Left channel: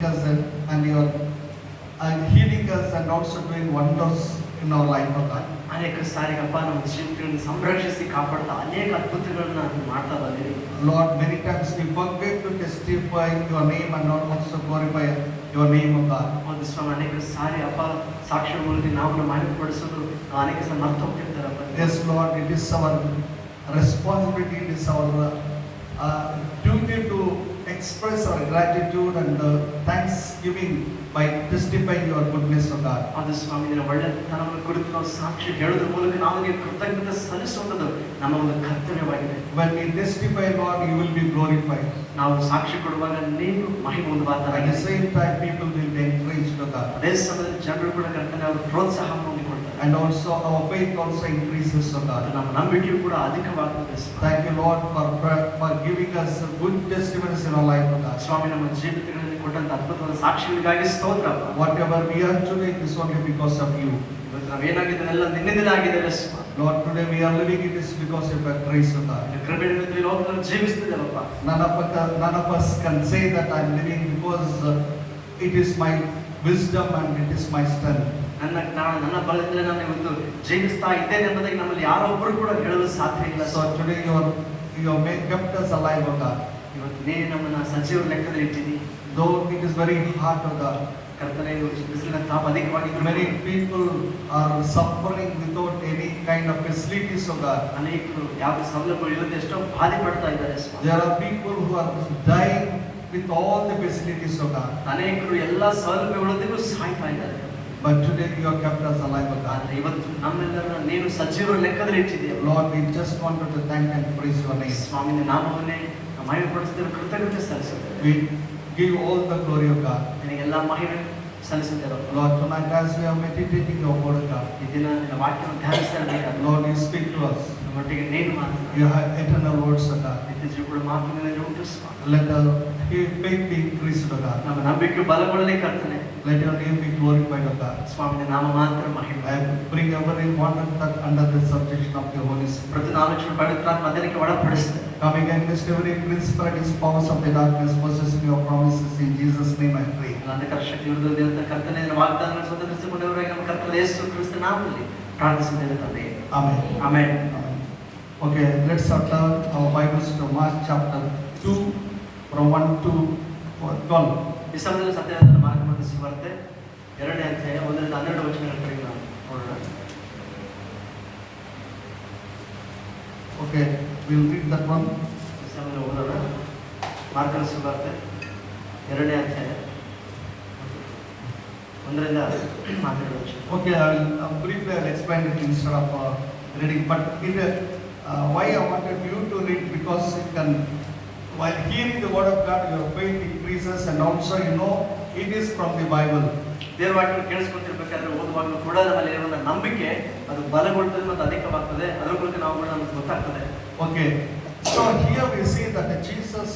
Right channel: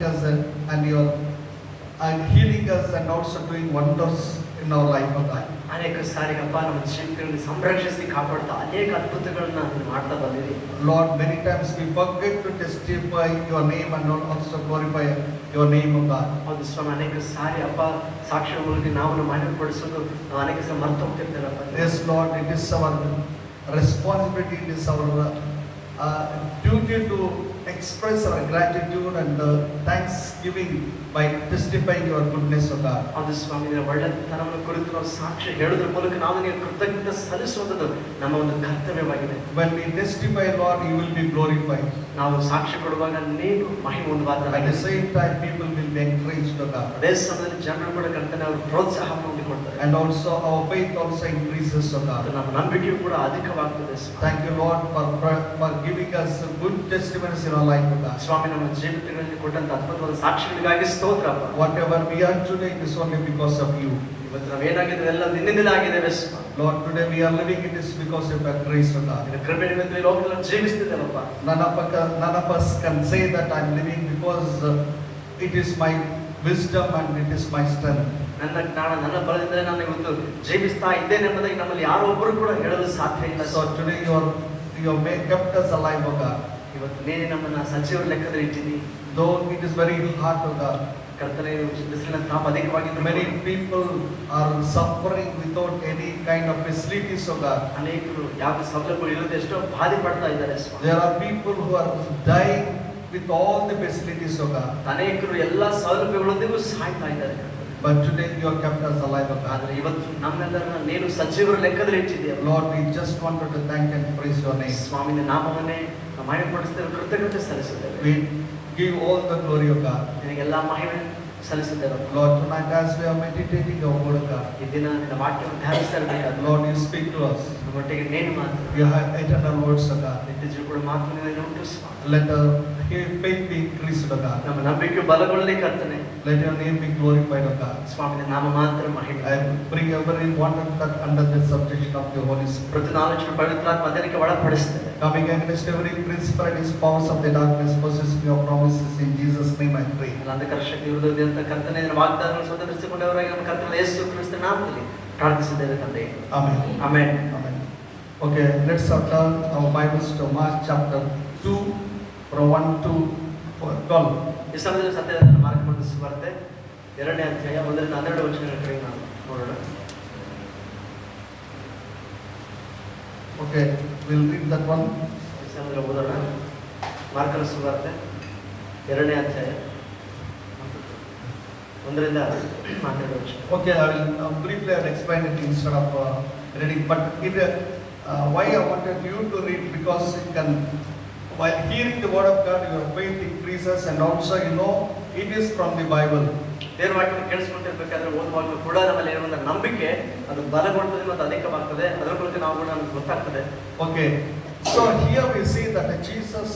us and you are healing us and also doing wonders in our life, O God. ಅನೇಕ ಸಾರಿಗಪ್ಪ ನಮ್ಮ ಶಿಲ್ಪಿಗಳನ್ನು ಸಂರಕ್ಷಿಸಿ ಕಾಪಾಡ್ತಾ ಅನೇಕ ಅದ್ಭುತಗಳನ್ನ ಮಾಡ್ತಾ ಬಂದಿದ್ದೀವಿ. Lord, many times we forget to testify your name and not also glorify your name, O God. ಒಂದು ಸ್ವಾಮಿ ಅನೇಕ ಸಾರಿ ಅಪ್ಪ ಸಾಕ್ಷ್ಯ ಮೂಲಕ ನಾವು ಮಹಿಮೆಪಡಿಸೋದು ನಾವು ಅನೇಕ ಸಲ ಮರ್ತು ಹೋಗ್ತಿರ್ತಾರೆ. Yes, Lord, it is our responsibility, it is our duty to express our gratitude and thanksgiving by testifying your goodness, O God. ಅದು ಸ್ವಾಮಿ ಒಳ್ಳೆತನವನ್ನು ಕುರಿತು ನಾವು ಸಾಕ್ಷ್ಯ ಹೇಳೋದ್ರ ಮೂಲಕ ನಾವು ಕೃತಜ್ಞತೆ ಸಲ್ಲಿಸುವುದು ನಮ್ಮ ಒಂದು ಕರ್ತವ್ಯವಾಗಿದೆ. When we testify, Lord, you will be glorified. ನಾವು ಸಾಕ್ಷಿ ಕೊಡುವಾಗ ನೀವು ಮಹಿಮೆ ಹೊಂದುವಾಗ At the same time, people will be encouraged, O God. ಅದೇ ಸಮಯದಲ್ಲಿ ಜನರು ಕೂಡ ಕರ್ತನ ಪ್ರೋತ್ಸಾಹ ಹೊಂದಿಕೊಳ್ತಾರೆ. And also our faith also increases, O God. ನಮ್ಮ ನಂಬಿಕೆಯು ಕೂಡ ಅಧಿಕವಾಗುತ್ತದೆ. Thank you, Lord, for giving us good testimonies in our life, O God. ಸ್ವಾಮಿ ನಮ್ಮ ಜೀವಿತಗಳಲ್ಲಿ ಕೊಟ್ಟಂತ ಅದ್ಭುತವಾದ ಸಾಕ್ಷಿಗಳಿಗಾಗಿ ಸ್ತೋತ್ರ. Whatever we are today, it is only because of you. ಇವತ್ತು ನಾವೇನಾಗಿದ್ದೇವೆ ಎಲ್ಲ ನಿನ್ನಿಂದ ಆಗಿದ್ದೇವೆ. Lord, today we are living, it is because of your grace, O God. ಕೃಪೆಯಿಂದ ಈ ಲೋಕವನ್ನು ಜೀವಿಸ್ತಿದ್ದೇವಪ್ಪ. None of us can say that I am living because it is my wisdom and it is my strength. ನನ್ನ ಜ್ಞಾನ ನನ್ನ ಬಲದಿಂದ ನಾನು ಇವತ್ತು ಜೀವಿಸ್ತಾ ಇದ್ದೇನೆ ಎಂಬುದಾಗಿ ನಮ್ಮಲ್ಲಿ ಯಾರೊಬ್ಬರು ಕೂಡ ಹೇಳಲು ಸಾಧ್ಯ ಇಲ್ಲ. So today you have kept us alive, O God. ಇವತ್ತು ನೀನೇ ನಮ್ಮನ್ನ ಸಜೀವ ಲೆಕ್ಕದಲ್ಲಿ ಇಟ್ಟಿದ್ದೀ. Though it is very hard, O God. ಕರ್ತನೇ ಬಿಸಿಲಿನ ತಾಪ ಅಧಿಕವಾಗಿದ್ದು Many people are suffering without any kind of facilities, O God. ಅನೇಕರು ಯಾವ ಸೌಲಭ್ಯಗಳು ಇಲ್ಲದೆ ಎಷ್ಟೋ ಬಾಧೆ ಪಡ್ತಾ ಇದ್ದಾರೆ. There are people who are dying with all the facilities, O God. ಅನೇಕರು ಎಲ್ಲ ಸೌಲಭ್ಯಗಳೊಂದಿಗೂ ಸಾಯ್ತಾ ಇದ್ದಾರೆ. But today you have kept us alive, O God. ಆದರೆ ಇವತ್ತು ನಮ್ಮೆಲ್ಲರನ್ನ ನೀನು ಸಜೀವರ ಲೆಕ್ಕದಲ್ಲಿ ಇಟ್ಟಿದ್ದೀಯ. Lord, we just wanted to thank and praise your name. ಸ್ವಾಮಿನ ನಾಮವನ್ನೇ ಮಹಿಮೆಪಡಿಸುತ್ತೇವೆ, ಕೃತಜ್ಞತೆ ಸಲ್ಲಿಸುತ್ತೇವೆ. We give all the glory of God. ನಿನಗೆಲ್ಲ ಮಹಿಮೆ ಸಲ್ಲಿಸುತ್ತೇವೆ. Lord, tonight as we are meditating your word, God, ಈ ದಿನ ನನ್ನ ವಾಕ್ಯವನ್ನು ಧ್ಯಾನಿಸ್ತಾ ಇದ್ದೀವಿ. Lord, you speak to us. ನಿಮ್ಮೊಟ್ಟಿಗೆ ನೀನು ಮಾತು You have eternal words, O God. ನಿತ್ಯ ಕೂಡ ಮಾತಿನ ರೂಪಿಸುವ. Let our faith be increased, O God. ನಮ್ಮ ನಂಬಿಕೆ ಬಲಗೊಳ್ಳಲಿ ಕರ್ತನೆ. Let your name be glorified, O God. ಸ್ವಾಮಿನ ನಾಮ ಮಾತ್ರ ಮಹಿಮೆ. I bring every important that under the subjection of your Holy Spirit. ಪ್ರತಿ ಆಲೋಚನೆ ಪವಿತ್ರಾತ್ಮ ಅದಕ್ಕೆ ಒಳಪಡಿಸುತ್ತದೆ. Coming against every principalities, powers of the darkness, possessing your promises in Jesus' name I pray. ಅಂಧಕಾರ ಶಕ್ತಿ ವಿರುದ್ಧವಾದ ಕರ್ತನೆ ನಿನ್ನ ವಾಗ್ದಾನಗಳನ್ನು ಸ್ವತಂತ್ರಸಿಕೊಂಡವರಾಗಿ ನಮ್ಮ ಕರ್ತನ ಯೇಸು ಕ್ರಿಸ್ತನ ನಾಮದಲ್ಲಿ ಪ್ರಾರ್ಥಿಸಿದ್ದೇವೆ ತಂದೆ. Amen. Amen. Amen. Okay, let's turn our Bibles to Mark chapter 2 from 1 to 12. ಈ ಸಮಯದಲ್ಲಿ ಸತ್ಯದ ಮಾರ್ಗವನ್ನು ಸುವಾರ್ತೆ 2ನೇ ಅಧ್ಯಾಯ 1ರಿಂದ 12 ವಚನಗಳನ್ನು ನಾವು ನೋಡೋಣ. Okay, we'll read that one. ಈ ಸಮಯದಲ್ಲಿ ಓದೋಣ. ಮಾರ್ಕನ ಸುವಾರ್ತೆ 2ನೇ ಅಧ್ಯಾಯ 1ರಿಂದ 12 ವಚನ. Okay, briefly I'll explain it instead of reading. But why I wanted you to read, because you can, while hearing the word of God, your faith increases, and also you know it is from the Bible. ದೇವರ ವಾಕ್ಯ ಕೇಳಿಸ್ಕೊತಿರ್ಬೇಕಾದ್ರೆ ಓದುವಾಗ ಕೂಡ ನಮ್ಮಲ್ಲಿ ಇರುವಂತಹ ನಂಬಿಕೆ ಅದು ಬಲಗೊಳ್ಳುತ್ತದೆ ಮತ್ತು ಅಧಿಕವಾಗ್ತದೆ. ಅದರ ಕುರಿತು ನಾವು ನಮಗೆ ಗೊತ್ತಾಗ್ತದೆ. Okay, so here we see that Jesus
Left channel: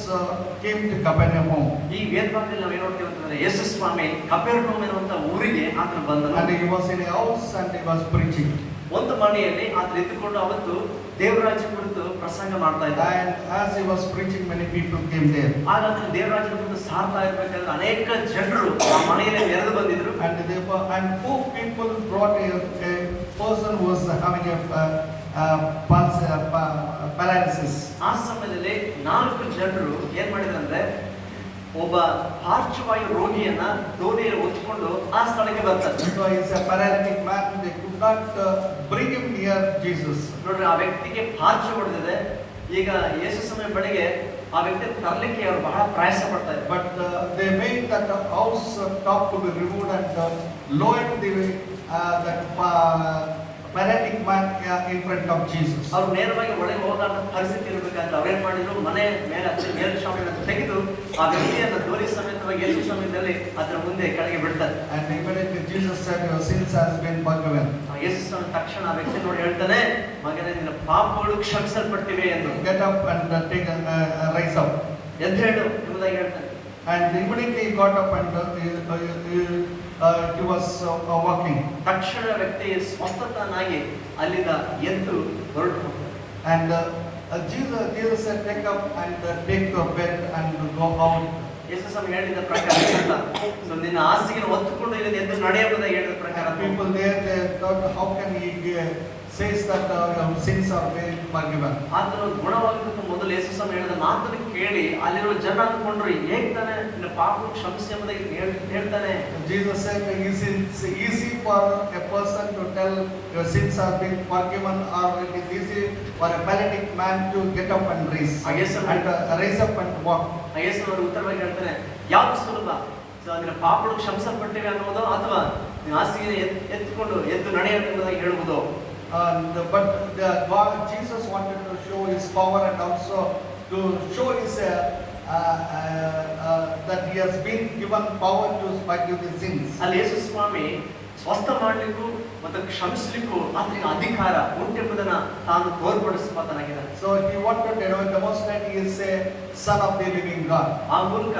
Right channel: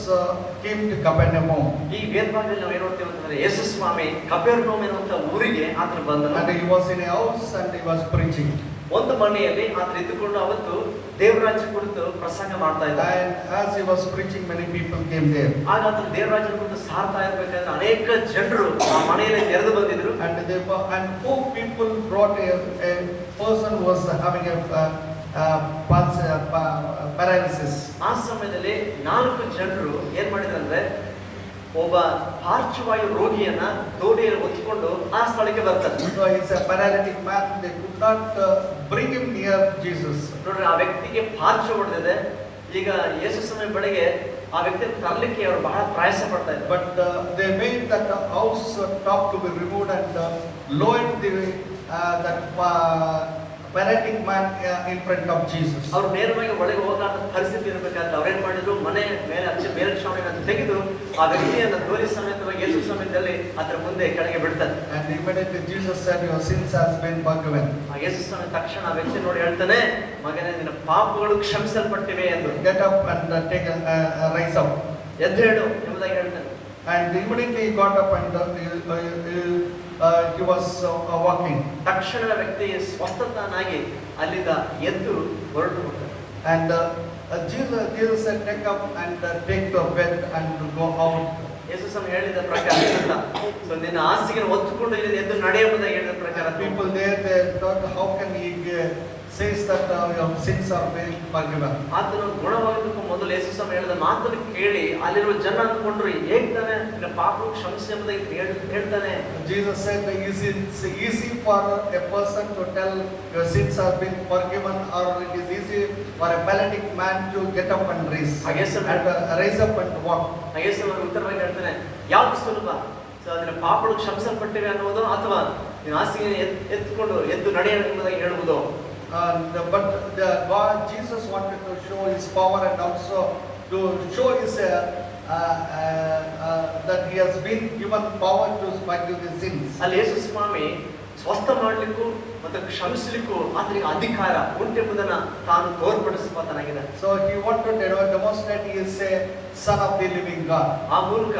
came to Capernaum. ಈ ವೇದವಾಕ್ಯದಲ್ಲಿ ನಾವು ಏನು ನೋಡ್ತೀವಿ ಅಂತಂದ್ರೆ ಯೇಸು ಸ್ವಾಮಿ ಕಪೆರ್ನೌಮ್ ಎನ್ನುವಂತ ಊರಿಗೆ ಆತನ ಬಂದನು. And he was in a house and he was preaching. ಒಂದು ಮನೆಯಲ್ಲಿ ಆತ ಇದ್ದುಕೊಂಡು ಅವತ್ತು ದೇವರಾಜ್ಯ ಕುರಿತು ಪ್ರಸಂಗ ಮಾಡ್ತಾ ಇದ್ದ. And as he was preaching, many people came there. ಆಗ ಆತ ದೇವರಾಜ್ಯ ಕುರಿತು ಸಾರ್ತಾ ಇರಬೇಕಾದ್ರೆ ಅನೇಕ ಜನರು ಆ ಮನೆಯಲ್ಲಿ ನೆರೆದು ಬಂದಿದ್ರು. And four people brought a person who was having paralysis. ಆ ಸಮಯದಲ್ಲಿ 4 ಜನರು ಏನ್ ಮಾಡಿದಂದ್ರೆ ಒಬ್ಬ ಪಾರ್ಶ್ವವಾಯು ರೋಗಿಯನ್ನ ದೋಣಿಯಲ್ಲಿ ಹೊತ್ತುಕೊಂಡು ಆ ಸ್ಥಳಕ್ಕೆ ಬರ್ತಾರೆ. So he's a paralytic man. They could not bring him near Jesus. ನೋಡ್ರಿ, ಆ ವ್ಯಕ್ತಿಗೆ ಪಾರ್ಶ್ವ ಹೊಡೆದಿದೆ. ಈಗ ಯೇಸು ಸ್ವಾಮಿ ಬಳಿಗೆ ಆ ವ್ಯಕ್ತಿ ತರಲಿಕ್ಕೆ ಅವರು ಬಹಳ ಪ್ರಯಾಸ ಪಡ್ತಾ ಇದ್ದಾರೆ. But they made that house top to be removed and lowered that paralytic man in front of Jesus. ಅವರು ನೇರವಾಗಿ ಒಳಗೆ ಹೋಗಲಾದ ಪರಿಸ್ಥಿತಿ ಇರಬೇಕಾದ್ರೆ ಅವ್ರೇನ್ ಮಾಡಿದ್ರು, ಮನೆ ಮೇಲೆ ಹಚ್ಚಿ ಮೇಲ್ಛಾವಣಿಯನ್ನು ತೆಗೆದು ಆ ವ್ಯಕ್ತಿಯನ್ನು ದೋಣಿ ಸಮೇತವಾಗಿ ಯೇಸು ಸಮೇತದಲ್ಲಿ ಅದರ ಮುಂದೆ ಕೆಳಗೆ ಬಿಡ್ತಾರೆ. And immediately Jesus said, your sins has been forgiven. ಯೇಸು ಸ್ವಾಮಿ ತಕ್ಷಣ ಆ ವ್ಯಕ್ತಿ ನೋಡಿ ಹೇಳ್ತಾನೆ, ಮಗನೇ ನಿನ್ನ ಪಾಪಗಳು ಕ್ಷಮಿಸಲ್ಪಟ್ಟಿವೆ ಎಂದು. Get up and rise up. ಎದ್ದೇಳು ಎಂಬುದಾಗಿ ಹೇಳ್ತಾನೆ. And immediately he got up and he was walking. ತಕ್ಷಣ ವ್ಯಕ್ತಿ ಸ್ವಸ್ಥತನಾಗಿ ಅಲ್ಲಿಂದ ಎದ್ದು ಹೊರಟು ಹೋಗ್ತಾನೆ. And Jesus said, take up and take the bed and go out ಯೇಸು ಸ್ವಾಮಿ ಹೇಳಿದ ಪ್ರಕಾರ ಇಲ್ಲ. ಸೊ ನಿನ್ನ ಹಾಸಿಗೆ ಹೊತ್ತುಕೊಂಡು ಇಲ್ಲಿ ಎದ್ದು ನಡೆಯುವುದಾಗಿ ಹೇಳಿದ ಪ್ರಕಾರ People there, they thought, how can he says that your sins are very forgiven? ಆತನು ಗುಣವಾಗುವುದಕ್ಕೆ ಮೊದಲು ಯೇಸು ಸ್ವಾಮಿ ಹೇಳಿದ ಮಾತನ್ನು ಕೇಳಿ ಅಲ್ಲಿರೋ ಜನ ಅಂದ್ಕೊಂಡ್ರು ಹೇಗ್ ತಾನೆ ನಿನ್ನ ಪಾಪ ಕ್ಷಮಿಸಿ ಎಂಬುದಾಗಿ ಹೇಳ್ತಾನೆ. Jesus said it's easy for a person to tell your sins have been forgiven, or it is easy for a paralytic man to get up and raise up and walk. ಯೇಸು ಅವರು ಉತ್ತರವಾಗಿ ಹೇಳ್ತಾನೆ, ಯಾವುದು ಸುಲಭ? ನಿನ್ನ ಪಾಪಗಳು ಕ್ಷಮಿಸಲ್ಪಟ್ಟಿವೆ ಅನ್ನೋದು ಅಥವಾ ನಿನ್ನ ಹಾಸಿಗೆ ಎತ್ತುಕೊಂಡು ಎದ್ದು ನಡೆಯುವುದಾಗಿ ಹೇಳುವುದು? But God, Jesus wanted to show His power and also to show His that He has been given power to forgive the sins. ಅಲ್ಲಿ ಯೇಸು ಸ್ವಾಮಿ ಸ್ವಸ್ಥ ಮಾಡಲಿಕ್ಕೂ ಮತ್ತು ಕ್ಷಮಿಸಲಿಕ್ಕೂ ಆತನಿಗೆ ಅಧಿಕಾರ ಉಂಟೆಂಬುದನ್ನು ತಾನು ತೋರ್ಪಡಿಸುವಾತನಾಗಿದ್ದಾನೆ. So He wanted to demonstrate He is a Son of the living God. ಆ ಮೂಲಕ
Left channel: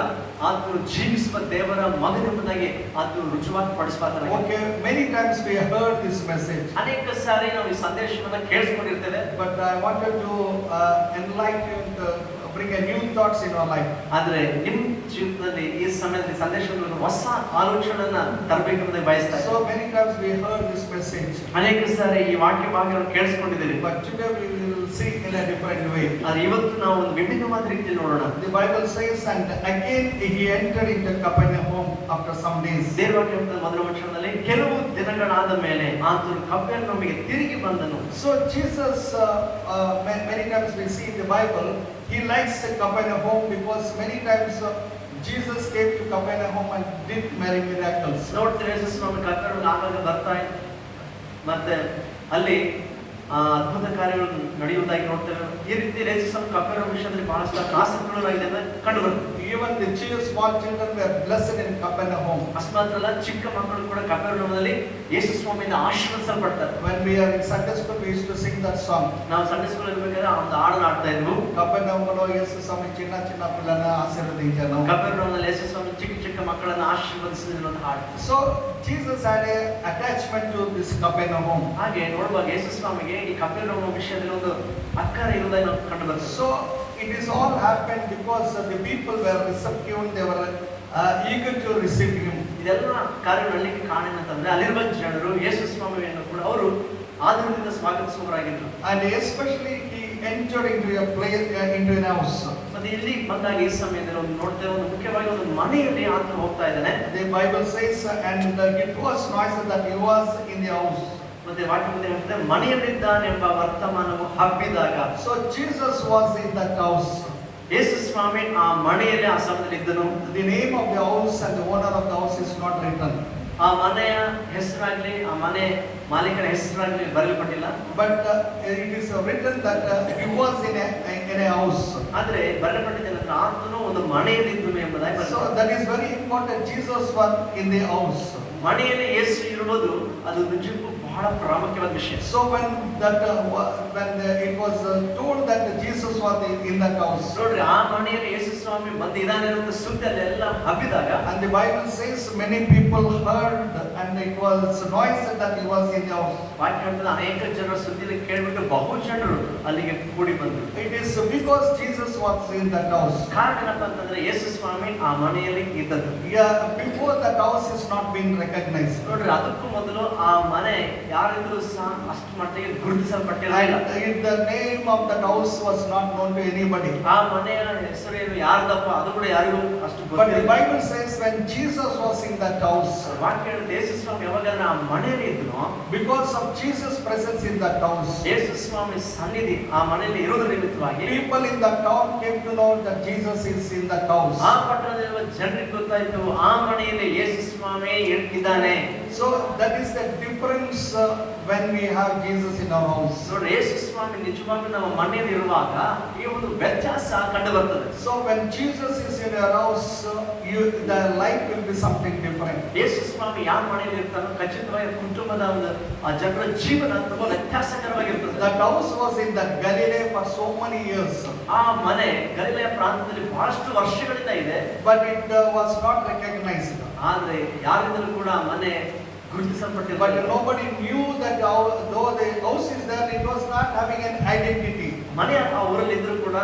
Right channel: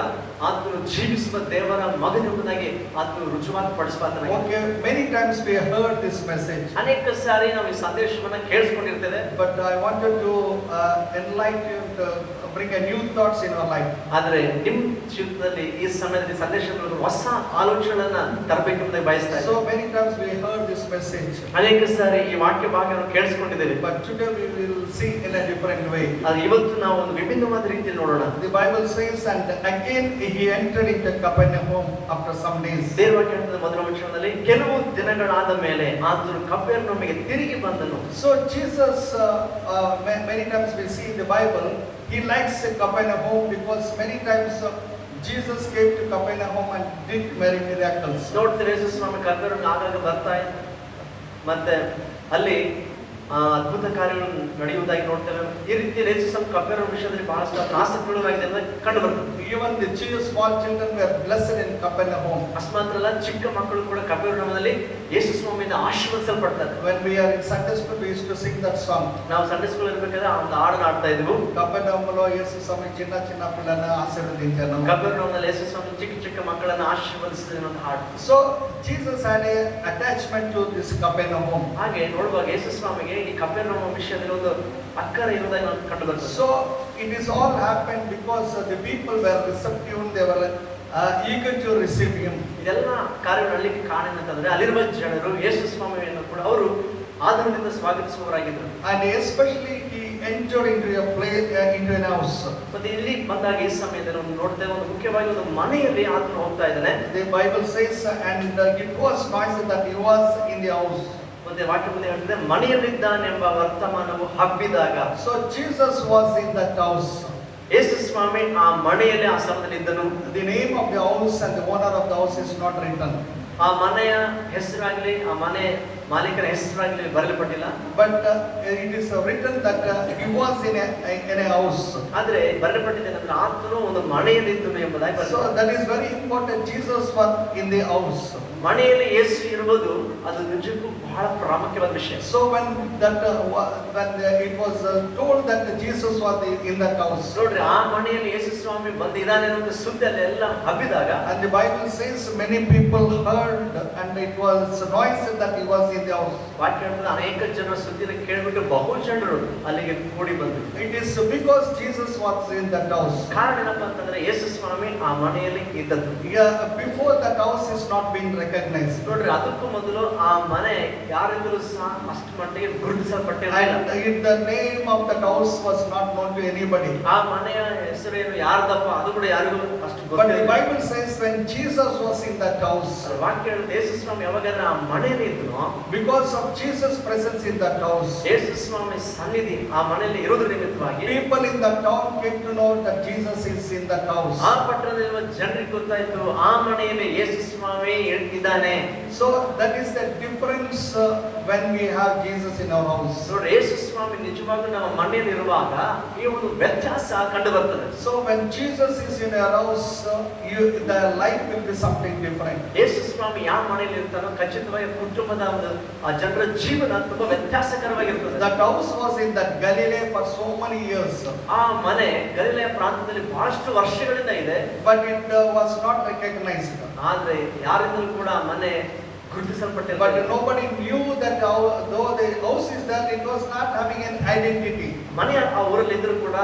ಆತನು ಜೀವಿಸುವ ದೇವರ ಮಗನೆಂಬುದಾಗಿ ಆತನು ರುಜುವಾತು ಪಡಿಸುವಾತನಾಗಿದ್ದಾನೆ. Okay, many times we heard this message. ಅನೇಕ ಸಾರಿ ನಾವು ಈ ಸಂದೇಶವನ್ನು ಕೇಳಿಸಿಕೊಂಡಿರ್ತೇವೆ. But I wanted to enlighten you to bring a new thoughts in your life. ಆದರೆ ನಿಮ್ಮ ಜೀವಿತದಲ್ಲಿ ಈ ಸಮಯದಲ್ಲಿ ಸಂದೇಶದಲ್ಲಿ ಹೊಸ ಆಲೋಚನೆಯನ್ನ ತರಬೇಕೆಂಬುದಾಗಿ ಬಯಸ್ತಾರೆ. So many times we heard this message. ಅನೇಕ ಸಾರಿ ಈ ವಾಕ್ಯ ಭಾಗವನ್ನು ಕೇಳಿಸಿಕೊಂಡಿದ್ದೇವೆ. But today we will see in a different way. ಆದರೆ ಇವತ್ತು ನಾವು ಒಂದು ವಿಭಿನ್ನವಾದ ರೀತಿಯಲ್ಲಿ ನೋಡೋಣ. The Bible says, and again he entered into Capernaum after some days. ದೇವವಾಕ್ಯದ ಮೊದಲ ವಚನದಲ್ಲಿ ಕೆಲವು ದಿನಗಳಾದ ಮೇಲೆ ಆತನು ಕಪೆರ್ನೌಮಿಗೆ ತಿರುಗಿ ಬಂದನು. So Jesus, many times we see in the Bible, he likes Capernaum because many times Jesus came to Capernaum and did many miracles. ನೋಡ್ತೀರಿ ಯೇಸು ಸ್ವಾಮಿ ಕಪೆರ್ನೌಮಿಗೆ ಆಗಾಗ ಬರ್ತಾ ಇದ್ದ ಮತ್ತೆ ಅಲ್ಲಿ ಅದ್ಭುತ ಕಾರ್ಯಗಳು ನಡೆಯುವುದಾಗಿ ನೋಡ್ತೇವೆ. ಈ ರೀತಿ ಯೇಸು ಸ್ವಾಮಿ ಕಪೆರ್ನೌಮ್ ವಿಷಯದಲ್ಲಿ ಬಹಳಷ್ಟು ಆಸಕ್ತಿಯುಳ್ಳವರಾಗಿದೆ ಅಂತ ಕಂಡು ಬರ್ತದೆ. Even the small children were blessed in Capernaum. ಅಸ್ಮಾತ್ರಲ್ಲ ಚಿಕ್ಕ ಮಕ್ಕಳು ಕೂಡ ಕಪೆರ್ನೌಮಿನಲ್ಲಿ ಯೇಸು ಸ್ವಾಮಿಯಿಂದ ಆಶೀರ್ವದಿಸಲ್ಪಡ್ತಾರೆ. When we are in Sunday school, we used to sing that song. ನಾವು ಸಂಡೇ ಸ್ಕೂಲ್ ಇರಬೇಕಾದ್ರೆ ಒಂದು ಹಾಡನ್ನು ಆಡ್ತಾ ಇದ್ವು. Capernaumలో యేసు స్వామి చిన్న చిన్న పిల్లల్ని ఆశీర్వదించాను. ಕಪೆರ್ನೌಮಿನಲ್ಲಿ ಯೇಸು ಸ್ವಾಮಿ ಚಿಕ್ಕ ಚಿಕ್ಕ ಮಕ್ಕಳನ್ನು ಆಶೀರ್ವದಿಸಿದ ಒಂದು ಹಾಡು. So Jesus had a attachment to this Capernaum. ಹಾಗೆ ನೋಡುವಾಗ ಯೇಸು ಸ್ವಾಮಿಗೆ ಈ ಕಪೆರ್ನೌಮ್ ವಿಷಯದಲ್ಲಿ ಒಂದು ಅಕ್ಕರೆ ಇರುವುದನ್ನು ನಾವು ಕಂಡು ಬರ್ತದೆ. So it is all happened because the people were receptive, they were eager to receive him. ಇದೆಲ್ಲ ಕಾರ್ಯ ಮಾಡಲಿಕ್ಕೆ ಕಾರಣ ಅಂತಂದ್ರೆ ಅಲ್ಲಿರುವ ಜನರು ಯೇಸು ಸ್ವಾಮಿಯನ್ನು ಕೂಡ ಅವರು ಆದರದಿಂದ ಸ್ವಾಗತಿಸುವವರಾಗಿದ್ದರು. And especially he entered into a place, into an house. ಮತ್ತೆ ಇಲ್ಲಿ ಬಂದಾಗ ಈ ಸಮಯದಲ್ಲಿ ನಾವು ನೋಡ್ತೇವೆ ಒಂದು ಮುಖ್ಯವಾಗಿ ಒಂದು ಮನೆಯಲ್ಲಿ ಆತನು ಹೋಗ್ತಾ ಇದ್ದಾನೆ. The Bible says, and it was noisy that he was in the house. ಮತ್ತೆ ವಾಕ್ಯದಲ್ಲಿ ಹೇಳ್ತದೆ ಮನೆಯಲ್ಲಿದ್ದಾನೆಂಬ ವರ್ತಮಾನವು ಹಬ್ಬಿದಾಗ. So Jesus was in that house. ಯೇಸು ಸ್ವಾಮಿ ಆ ಮನೆಯಲ್ಲಿ ಆ ಸಮಯದಲ್ಲಿ ಇದ್ದನು. The name of the house and the owner of the house is not written. ಆ ಮನೆಯ ಹೆಸರಾಗ್ಲಿ ಆ ಮನೆ ಮಾಲೀಕರ ಹೆಸರಾಗ್ಲಿ ಬರೆಯಲ್ಪಟ್ಟಿಲ್ಲ. But it is written that he was in a house. ಆದ್ರೆ ಬರೆಯಲ್ಪಟ್ಟಿದೆ ಅಂದ್ರೆ ಆತನು ಒಂದು ಮನೆಯಲ್ಲಿದ್ದನು ಎಂಬುದಾಗಿ ಬರೆದಿದೆ. So that is very important. Jesus was in the house. ಮನೆಯಲ್ಲಿ ಯೇಸು ಇರುವುದು ಅದು ನಿಜಕ್ಕೂ ಬಹಳ ಪ್ರಾಮುಖ್ಯವಾದ ವಿಷಯ. So when it was told that Jesus was in that house. ನೋಡ್ರಿ ಆ ಮನೆಯಲ್ಲಿ ಯೇಸು ಸ್ವಾಮಿ ಬಂದಿದ್ದಾನೆ ಅಂತ ಸುದ್ದಿ ಅಲ್ಲೆಲ್ಲ ಹಬ್ಬಿದಾಗ And the Bible says many people heard and it was noisy that he was in the house. ವಾಕ್ಯ ಹೇಳ್ತದೆ ಅನೇಕ ಜನರು ಸುದ್ದಿಯನ್ನು ಕೇಳಿಬಿಟ್ಟು ಬಹು ಜನರು ಅಲ್ಲಿಗೆ ಕೂಡಿ ಬಂದರು. It is because Jesus was in that house. ಕಾರಣ ಏನಪ್ಪ ಅಂತಂದ್ರೆ ಯೇಸು ಸ್ವಾಮಿ ಆ ಮನೆಯಲ್ಲಿ ಇದ್ದದ್ದು. Yeah, before that house is not being recognized. ನೋಡ್ರಿ ಅದಕ್ಕೂ ಮೊದಲು ಆ ಮನೆ ಯಾರಿದ್ರು ಸಹ ಅಷ್ಟು ಮಟ್ಟಿಗೆ ಗುರುತಿಸಲ್ಪಟ್ಟಿಲ್ಲ. And the name of that house was not known to anybody. ಆ ಮನೆಯ ಹೆಸರೇನು ಯಾರ್ದಪ್ಪ ಅದು ಕೂಡ ಯಾರಿಗೂ ಅಷ್ಟು But the ಗೊತ್ತಿಲ್ಲ. Bible says when Jesus was in that house, ವಾಕ್ಯ ಹೇಳುತ್ತೆ ಯೇಸು ಸ್ವಾಮಿ ಯಾವಾಗೆಲ್ಲ ಆ ಮನೆಯಲ್ಲಿ ಇದ್ನೋ because of Jesus' presence in that house, ಯೇಸು ಸ್ವಾಮಿ ಸನ್ನಿಧಿ ಆ ಮನೆಯಲ್ಲಿ ಇರುವುದರ ನಿಮಿತ್ತವಾಗಿ people in that town came to know that Jesus is in that house. ಆ ಪಟ್ಟಣದಲ್ಲಿರುವ ಜನರಿಗೆ ಗೊತ್ತಾಯಿತು ಆ ಮನೆಯಲ್ಲಿ ಯೇಸು ಸ್ವಾಮಿ ಇದ್ದಾನೆ. So that is the difference when we have Jesus in our house. ನೋಡ್ರಿ ಯೇಸು ಸ್ವಾಮಿ ನಿಜವಾಗ್ಲೂ ನಮ್ಮ ಮನೆಯಲ್ಲಿ ಇರುವಾಗ ಈ ಒಂದು ವ್ಯತ್ಯಾಸ ಕಂಡು ಬರ್ತದೆ. So when Jesus is in your house, the life will be something different. ಯೇಸು ಸ್ವಾಮಿ ಯಾವ ಮನೆಯಲ್ಲಿ ಇರ್ತಾರೋ ಖಚಿತವಾಗಿ ಕುಟುಂಬದ ಒಂದು ಆ ಜನರ ಜೀವನ ತುಂಬಾ ವ್ಯತ್ಯಾಸಕರವಾಗಿರ್ತದೆ. That house was in that Galilee for so many years. ಆ ಮನೆ ಗಲಿಲಾಯ ಪ್ರಾಂತ್ಯದಲ್ಲಿ ಬಹಳಷ್ಟು ವರ್ಷಗಳಿಂದ ಇದೆ. But it was not recognized. ಆದ್ರೆ ಯಾರಿಂದಲೂ ಕೂಡ ಆ ಮನೆ ಗುರುತಿಸಲ್ಪಟ್ಟಿದ್ದಾರೆ. But nobody knew that though the house is there, it was not having an identity. ಮನೆ ಆ ಊರಲ್ಲಿ ಇದ್ರು ಕೂಡ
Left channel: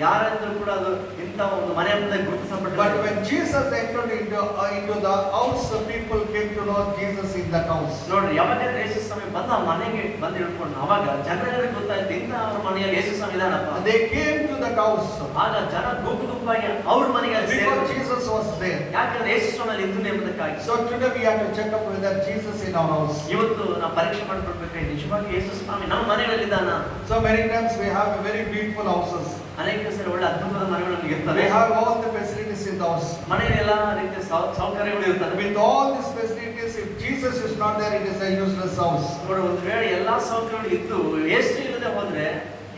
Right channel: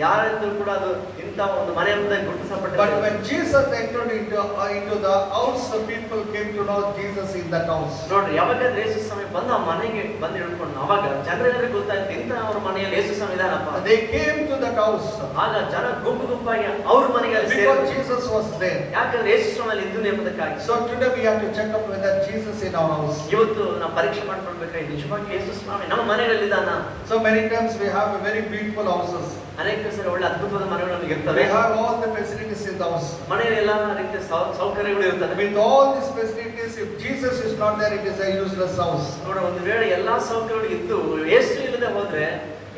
ಯಾರಿದ್ರು ಕೂಡ ಅದು ಇಂಥ ಒಂದು ಮನೆ ಅಂತ But ಗುರುತಿಸಲ್ಪಟ್ಟಿದ್ದಾರೆ. when Jesus entered into the house, the people came to know Jesus in that house. ನೋಡ್ರಿ, ಯಾವಾಗ ಯೇಸು ಸ್ವಾಮಿ ಬಂದ ಆ ಮನೆಗೆ ಬಂದು ಹಿಡ್ಕೊಂಡು ಅವಾಗ ಜನರಿಗೆ ಗೊತ್ತಾಯ್ತು ಇಂಥ ಅವ್ರ ಮನೆಯಲ್ಲಿ ಯೇಸು ಸ್ವಾಮಿ ಇದಾನಪ್ಪ. They came to that house ಆಗ ಜನ ಗುಂಪಾಗಿ ಅವ್ರ ಮನೆಗೆ because ಸೇರಿದ್ರು. Jesus was there. ಯಾಕಂದ್ರೆ ಯೇಸು ಸ್ವಾಮಿ ಇದ್ದು ಎಂಬುದಕ್ಕಾಗಿ. So today we have to check up whether Jesus in our house. ಇವತ್ತು ನಾವು ಪರೀಕ್ಷೆ ಮಾಡ್ಕೊಳ್ಬೇಕಾಗಿ ನಿಜವಾಗಿ ಯೇಸು ಸ್ವಾಮಿ ನಮ್ಮ ಮನೆಯಲ್ಲಿದ್ದಾನ. So many times we have a very beautiful houses. ಅನೇಕ ಸಲ ಒಳ್ಳೆ ಅದ್ಭುತವಾದ ಮನೆಗಳು ನಮಗೆ We ಇರ್ತವೆ. have all the facilities in the house. ಮನೆಯಲ್ಲಿ ಎಲ್ಲಾ ರೀತಿಯ ಸೌಕರ್ಯಗಳು ಇರ್ತವೆ. With all these facilities, if Jesus is not there, it is a useless house. ನೋಡು, ಒಂದು ವೇಳೆ ಎಲ್ಲಾ ಸೌಕರ್ಯಗಳು ಇದ್ದು ಯೇಸು ಇಲ್ಲದೆ ಹೋದ್ರೆ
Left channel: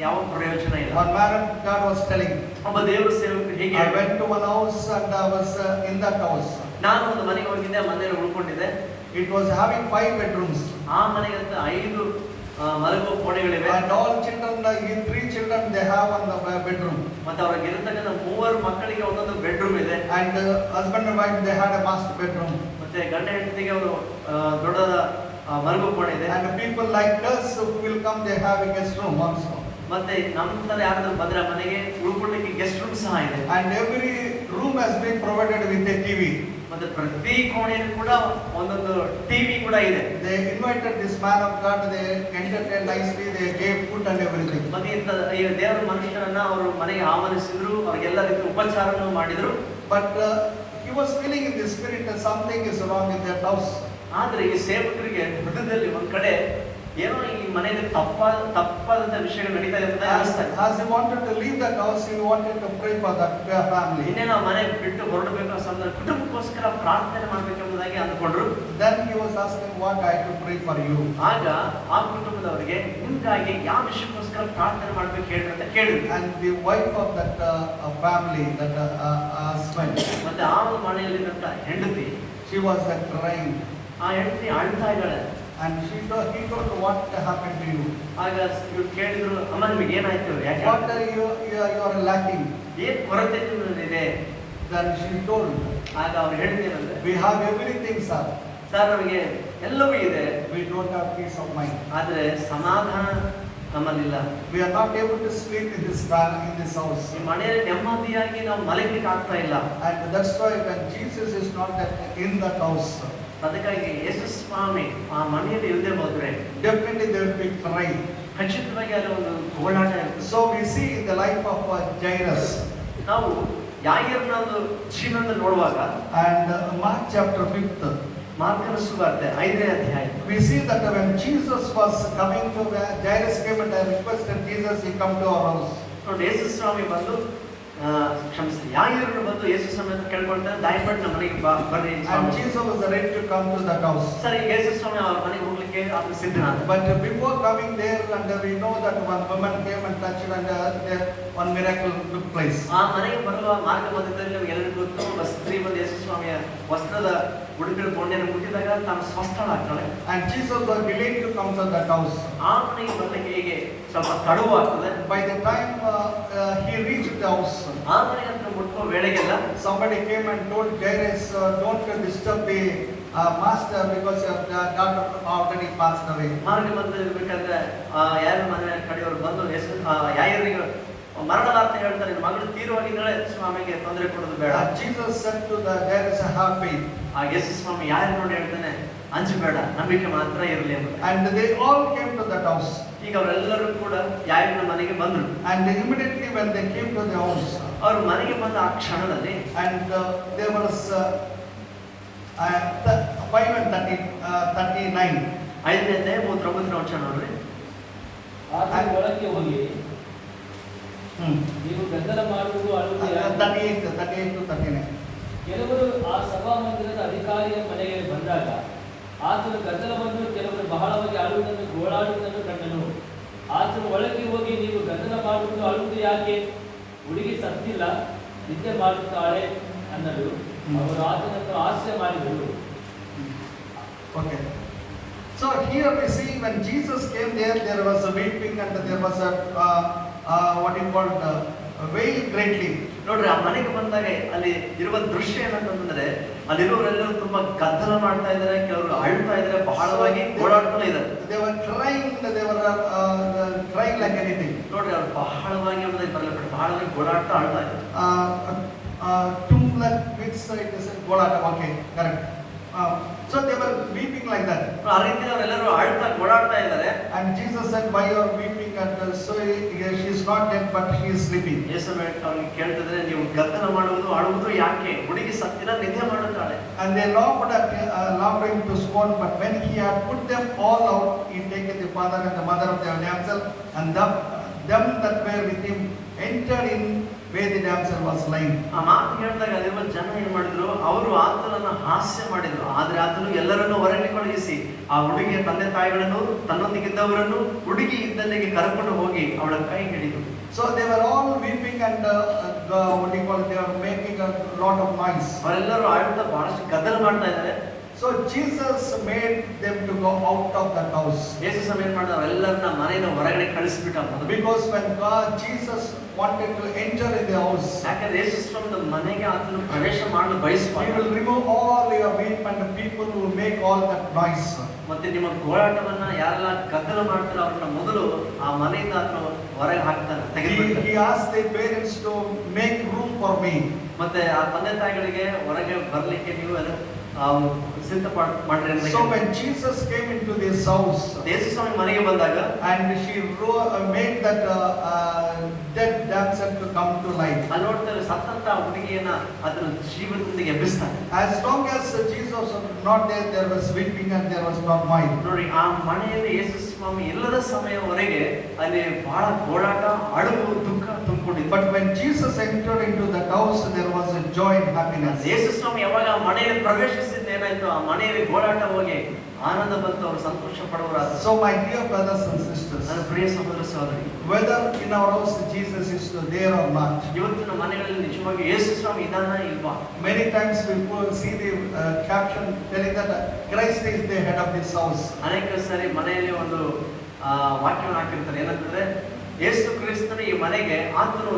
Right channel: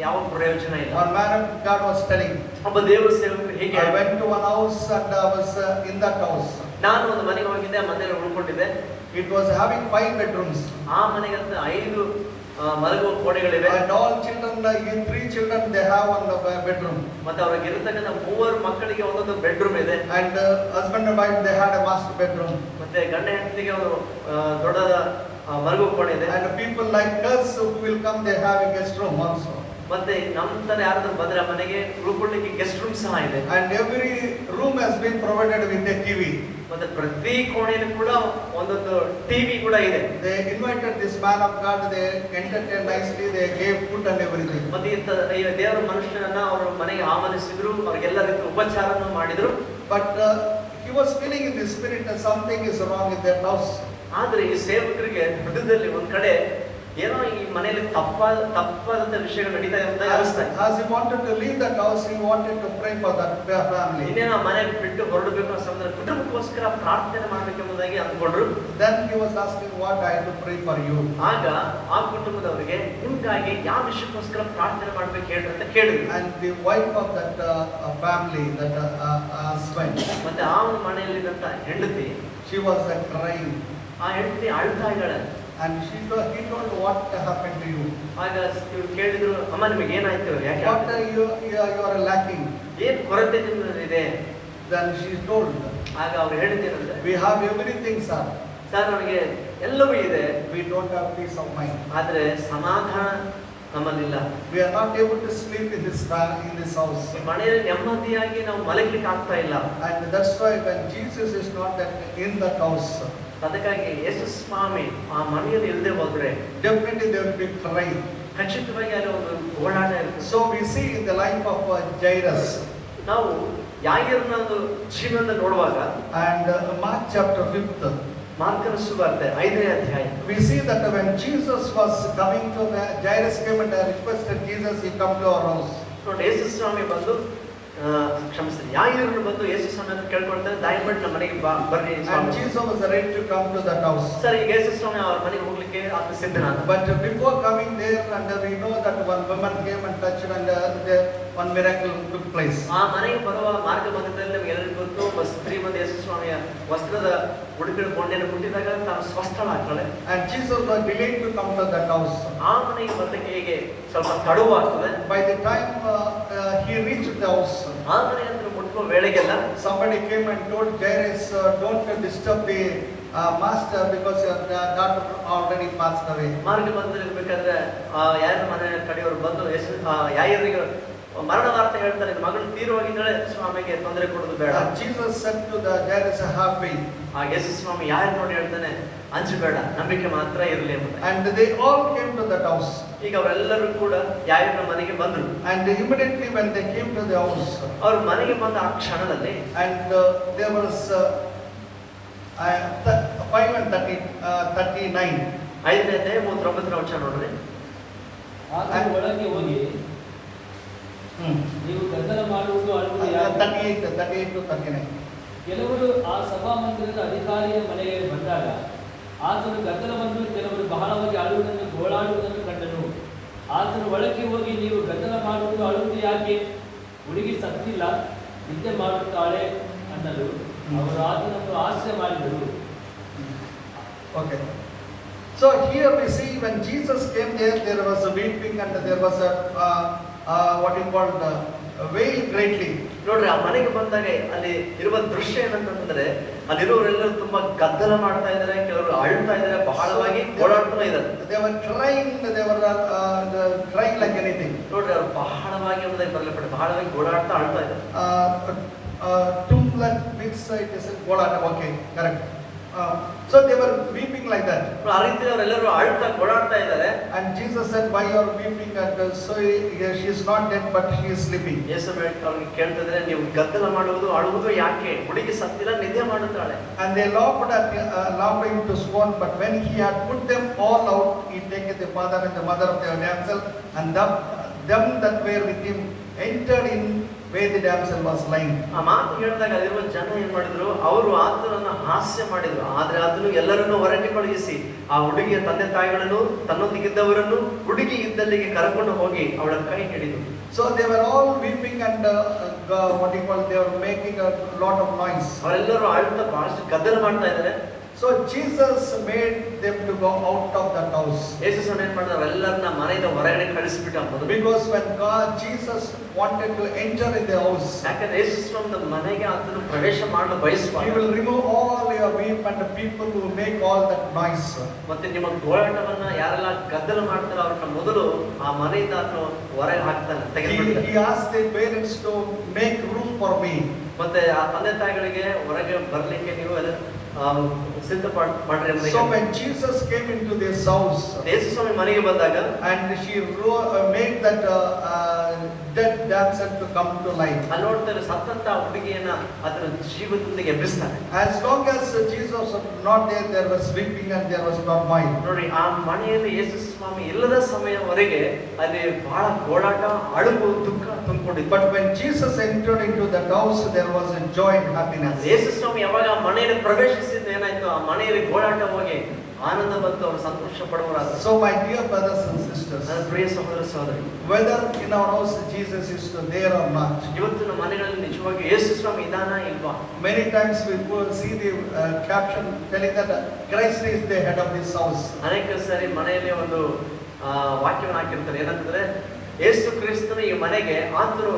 ಯಾವ ಪ್ರಯೋಜನ ಇಲ್ಲ. One man of God was telling, ಒಬ್ಬ ದೇವರ ಸೇವಕರು ಹೀಗೆ, I went to one house and I was in that house. ನಾನು ಒಂದು ಮನೆಗೆ ಹೋಗಿದ್ದೆ, ಮನೆಯಲ್ಲಿ ಉಳ್ಕೊಂಡಿದ್ದೆ. It was having 5 bedrooms. ಆ ಮನೆಗಂತ 5 ಮಲಗುವ ಕೋಣೆಗಳಿವೆ. And all children, 3 children, they have one bedroom. ಮತ್ತೆ ಅವ್ರಿಗೆ ಇರತಕ್ಕಂಥ 3 ಮಕ್ಕಳಿಗೆ ಒಂದೊಂದು ಬೆಡ್ರೂಮ್ ಇದೆ. And husband and wife, they had a master bedroom. ಮತ್ತೆ ಗಂಡ ಹೆಂಡತಿಗೆ ಒಂದು ದೊಡ್ಡದ ಮಲಗುವ ಕೋಣೆ ಇದೆ. And people like us who will come, they have a guest room also. ಮತ್ತೆ ನಮ್ಮ ತರ ಯಾರಾದ್ರೂ ಬಂದ್ರೆ ಮನೆಗೆ ಉಳ್ಕೊಳ್ಳಿಕ್ಕೆ ಗೆಸ್ಟ್ ರೂಮ್ ಸಹ ಇದೆ. And every room has been provided with a TV. ಮತ್ತೆ ಪ್ರತಿ ಕೋಣೆಯಲ್ಲಿ ಕೂಡ ಒಂದೊಂದು ಟಿವಿ ಕೂಡ ಇದೆ. They invited this man of God, they entertained nicely, they gave food and everything. ಮತ್ತೆ ಇಂಥ ದೇವರ ಮನುಷ್ಯರನ್ನ ಅವರು ಮನೆಗೆ ಆಹ್ವಾನಿಸಿದ್ರು, ಅವ್ರಿಗೆಲ್ಲ ರೀತಿಯ ಉಪಚಾರವನ್ನು ಮಾಡಿದ್ರು. But he was feeling in the spirit that something is wrong in that house. ಆದ್ರೆ ಈ ಸೇವಕರಿಗೆ ಹೃದಯದಲ್ಲಿ ಒಂದ್ ಕಡೆ ಏನೋ ಈ ಮನೆಯಲ್ಲಿ ತಪ್ಪಾದಂತ ವಿಷಯಗಳು ನಡೀತಾ ಇದೆ ಅಂತ ಅನಿಸ್ತಾ ಇದೆ. As he wanted to leave that house, he wanted to pray for that family. ಇನ್ನೇನೋ ಮನೆ ಬಿಟ್ಟು ಹೊರಡಬೇಕು ಸಂದರ್ಭ ಕುಟುಂಬಕ್ಕೋಸ್ಕರ ಪ್ರಾರ್ಥನೆ ಮಾಡ್ಬೇಕೆಂಬುದಾಗಿ ಅಂದ್ಕೊಂಡ್ರು. Then he was asking, what I have to pray for you? ಆಗ ಆ ಕುಟುಂಬದವರಿಗೆ ನಿಮ್ಗಾಗಿ ಯಾವ ವಿಷಯಕ್ಕೋಸ್ಕರ ಪ್ರಾರ್ಥನೆ ಮಾಡ್ಬೇಕು ಹೇಳ್ರಿ ಅಂತ ಕೇಳಿದ್ರು. And the wife of that family, that husband, ಮತ್ತೆ ಆ ಒಂದು ಮನೆಯಲ್ಲಿದ್ದಂತ ಹೆಂಡತಿ, she was crying. ಆ ಹೆಂಡತಿ ಅಳ್ತಾ ಇದ್ದಾಳೆ. And he told, what happened to you? ಆಗ ಇವ್ರು ಕೇಳಿದ್ರು, ಅಮ್ಮ ನಿಮಗೆ ಏನಾಯ್ತು, ಯಾಕೆ What are you are lacking? ಏನ್ ಕೊರತೆ ಇದೆ? Then she told, ಆಗ ಅವ್ರು ಹೇಳಿದ್ದೇನಂದ್ರೆ, we have everything, sir. Sir ನಮಗೆ ಎಲ್ಲವೂ ಇದೆ, We don't have peace of mind. ಆದ್ರೆ ಸಮಾಧಾನ ನಮ್ಮಲ್ಲಿಲ್ಲ. We are not able to sleep in this house. ಈ ಮನೆಯಲ್ಲಿ ನೆಮ್ಮದಿಯಾಗಿ ನಾವು ಮಲಗಲಿಕ್ಕೆ ಆಗ್ತಾ ಇಲ್ಲ. And that's why when Jesus is not in that house, ಅದಕ್ಕಾಗಿ ಯೇಸು ಸ್ವಾಮಿ ಆ ಮನೆಯಲ್ಲಿ ಇಲ್ಲದೆ ಹೋದ್ರೆ definitely there will be crying. ಖಚಿತವಾಗಿ ಅಲ್ಲಿ ಒಂದು ಗೋಳಾಟ ಇರ್ತದೆ. So we see in the life of Jairus, ನಾವು ಯಾಯರನ ಒಂದು ಜೀವನ ನೋಡುವಾಗ and Mark chapter 5th, ಮಾರ್ಕನ ಸುವಾರ್ತೆ 5ನೇ ಅಧ್ಯಾಯ, we see that when Jesus was coming to Jairus came and requested Jesus, he come to our house. ನೋಡಿ, ಯೇಸು ಸ್ವಾಮಿ ಬಂದು ಕ್ಷಮಿಸಿ ಯಾಯರನ್ನು ಬಂದು ಯೇಸು ಸ್ವಾಮಿ ಕೇಳ್ಕೊಳ್ತಾರೆ, ದಯವಿಟ್ಟು ನಮ್ಮ ಮನೆಗೆ ಬರ್ರಿ And Swami. Jesus was ready to come to that house. ಸರಿ, ಯೇಸು ಸ್ವಾಮಿ ಅವ್ರ ಮನೆಗೆ ಹೋಗ್ಲಿಕ್ಕೆ ಆತ ಸಿದ್ಧನಾದ. But before coming there, and we know that one woman came and touched, and one miracle took place. ಆ ಮನೆಗೆ ಬರುವ ಮಾರ್ಗ ಮಧ್ಯದಲ್ಲಿ ನಮ್ಗೆ ಎಲ್ಲರಿಗೂ ಗೊತ್ತು, ಒಬ್ಬ ಸ್ತ್ರೀ ಬಂದು ಯೇಸು ಸ್ವಾಮಿಯ ವಸ್ತ್ರದ ಉಡುಪಿನ ಕೊಂಡೆಯನ್ನು ಮುಟ್ಟಿದಾಗ ತಾನು ಸ್ವಸ್ಥಳಾಗ್ತಾಳೆ. And Jesus was delayed to come to that house. ಆ ಮನೆಗೆ ಬರ್ಲಿಕ್ಕೆ ಹೀಗೆ ಸ್ವಲ್ಪ ತಡವಾಗ್ತದೆ. By the time he reached the house, ಆ ಮನೆ ಹತ್ರ ಮುಟ್ಕೋ ವೇಳೆಗೆಲ್ಲ somebody came and told Jairus, don't disturb the master because your daughter already passed away. ಮಾರ್ಗ ಬಂದಿರ್ಬೇಕಾದ್ರೆ ಯಾರ ಮನೆ ಕಡೆಯವರು ಬಂದು ಯಾರಿಗೆ ಮರಣವಾರ್ತೆ ಹೇಳ್ತಾರೆ, ನಿನ್ನ ಮಗಳು ತೀರುವಾಗಿದ್ದಾಳೆ, ಸ್ವಾಮಿಗೆ ತೊಂದರೆ ಕೊಡೋದು ಬೇಡ. Jesus said to the Jairus, have faith. ಆ ಯೇಸು ಸ್ವಾಮಿ ಯಾರು ನೋಡಿ ಹೇಳ್ತಾನೆ, ಅಂಜಬೇಡ, ನಂಬಿಕೆ ಮಾತ್ರ ಇರಲಿ ಅಂತ. And they all came to that house. ಈಗ ಅವರೆಲ್ಲರೂ ಕೂಡ ಯಾಯನ ಮನೆಗೆ ಬಂದ್ರು. And immediately when they came to the house, ಅವ್ರ ಮನೆಗೆ ಬಂದ ಆ ಕ್ಷಣದಲ್ಲಿ and there was 5:39. 5ನೇ ಅಧ್ಯಾಯ 39ನೇ ವಚನ ನೋಡ್ರಿ. ಆತನ ಒಳಗೆ ಹೋಗಿ ನೀವು ಗದ್ದಲ ಮಾಡುವುದು ಅಳುವುದು ಯಾಕೆ? 38 to 39. ಕೆಲವರು ಆ ಸಭಾಮಂದಿರದ ಅಧಿಕಾರಿಯ ಮನೆಗೆ ಬಂದಾಗ ಆತನು ಗದ್ದಲವನ್ನು, ಕೆಲವರು ಬಹಳವಾಗಿ ಅಳುವುದನ್ನು, ಗೋಳಾಡುವುದನ್ನು ಕಂಡನು. ಆತನ ಒಳಗೆ ಹೋಗಿ ನೀವು ಗದ್ದಲ ಮಾಡುವುದು ಅಳುವುದು ಯಾಕೆ? ಹುಡುಗಿ ಸತ್ತಿಲ್ಲ, ನಿದ್ದೆ ಮಾಡುತ್ತಾಳೆ ಅನ್ನಲು ಅವರು ಆತನನ್ನು ಹಾಸ್ಯ ಮಾಡಿದರು. Okay. So here we see when Jesus came there was a weeping and there was a what you call wail greatly. ನೋಡ್ರಿ ಆ ಮನೆಗೆ ಬಂದಾಗ ಅಲ್ಲಿ ಇರುವ ದೃಶ್ಯ ಏನಂತಂದ್ರೆ ಅಲ್ಲಿರುವವರೆಲ್ಲರೂ ತುಂಬಾ ಗದ್ದಲ ಮಾಡ್ತಾ ಇದ್ದಾರೆ, ಕೆಲವರು ಅಳ್ತಾ ಇದ್ದಾರೆ, ಬಹಳವಾಗಿ ಓಡಾಡ್ತಾ ಇದ್ದಾರೆ. They were crying, they were crying like anything. ನೋಡ್ರಿ ಅವ್ರು ಬಹಳವಾಗಿ ಬರಲಿಲ್ಲ, ಬಹಳವಾಗಿ ಓಡಾಡ್ತಾ ಅಳ್ತಾ ಇದ್ದಾರೆ. Tumla mix it is Godata, okay, correct. So they were weeping like that. ಆ ರೀತಿ ಅವರೆಲ್ಲರೂ ಅಳ್ತಾ ಓಡಾಡ್ತಾ ಇದ್ದಾರೆ. And Jesus said, why you are weeping? And so she is not dead, but she is sleeping. ಯೇಸು ಅವ್ರಿಗೆ ಕೇಳ್ತಿದ್ರೆ, ನೀವು ಗದ್ದಲ ಮಾಡುವುದು ಅಳುವುದು ಯಾಕೆ? ಹುಡುಗಿ ಸತ್ತಿಲ್ಲ, ನಿದ್ದೆ ಮಾಡುತ್ತಾಳೆ. And they laughed him to scorn, but when he had put them all out, he taken the father and the mother of their damsel, and them that were with him entered in where the damsel was lying. ಆ ಮಾತು ಹೇಳಿದಾಗ ಅಲ್ಲಿರುವ ಜನ ಏನ್ ಮಾಡಿದ್ರು, ಅವರು ಆತನನ್ನ ಹಾಸ್ಯ ಮಾಡಿದ್ರು. ಆದ್ರೆ ಆತನು ಎಲ್ಲರನ್ನೂ ಹೊರಗೆ ಕಳುಹಿಸಿ ಆ ಹುಡುಗಿಯ ತಂದೆ ತಾಯಿಗಳನ್ನು, ತನ್ನೊಂದಿಗಿದ್ದವರನ್ನು ಹುಡುಗಿ ಇದ್ದಲ್ಲಿಗೆ ಕರ್ಕೊಂಡು ಹೋಗಿ ಅವಳ ಕೈ ಹಿಡಿದ್ರು. So they were all weeping and they were making a lot of noise. ಅವರೆಲ್ಲರೂ ಅಳ್ತಾ ಬಹಳಷ್ಟು ಗದ್ದಲ ಮಾಡ್ತಾ ಇದ್ದಾರೆ. So Jesus made them to go out of that house. ಯೇಸು ಏನ್ ಮಾಡಿದ್ರು, ಎಲ್ಲರನ್ನ ಮನೆಯಿಂದ ಹೊರಗಡೆ ಕಳಿಸ್ಬಿಟ್ಟ. Because when Jesus wanted to enter in the house, ಯಾಕಂದ್ರೆ ಯೇಸು ಮನೆಗೆ ಆತನು ಪ್ರವೇಶ ಮಾಡಲು he ಬಯಸ್ತಾರೆ. will remove all your weep and the people who make all that noise. ಮತ್ತೆ ನಿಮ್ಮ ಗೋಳಾಟವನ್ನ ಯಾರೆಲ್ಲ ಗದ್ದಲ ಮಾಡ್ತಾರೋ ಅವ್ರನ್ನ ಮೊದಲು ಆ ಮನೆಯಿಂದ ಆತನು ಹೊರಗೆ ಹಾಕ್ತಾನೆ, ತೆಗೆದುಬಿಡ್ತಾನೆ. He asked their parents to make room for me. ಮತ್ತೆ ಆ ತಂದೆ ತಾಯಿಗಳಿಗೆ ಹೊರಗೆ ಬರ್ಲಿಕ್ಕೆ ನೀವು ಸಿದ್ಧ ಮಾಡ್ರಿ ಅಂತ. So when Jesus came into this house, ಯೇಸು ಮನೆಗೆ ಬಂದಾಗ and she made that dead damsel to come to life. ಅಲ್ಲಿ ನೋಡ್ತಾರೆ, ಸತ್ತಂತ ಹುಡುಗಿಯನ್ನ ಅದರ ಜೀವನದೊಂದಿಗೆ ಎಬ್ಬಿಸ್ತಾನೆ. As long as Jesus was not there, there was weeping and there was turmoil. ನೋಡಿ, ಆ ಮನೆಯಲ್ಲಿ ಯೇಸು ಸ್ವಾಮಿ ಇಲ್ಲದ ಸಮಯವರೆಗೆ ಅಲ್ಲಿ ಬಹಳ ಗೋಳಾಟ, ಅಳುವು, ದುಃಖ ತುಂಬಿಕೊಂಡಿತ್ತು. But when Jesus entered into that house, there was a joy and happiness. ಯೇಸು ಸ್ವಾಮಿ ಯಾವಾಗ ಆ ಮನೆಯಲ್ಲಿ ಪ್ರವೇಶಿಸಿದ ಏನಾಯ್ತು, ಆ ಮನೆಯಲ್ಲಿ ಗೋಳಾಟ ಹೋಗಿ ಆನಂದ ಬಂತು, ಅವರು ಸಂತೋಷ ಪಡುವರಾದರು. So my dear brothers and sisters, ನನ್ನ ಪ್ರಿಯ ಸಹೋದರ ಸಹೋದರಿ, whether in our house Jesus is there or not, ಇವತ್ತು ನಮ್ಮ ಮನೆಗಳಲ್ಲಿ ನಿಜವಾಗಿ ಯೇಸು ಸ್ವಾಮಿ ಇದಾನ ಇಲ್ವಾ? many times we will see the caption telling that Christ is the head of this house. ಅನೇಕ ಸಾರಿ ಮನೆಯಲ್ಲಿ ಒಂದು ವಾಕ್ಯವನ್ನು ಹಾಕಿರ್ತಾರೆ, ಏನಂತಂದ್ರೆ ಯೇಸು ಕ್ರಿಸ್ತನು ಈ ಮನೆಗೆ ಆತನು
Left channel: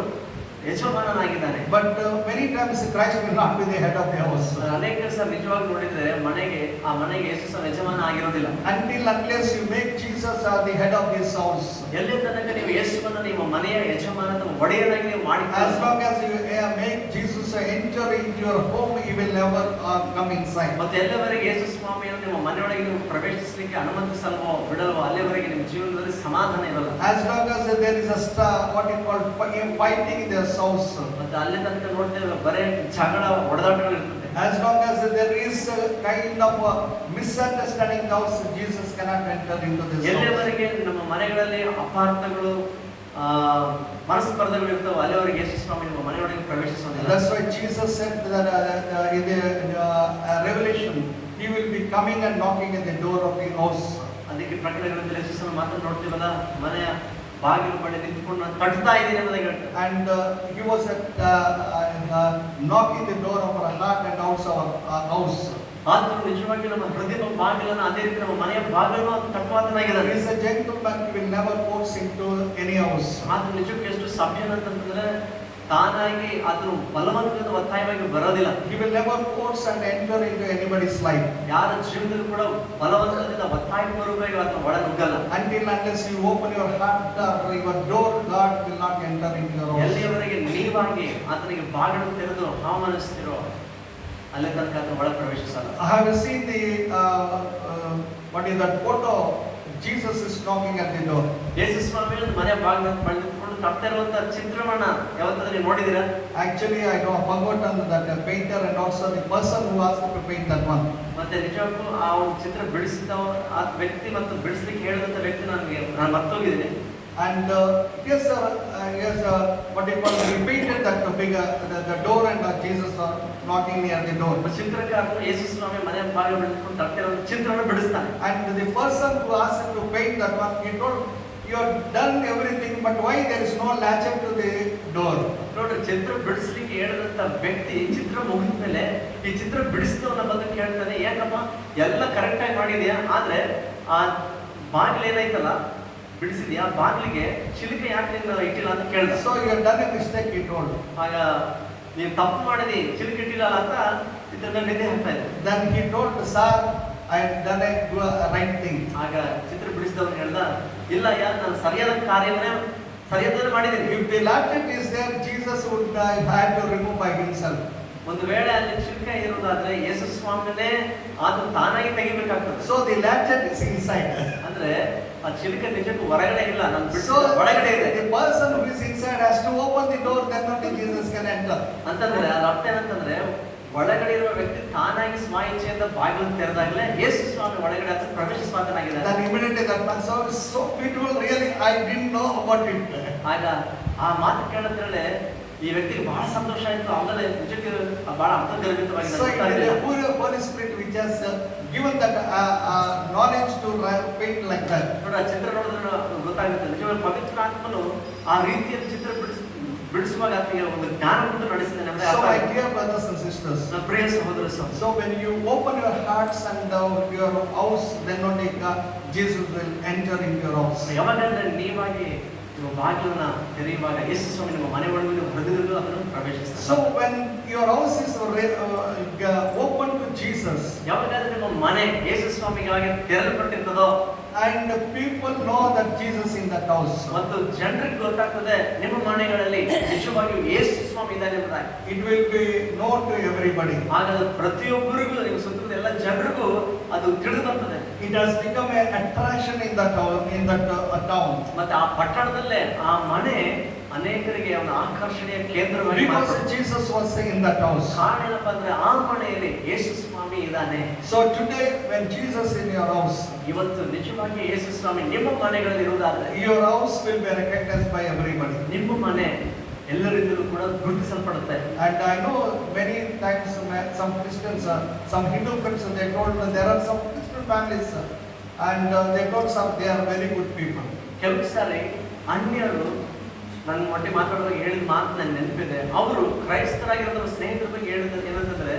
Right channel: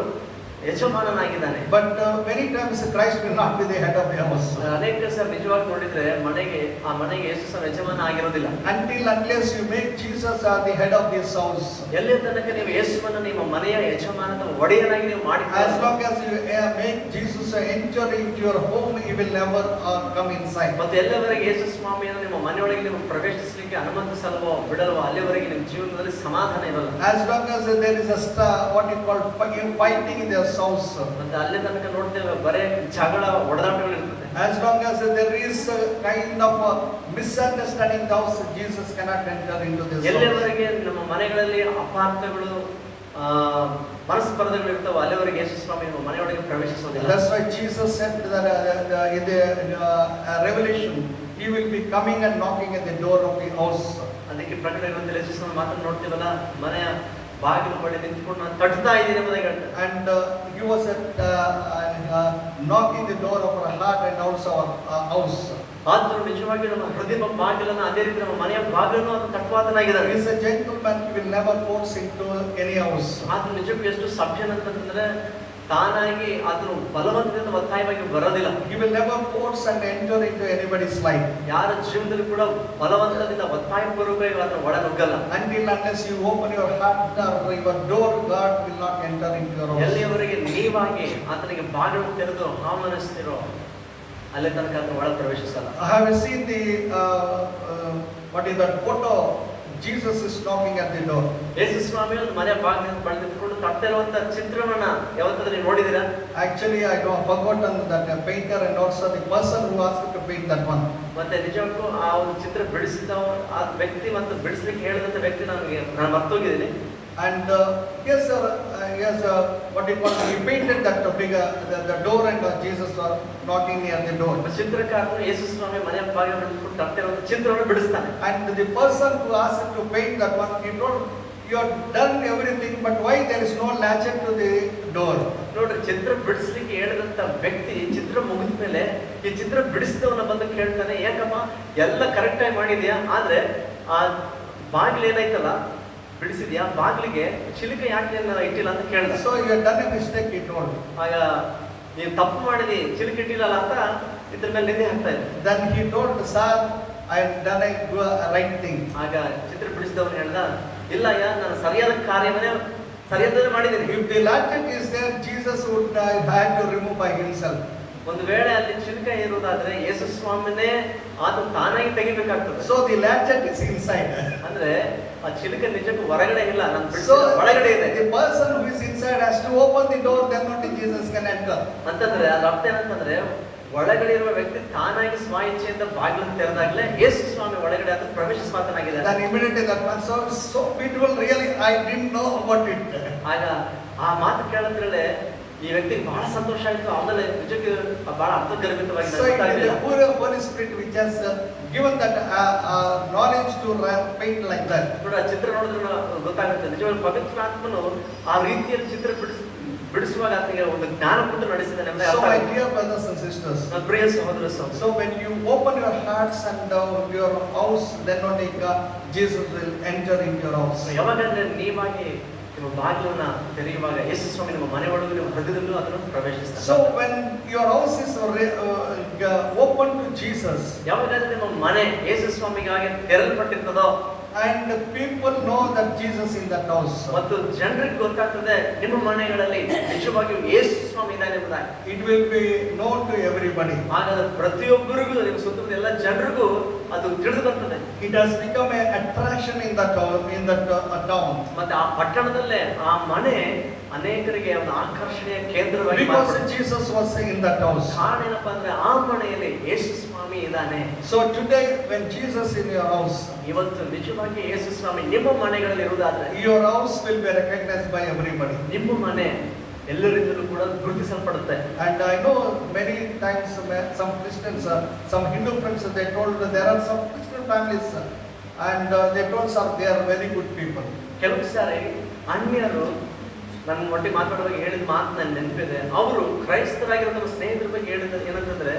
ಯಜಮಾನನಾಗಿದ್ದಾನೆ. But many times Christ will not be the head of the house. ಅನೇಕ ಸಾರಿ ನಿಜವಾಗಿ ನೋಡಿದ್ರೆ ಆ ಮನೆಗೆ ಯೇಸು ಸ್ವಾಮಿ ಯಜಮಾನ ಆಗಿರೋದಿಲ್ಲ. Unless you make Jesus the head of this house. ಎಲ್ಲಿ ತನಕ ನೀವು ಯೇಸುವನ್ನು ನಿಮ್ಮ ಮನೆಯ ಯಜಮಾನನ ಒಡೆಯನಾಗಿ ನೀವು ಮಾಡಿ, As long as you make Jesus enter into your home, he will never come inside. ಮತ್ತೆ ಎಲ್ಲವರೆಗೆ ಯೇಸು ಸ್ವಾಮಿಯನ್ನು ನಿಮ್ಮ ಮನೆಯೊಳಗೆ ನೀವು ಪ್ರವೇಶಿಸಲಿಕ್ಕೆ ಅನುಮತಿಸಲ್ವೋ ಬಿಡಲ್ವೋ ಅಲ್ಲಿವರೆಗೆ ನಿಮ್ಮ ಜೀವನದಲ್ಲಿ ಸಮಾಧಾನ ಇರಲ್ಲ. As long as there is what you call fighting in their house. ಮತ್ತೆ ಅಲ್ಲಿ ತನಕ ನೋಡ್ತೇವೆ ಬರೇ ಜಗಳ, ಹೊಡೆದಾಟಗಳು ಇರ್ತದೆ. As long as there is a kind of misunderstanding in the house, Jesus cannot enter into this house. ಎಲ್ಲಿವರೆಗೆ ನಮ್ಮ ಮನೆಗಳಲ್ಲಿ ಅಪಾರ್ಥಗಳು, ಮನಸ್ಪರ್ಧೆಗಳು ಇರ್ತವೆ, ಅಲ್ಲಿವರೆಗೆ ಯೇಸು ಸ್ವಾಮಿ ನಿಮ್ಮ ಮನೆಯೊಳಗೆ ಪ್ರವೇಶಿಸೋದಿಲ್ಲ. That's why Jesus said that in the Revelation, he will be coming and knocking at the door of the house. ಅದಕ್ಕೆ ಪ್ರಕಟಣೆ ಗ್ರಂಥದಲ್ಲಿ ಯೇಸು ಸ್ವಾಮಿ ಮಾತನ್ನು ನೋಡ್ತೀವಲ್ಲ, ಮನೆಯ ಬಾಗಿಲು ಬಳಿ ನಿಂತ್ಕೊಂಡು ನಾನು ತಟ್ತಾ ಇದ್ದೀನಿ ಅನ್ನೋದಾಗಿ ಹೇಳ್ತಾರೆ. And he was knocking the door of our heart and also our house. ಆತನು ನಿಜವಾಗಿ ನಮ್ಮ ಹೃದಯದ ಬಾಗಿಲನ್ನು, ಅದೇ ರೀತಿ ನಮ್ಮ ಮನೆಯ ಬಾಗಿಲನ್ನು ತಟ್ಟುವಾತನಾಗಿದ್ದಾನೆ. He is a gentleman, he will never force into any house. ಆತನು ನಿಜಕ್ಕೂ ಎಷ್ಟು ಸಭ್ಯನಂತಂದ್ರೆ ತಾನಾಗಿ ಆತನು ಬಲವಂತದಿಂದ ಒತ್ತಾಯವಾಗಿ ಬರೋದಿಲ್ಲ. He will never force and enter into anybody's life. ಯಾರ ಜೀವನದಲ್ಲಿ ಕೂಡ ಬಲವಂತದಿಂದ ಒತ್ತಾಯಪೂರ್ವಕವಾಗಿ ಆತನು ಒಳನುಗ್ಗಲ್ಲ. Unless you open your heart or your door, God will not enter into your house. ಎಲ್ಲಿಯವರೆಗೆ ನೀವಾಗಿ ಆತನಿಗೆ ಬಾಗಿಲು ತೆರೆದು ಆಹ್ವಾನಿಸ್ತಿರೋ ಅಲ್ಲಿ ತನಕ ಆತನ ಒಳ ಪ್ರವೇಶಿಸಲ್ಲ. I have seen the what is that photo? Jesus is knocking at the door. ಯೇಸು ಸ್ವಾಮಿ ಮನೆ ಬಾಗಿಲನ್ನು ಬಳಿದುಕೊಂಡು ತಟ್ಟಿರುವಂತ ಚಿತ್ರವನ್ನ ಯಾವತ್ತಾದ್ರೂ ನೀವು ನೋಡಿದ್ದೀರಾ? Actually, I have forgotten that the painter and also the person who asked to paint that one. ಮತ್ತೆ ನಿಜಕ್ಕೂ ಆ ಒಂದು ಚಿತ್ರ ಬಿಡಿಸಿದ ಆ ವ್ಯಕ್ತಿ ಮತ್ತು ಬಿಡಿಸ್ಲಿಕ್ಕೆ ಹೇಳಿದಂತ ವ್ಯಕ್ತಿ ನಾನು ಮರ್ತೋಗಿದ್ದೀನಿ. And yes, what you call, he painted that figure, the door, and Jesus are knocking near the door. ಚಿತ್ರಕಾರನು ಯೇಸು ಸ್ವಾಮಿ ಮನೆ ಬಾಗಿಲು ಬಿಡಿಸ್ಕೊಂಡು ತಟ್ಟಿರುವಂತ ಚಿತ್ರವನ್ನು ಬಿಡಿಸ್ತಾನೆ. And the person who asked to paint that one, he told, you have done everything, but why there is no latchet to the door? ನೋಡ್ರಿ, ಚಿತ್ರ ಬಿಡಿಸ್ಲಿಕ್ಕೆ ಹೇಳಿದಂತ ವ್ಯಕ್ತಿ ಚಿತ್ರ ಮುಗಿದ ಮೇಲೆ ಈ ಚಿತ್ರ ಬಿಡಿಸಿದವನ್ನ ಬಂದು ಕೇಳ್ತಾನೆ, ಯಾಕಪ್ಪ ಎಲ್ಲ ಕರೆಕ್ಟ್ ಆಗಿ ಮಾಡಿದ್ಯಾ, ಆದ್ರೆ ಆ ಬಾಗಿಲು ಏನಾಯ್ತಲ್ಲ ಬಿಡಿಸಿದ್ಯಾ ಬಾಗಿಲಿಗೆ ಚಿಲಿಕೆ ಯಾಕೆ ಇಟ್ಟಿಲ್ಲ ಅಂತ ಕೇಳಿದ. So you have done a mistake, he told. ಆಗ ನೀವು ತಪ್ಪು ಮಾಡಿದಿ, ಚಿಲಿಕೆ ಇಟ್ಟಿಲ್ಲ ಅಂತ ಇದ್ರ ಮೇಲೆ ನಿದ್ದೆ ಹಾಕ್ತಾ ಇದ್ದೆ. Then he told, sir, I have done a right thing. ಆಗ ಚಿತ್ರ ಬಿಡಿಸಿದವನು ಹೇಳ್ದ, ಇಲ್ಲ ನಾನು ಸರಿಯಾದ ಕಾರ್ಯವನ್ನೇ ಸರಿಯಾದ ಮಾಡಿದ್ದೀನಿ. If the lancet is there, Jesus would have to remove by himself. ಒಂದು ವೇಳೆ ಅಲ್ಲಿ ಚಿಲಿಕೆ ಇರುವುದಾದ್ರೆ ಯೇಸು ಸ್ವಾಮಿನೇ ಆತ ತಾನಾಗಿ ತೆಗಿಬೇಕಾಗ್ತದೆ. So the lancet is inside. ಅಂದ್ರೆ ಆ ಚಿಲಿಕೆ ನಿಜಕ್ಕೂ ಹೊರಗಡೆ ಇಲ್ಲ, ನಾನು So ಒಳಗಡೆ ಇದೆ. the person who is inside has to open the door, then only Jesus can enter. ಅಂತಂದ್ರೆ ಅದ್ರ ಅರ್ಥ ಏನಂತಂದ್ರೆ ಒಳಗಡೆ ಇರುವ ವ್ಯಕ್ತಿ ತಾನಾಗಿ ಸ್ವ ಇಚ್ಛೆಯಿಂದ ಬಾಗಿಲನ್ನು ತೆರೆದಾಗಲೇ ಯೇಸು ಸ್ವಾಮಿ ಒಳಗಡೆ ಅಂತ ಪ್ರವೇಶಿಸುವಂತನಾಗಿದ್ದಾನೆ. Then immediately that man said, so beautiful, really I didn't know about it. ಆಗ ಆ ಮಾತು ಕೇಳಿದ್ರೆ ಈ ವ್ಯಕ್ತಿಗೆ ಬಹಳ ಸಂತೋಷ ಆಯ್ತು. ಆಮೇಲೆ ನಿಜಕ್ಕೆ ಬಹಳ So it is ಅರ್ಥಗರ್ಭಿತವಾಗಿ the poor Holy Spirit which has given that knowledge to paint like that. ನೋಡಿ, ಆ ಚಿತ್ರ ನೋಡಿದ್ರೆ ಗೊತ್ತಾಗುತ್ತೆ ನಿಜವಾಗಿ ಪವಿತ್ರ ಆತ್ಮನು ಆ ರೀತಿಯಲ್ಲಿ ಚಿತ್ರ ಬಿಡಿಸುವಾಗ ಆತನಿಗೆ ಒಂದು ಜ್ಞಾನ ಕೊಟ್ಟು ನಡೆಸಿದ್ದಾನೆ ಅಂತ So ಅರ್ಥ my ಆಯ್ತು. dear brothers and sisters, ನನ್ನ ಪ್ರಿಯ ಸಹೋದರ ಸಹೋದರಿ, so when you open your hearts and your house, then only Jesus will enter into your house. ಯಾವಾಗಂದ್ರೆ ನೀವಾಗಿ ನಿಮ್ಮ ಬಾಗಿಲನ್ನ ತೆರೆಯುವಾಗ ಯೇಸು ಸ್ವಾಮಿ ನಿಮ್ಮ ಮನೆ ಒಳಗೆ ನೀವು ಹೃದಯದಲ್ಲೂ ಅದನ್ನು ಪ್ರವೇಶಿಸ್ತಾರೆ. So when your house is open to Jesus, ಯಾವಾಗಂದ್ರೆ ನಿಮ್ಮ ಮನೆ ಯೇಸು ಸ್ವಾಮಿಗಾಗಿ ತೆರೆಯಲ್ಪಟ್ಟಿರ್ತದೋ and people know that Jesus in that house, ಮತ್ತು ಜನರಿಗೆ ಗೊತ್ತಾಗ್ತದೆ ನಿಮ್ಮ ಮನೆಗಳಲ್ಲಿ ನಿಜವಾಗಿಯೂ ಯೇಸು ಸ್ವಾಮಿ ಇದ್ದಾನೆ ಅಂತ, it will be known to everybody. ಹಾಗಾದ್ರೆ ಪ್ರತಿಯೊಬ್ಬರಿಗೂ ನಿಮ್ಮ ಸುತ್ತಮುತ್ತ ಎಲ್ಲ ಜನರಿಗೂ ಅದು ತಿಳಿದು ಬರ್ತದೆ. It has become an attraction in that town. ಮತ್ತೆ ಆ ಪಟ್ಟಣದಲ್ಲೇ ಆ ಮನೆ ಅನೇಕರಿಗೆ ಒಂದು ಆಕರ್ಷಣೆಯ ಕೇಂದ್ರವಾಗಿ Because ಮಾರ್ಪಡುತ್ತೆ. Jesus was in that house. ಕಾರಣ ಏನಪ್ಪ ಅಂದ್ರೆ ಆ ಮನೆಯಲ್ಲಿ ಯೇಸು ಸ್ವಾಮಿ ಇದ್ದಾನೆ. So today when Jesus in your house, ಇವತ್ತು ನಿಜವಾಗಿ ಯೇಸು ಸ್ವಾಮಿ ನಿಮ್ಮ ಮನೆಗಳಲ್ಲಿ ಇರುವುದಾದ್ರೆ your house will be recognized by everybody. ನಿಮ್ಮ ಮನೆ ಎಲ್ಲರಿಂದಲೂ ಕೂಡ ಗುರುತಿಸಲ್ಪಡುತ್ತೆ. And I know many times some Christians, some Hindu friends, they told that there are some Christian families and they told some they are very good people. ಕೆಲವು ಸಾರಿ ಅನ್ಯರು ನನ್ನ ಒಟ್ಟಿಗೆ ಮಾತಾಡುವಾಗ ಹೇಳಿದ ಮಾತು ನನ್ನ ನೆನಪಿದೆ. ಅವರು ಕ್ರೈಸ್ತರಾಗಿರೋ ನಮ್ಮ ಸ್ನೇಹಿತರ ಬಗ್ಗೆ ಹೇಳಿದ ಏನಂತಂದ್ರೆ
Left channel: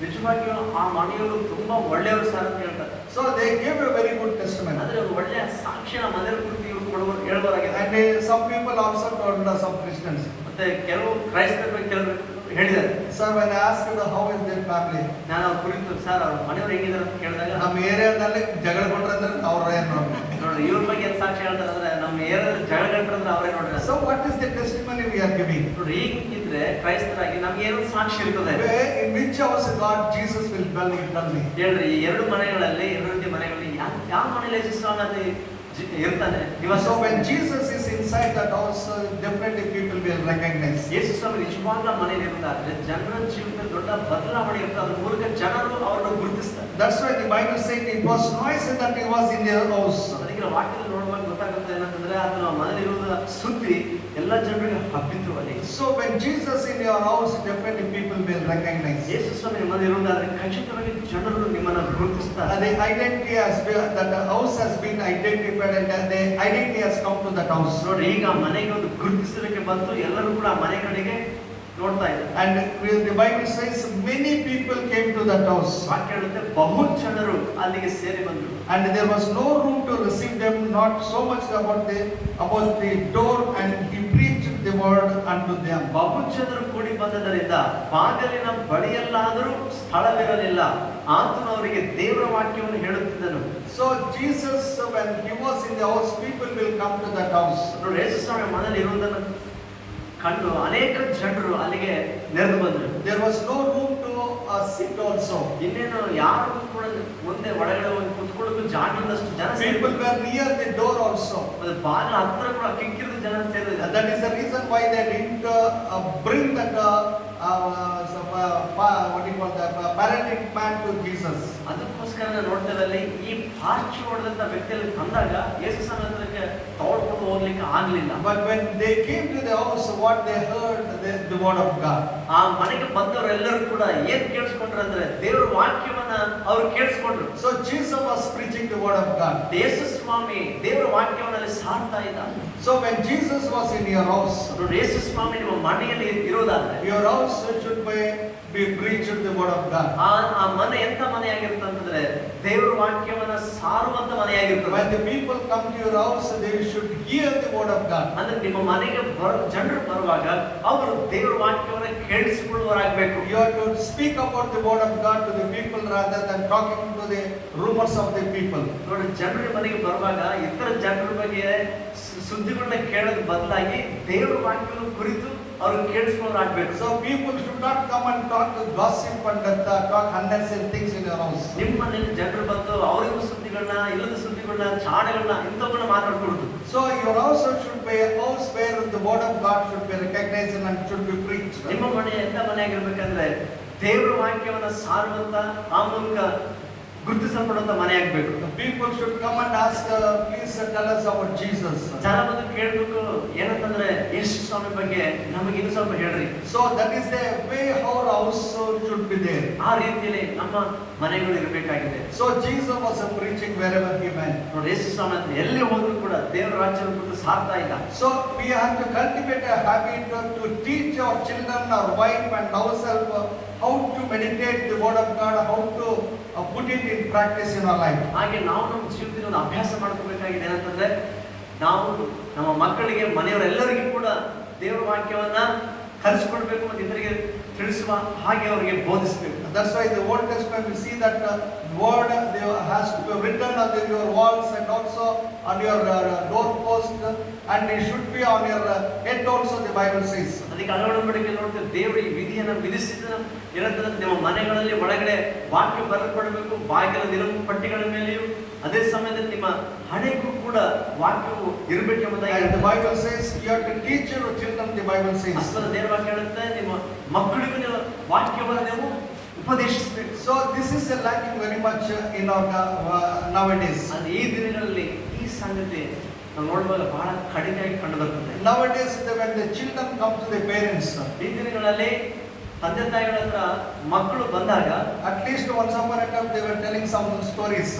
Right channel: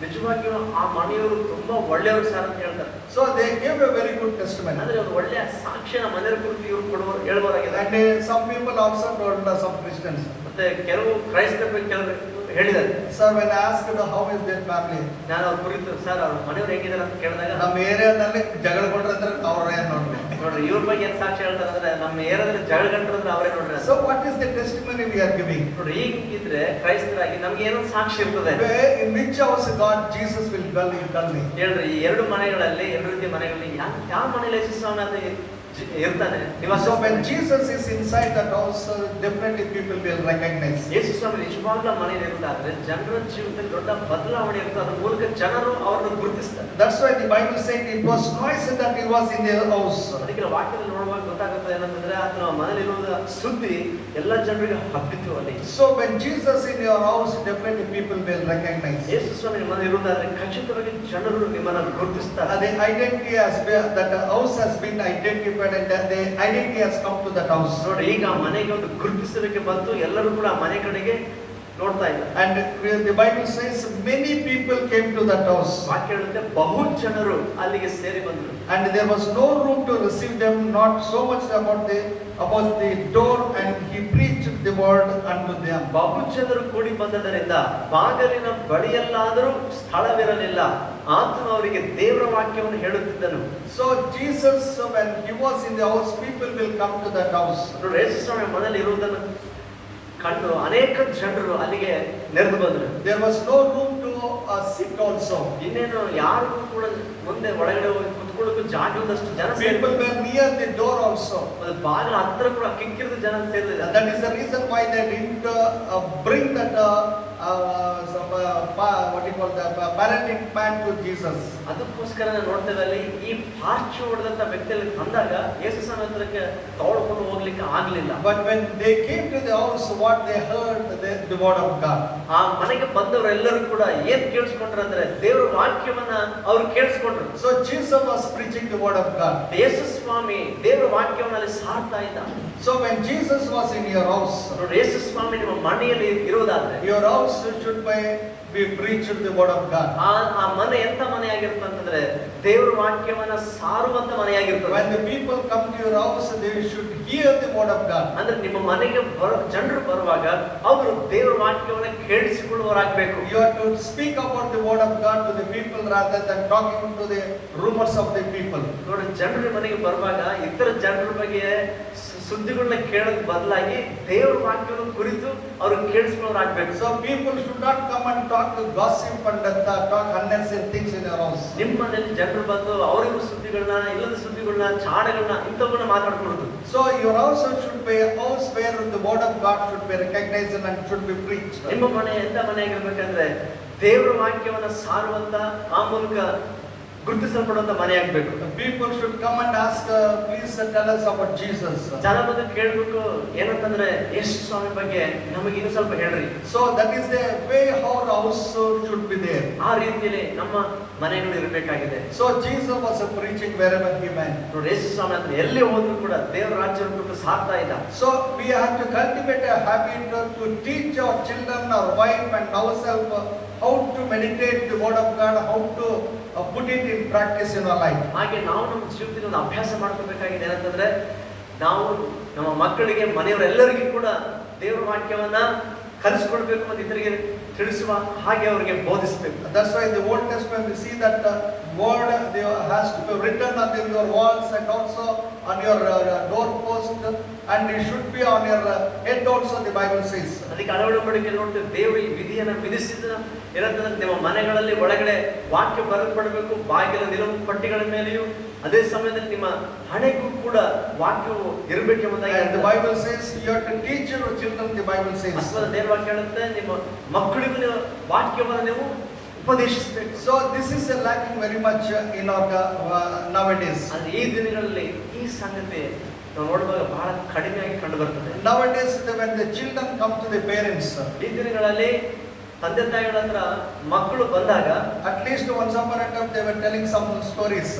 ನಿಜವಾಗಿಯೂ ಆ ಮನೆಯವರು ತುಂಬಾ ಒಳ್ಳೆಯವರು ಸರ್ ಅಂತ ಹೇಳ್ತಾರೆ. So they gave a very good testimony. ಅಂದ್ರೆ ಒಂದು ಒಳ್ಳೆಯ ಸಾಕ್ಷ್ಯ ಮನೆಯ ಕುರಿತು ಇವರು ಕೊಡುವ ಹೇಳ್ಬೋದಾಗಿದೆ. And some people also told some Christians. ಮತ್ತೆ ಕೆಲವು ಕ್ರೈಸ್ತರ ಬಗ್ಗೆ ಕೆಲವರು ಹೇಳಿದ್ದಾರೆ. Sir, when I asked how is their family, ನಾನು ಅವ್ರ ಕುರಿತು ಸರ್ ಅವ್ರ ಮನೆಯವ್ರು ಹೇಗಿದ್ದಾರೆ ಅಂತ ಕೇಳಿದಾಗ ನಮ್ಮ ಏರಿಯಾದಲ್ಲಿ ಜಗಳ ಕೊಡ್ರೆ ಅವ್ರೇ ನೋಡಿ. ನೋಡ್ರಿ ಇವ್ರ ಬಗ್ಗೆ ಏನ್ ಸಾಕ್ಷಿ ಹೇಳ್ತಾರೆ ಅಂದ್ರೆ ನಮ್ಮ ಏರಿಯಾದಲ್ಲಿ ಜಗಳ ಗಂಟ್ರಂದ್ರೆ ಅವರೇ ನೋಡ್ರಿ. So what is the testimony we are giving? ನೋಡ್ರಿ ಈಗಿದ್ರೆ ಕ್ರೈಸ್ತರಾಗಿ ನಮ್ಗೆ ಏನೋ ಸಾಕ್ಷಿ ಇರ್ತದೆ. In which house God Jesus will dwell, you tell me. ಹೇಳ್ರಿ ಈ ಎರಡು ಮನೆಗಳಲ್ಲಿ ಎರಡು ರೀತಿಯ ಮನೆಗಳಲ್ಲಿ ಯಾವ ಮನೆಯಲ್ಲಿ ಯೇಸು ಸ್ವಾಮಿ ಅಲ್ಲಿ ಇರ್ತಾನೆ ನಿವಾಸ. So when Jesus is inside that house, definitely people will recognize. ಯೇಸು ಸ್ವಾಮಿ ನಿಜವಾಗ್ಲೂ ಆ ಮನೆಯಲ್ಲಿ ಇರ್ತಾದ್ರೆ ಜನರ ಜೀವನದಲ್ಲಿ ದೊಡ್ಡ ಬದಲಾವಣೆ ಇರ್ತದೆ. ಅದ್ರ ಮೂಲಕ ಜನರು ಅವರನ್ನು ಗುರುತಿಸ್ತಾರೆ. That's why the Bible says it was noisy that he was in their house. ಅದಕ್ಕೆ ವಾಕ್ಯದಲ್ಲಿ ನೋಡುವಾಗ ಗೊತ್ತಾಗುತ್ತೆ ಏನಂತಂದ್ರೆ ಆತನ ಮನೆಯಲ್ಲಿರುವ ಸುದ್ದಿ ಎಲ್ಲ ಜನರಿಗೆ ಹಬ್ಬಿತು ಅಲ್ಲಿ. So when Jesus in your house, definitely people will recognize. ಯೇಸು ಸ್ವಾಮಿ ನಿಮ್ಮ ಮನೆ ಇರುವುದಾದ್ರೆ ಖಚಿತವಾಗಿ ಜನರು ನಿಮ್ಮನ್ನ ಗುರುತಿಸ್ತಾರೆ. The identity has been, that the house has been identified and the identity has come to that house. ನೋಡಿ ಈಗ ಆ ಮನೆಗೆ ಒಂದು ಗುರುತಿಸಲಿಕ್ಕೆ ಬಂತು, ಎಲ್ಲರೂ ಕೂಡ ಆ ಮನೆ ಕಡೆಗೆ ನೋಡ್ತಾ ಇದ್ದಾರೆ. And the Bible says many people came to that house. ವಾಕ್ಯ ಹೇಳುತ್ತೆ ಬಹು ಜನರು ಅಲ್ಲಿಗೆ ಸೇರಿ ಬಂದರು. And there was no room to receive them, not so much about the door, and he preached the word unto them. ಬಹು ಜನರು ಕೂಡಿ ಬಂದದರಿಂದ ಬಾಗಿಲಿನ ಬಳಿಯಲ್ಲಾದರೂ ಸ್ಥಳವಿರಲಿಲ್ಲ. ಆತನು ಅವರಿಗೆ ದೇವರ ವಾಕ್ಯವನ್ನು ಹೇಳುತ್ತಿದ್ದನು. So Jesus, when he was in the house, people will come to that house. ನೋಡಿ ಯೇಸು ಸ್ವಾಮಿ ಮನೆಯಲ್ಲಿ ಇರುವುದನ್ನು ಕಂಡು ಅನೇಕ ಜನರು ಅಲ್ಲಿಗೆ ನೆರೆದು ಬಂದರು. There was no room to sit also. ಇನ್ನೇನು ಯಾರಿಗೂ ಕೂಡ ಮುಂದೆ ಒಳಗಡೆ ಕುತ್ಕೊಳ್ಳೋದು ಜಾಗದಷ್ಟು ಜನ People were near the door also. ಬಾಗಿಲ ಹತ್ರ ಕೂಡ ಕಿಕ್ಕಿರಿದ ಜನ ಸೇರಿದ್ದಾರೆ. That is the reason why they didn't bring that what do you call that paralytic man to Jesus. ಅದಕ್ಕೋಸ್ಕರ ನೋಡ್ತಿದ್ದಲ್ಲಿ ಈ ಪಾರ್ಚು ಹೊಡೆದಂತ ವ್ಯಕ್ತಿಯಲ್ಲಿ ಬಂದಾಗ ಯೇಸು ಸಮುದ್ರಕ್ಕೆ ತೋಡ್ಕೊಂಡು ಹೋಗ್ಲಿಕ್ಕೆ ಆಗ್ಲಿಲ್ಲ. But when they came to the house, what they heard, the word of God. ಆ ಮನೆಗೆ ಬಂದವರೆಲ್ಲರೂ ಕೂಡ ಏನ್ ಕೇಳಿಸ್ಕೊಂಡ್ರು ಅಂದ್ರೆ ದೇವರ ವಾಕ್ಯವನ್ನ ಅವ್ರು ಕೇಳಿಸ್ಕೊಂಡ್ರು. So Jesus was preaching the word of God. ಯೇಸು ಸ್ವಾಮಿ ದೇವರ ವಾಕ್ಯವನ್ನ ಅಲ್ಲಿ ಸಾರ್ತಾ ಇದ್ದ. So when Jesus was in your house, ನೋಡಿ ಯೇಸು ಸ್ವಾಮಿ ನಿಮ್ಮ ಮನೆಯಲ್ಲಿ ಇರೋದಾದ್ರೆ your house should be preached the word of God. ಆ ಮನೆ ಎಂತ ಮನೆ ಆಗಿರುತ್ತೆ ಅಂತಂದ್ರೆ ದೇವರ ವಾಕ್ಯವನ್ನ ಸಾರುವಂತ ಮನೆಯಾಗಿರ್ತದೆ. When the people come to your house, they should hear the word of God. ಅಂದ್ರೆ ನಿಮ್ಮ ಮನೆಗೆ ಜನರು ಬರುವಾಗ ಅವರು ದೇವರ ವಾಕ್ಯವನ್ನ ಕೇಳಿಸಿಕೊಳ್ಳುವರಾಗಬೇಕು. You have to speak about the word of God to the people rather than talking to the rumors of the people. ನೋಡಿ, ಜನರ ಮನೆಗೆ ಬರುವಾಗ ಇತರ ಜನರ ಬಗ್ಗೆ ಸುದ್ದಿಗಳನ್ನ ಕೇಳೋದ್ ಬದಲಾಗಿ ದೇವರ ವಾಕ್ಯವನ್ನು ಕುರಿತು ಅವರು ಕೇಳಿಸಿಕೊಳ್ಳೋರಾಗಬೇಕು. So people should not come and talk to gossip and talk unnecessary things in your house. ನಿಮ್ಮ ಮನೆಯಲ್ಲಿ ಜನರು ಬಂದು ಅವರಿಗೂ ಸುದ್ದಿಗಳನ್ನ, ಇಲ್ಲದ ಸುದ್ದಿಗಳನ್ನ, ಚಾಡಗಳನ್ನ ಇಂಥವನ್ನ ಮಾತಾಡ್ಕೊಡುದು. So your house should be a house where the word of God should be recognized and should be preached. ನಿಮ್ಮ ಮನೆ ಎಂತ ಮನೆ ಆಗಿರ್ಬೇಕಂದ್ರೆ ದೇವರ ವಾಕ್ಯವನ್ನ ಸಾರುವಂತ, ಆ ಮೂಲಕ ಗುರುತಿಸಲ್ಪಡುವಂತ ಮನೆ ಆಗ್ಬೇಕು. People should come and ask, please tell us about Jesus. ಜನ ಬಂದು ಕೇಳ್ಬಿಟ್ಟು ಏನಂತಂದ್ರೆ ಯೇಸು ಸ್ವಾಮಿ ಬಗ್ಗೆ ನಮಗೆ ಇನ್ನೂ ಸ್ವಲ್ಪ ಹೇಳ್ರಿ. So that is the way how our house should be there. ಆ ರೀತಿಯಲ್ಲಿ ನಮ್ಮ ಮನೆಗಳು ಇರಬೇಕಾಗಿದೆ. So Jesus was preaching wherever he went. ನೋಡಿ, ಯೇಸು ಸ್ವಾಮಿ ಅಂತ ಎಲ್ಲಿ ಹೋದ್ರು ಕೂಡ ದೇವರ ರಾಜ್ಯವನ್ನು ಕುರಿತು ಸಾರ್ತಾ ಇಲ್ಲ. So we have to cultivate a habit to teach our children, our wife and ourselves how to meditate the word of God, how to put it in practice in our life. ಹಾಗೆ ನಾವು ನಮ್ಮ ಜೀವಿತದಲ್ಲಿ ಒಂದು ಅಭ್ಯಾಸ ಮಾಡ್ಕೋಬೇಕಾಗಿದೆ. ಏನಂತಂದ್ರೆ ನಾವು ನಮ್ಮ ಮಕ್ಕಳಿಗೆ, ಮನೆಯವರೆಲ್ಲರಿಗೂ ಕೂಡ ದೇವರ ವಾಕ್ಯವನ್ನ ಕಲಿಸಿಕೊಡ್ಬೇಕು ಮತ್ತು ಇತರಿಗೆ ತಿಳಿಸುವ ಹಾಗೆ ಅವರಿಗೆ ಬೋಧಿಸಬೇಕು. That's why the Old Testament we see that word has to be written on your walls and also on your doorpost, and it should be on your head also, the Bible says. ಅದಕ್ಕೆ ಅಳವಡಿಕೆ ನೋಡ್ತೀವಿ, ದೇವರು ಈ ವಿಧಿಯನ್ನು ವಿಧಿಸಿದ ಏನಂತಂದ್ರೆ ನಿಮ್ಮ ಮನೆಗಳಲ್ಲಿ ಒಳಗಡೆ ವಾಕ್ಯ ಬರೆಯಲ್ಪಡಬೇಕು, ಬಾಗಿಲ ನಿಲುವು ಪಟ್ಟಿಗಳ ಮೇಲೆಯೂ ಅದೇ ಸಮಯದಲ್ಲಿ ನಿಮ್ಮ ಹಣೆಗೂ ಕೂಡ ವಾಕ್ಯವು ಇರಬೇಕು ಎಂಬುದಾಗಿ And the Bible says you have to teach your children, the Bible says. ಅಷ್ಟರ ದೇವರ ವಾಕ್ಯ ಹೇಳುತ್ತೆ, ನಿಮ್ಮ ಮಕ್ಕಳಿಗೂ ನೀವು ವಾಕ್ಯವನ್ನು ನೀವು ಉಪದೇಶಿಸಬೇಕು. So this is lacking very much in our nowadays. ಅದು ಈ ದಿನಗಳಲ್ಲಿ ಈ ಸಂಗತಿ ನಾವು ನೋಡುವಾಗ ಬಹಳ ಕಡಿಮೆಯಾಗಿ ಕಂಡು ಬರ್ತದೆ. Nowadays when the children come to the parents, ಈ ದಿನಗಳಲ್ಲಿ ತಂದೆ ತಾಯಿಗಳ ಹತ್ರ ಮಕ್ಕಳು ಬಂದಾಗ at least once upon a time they were telling some stories.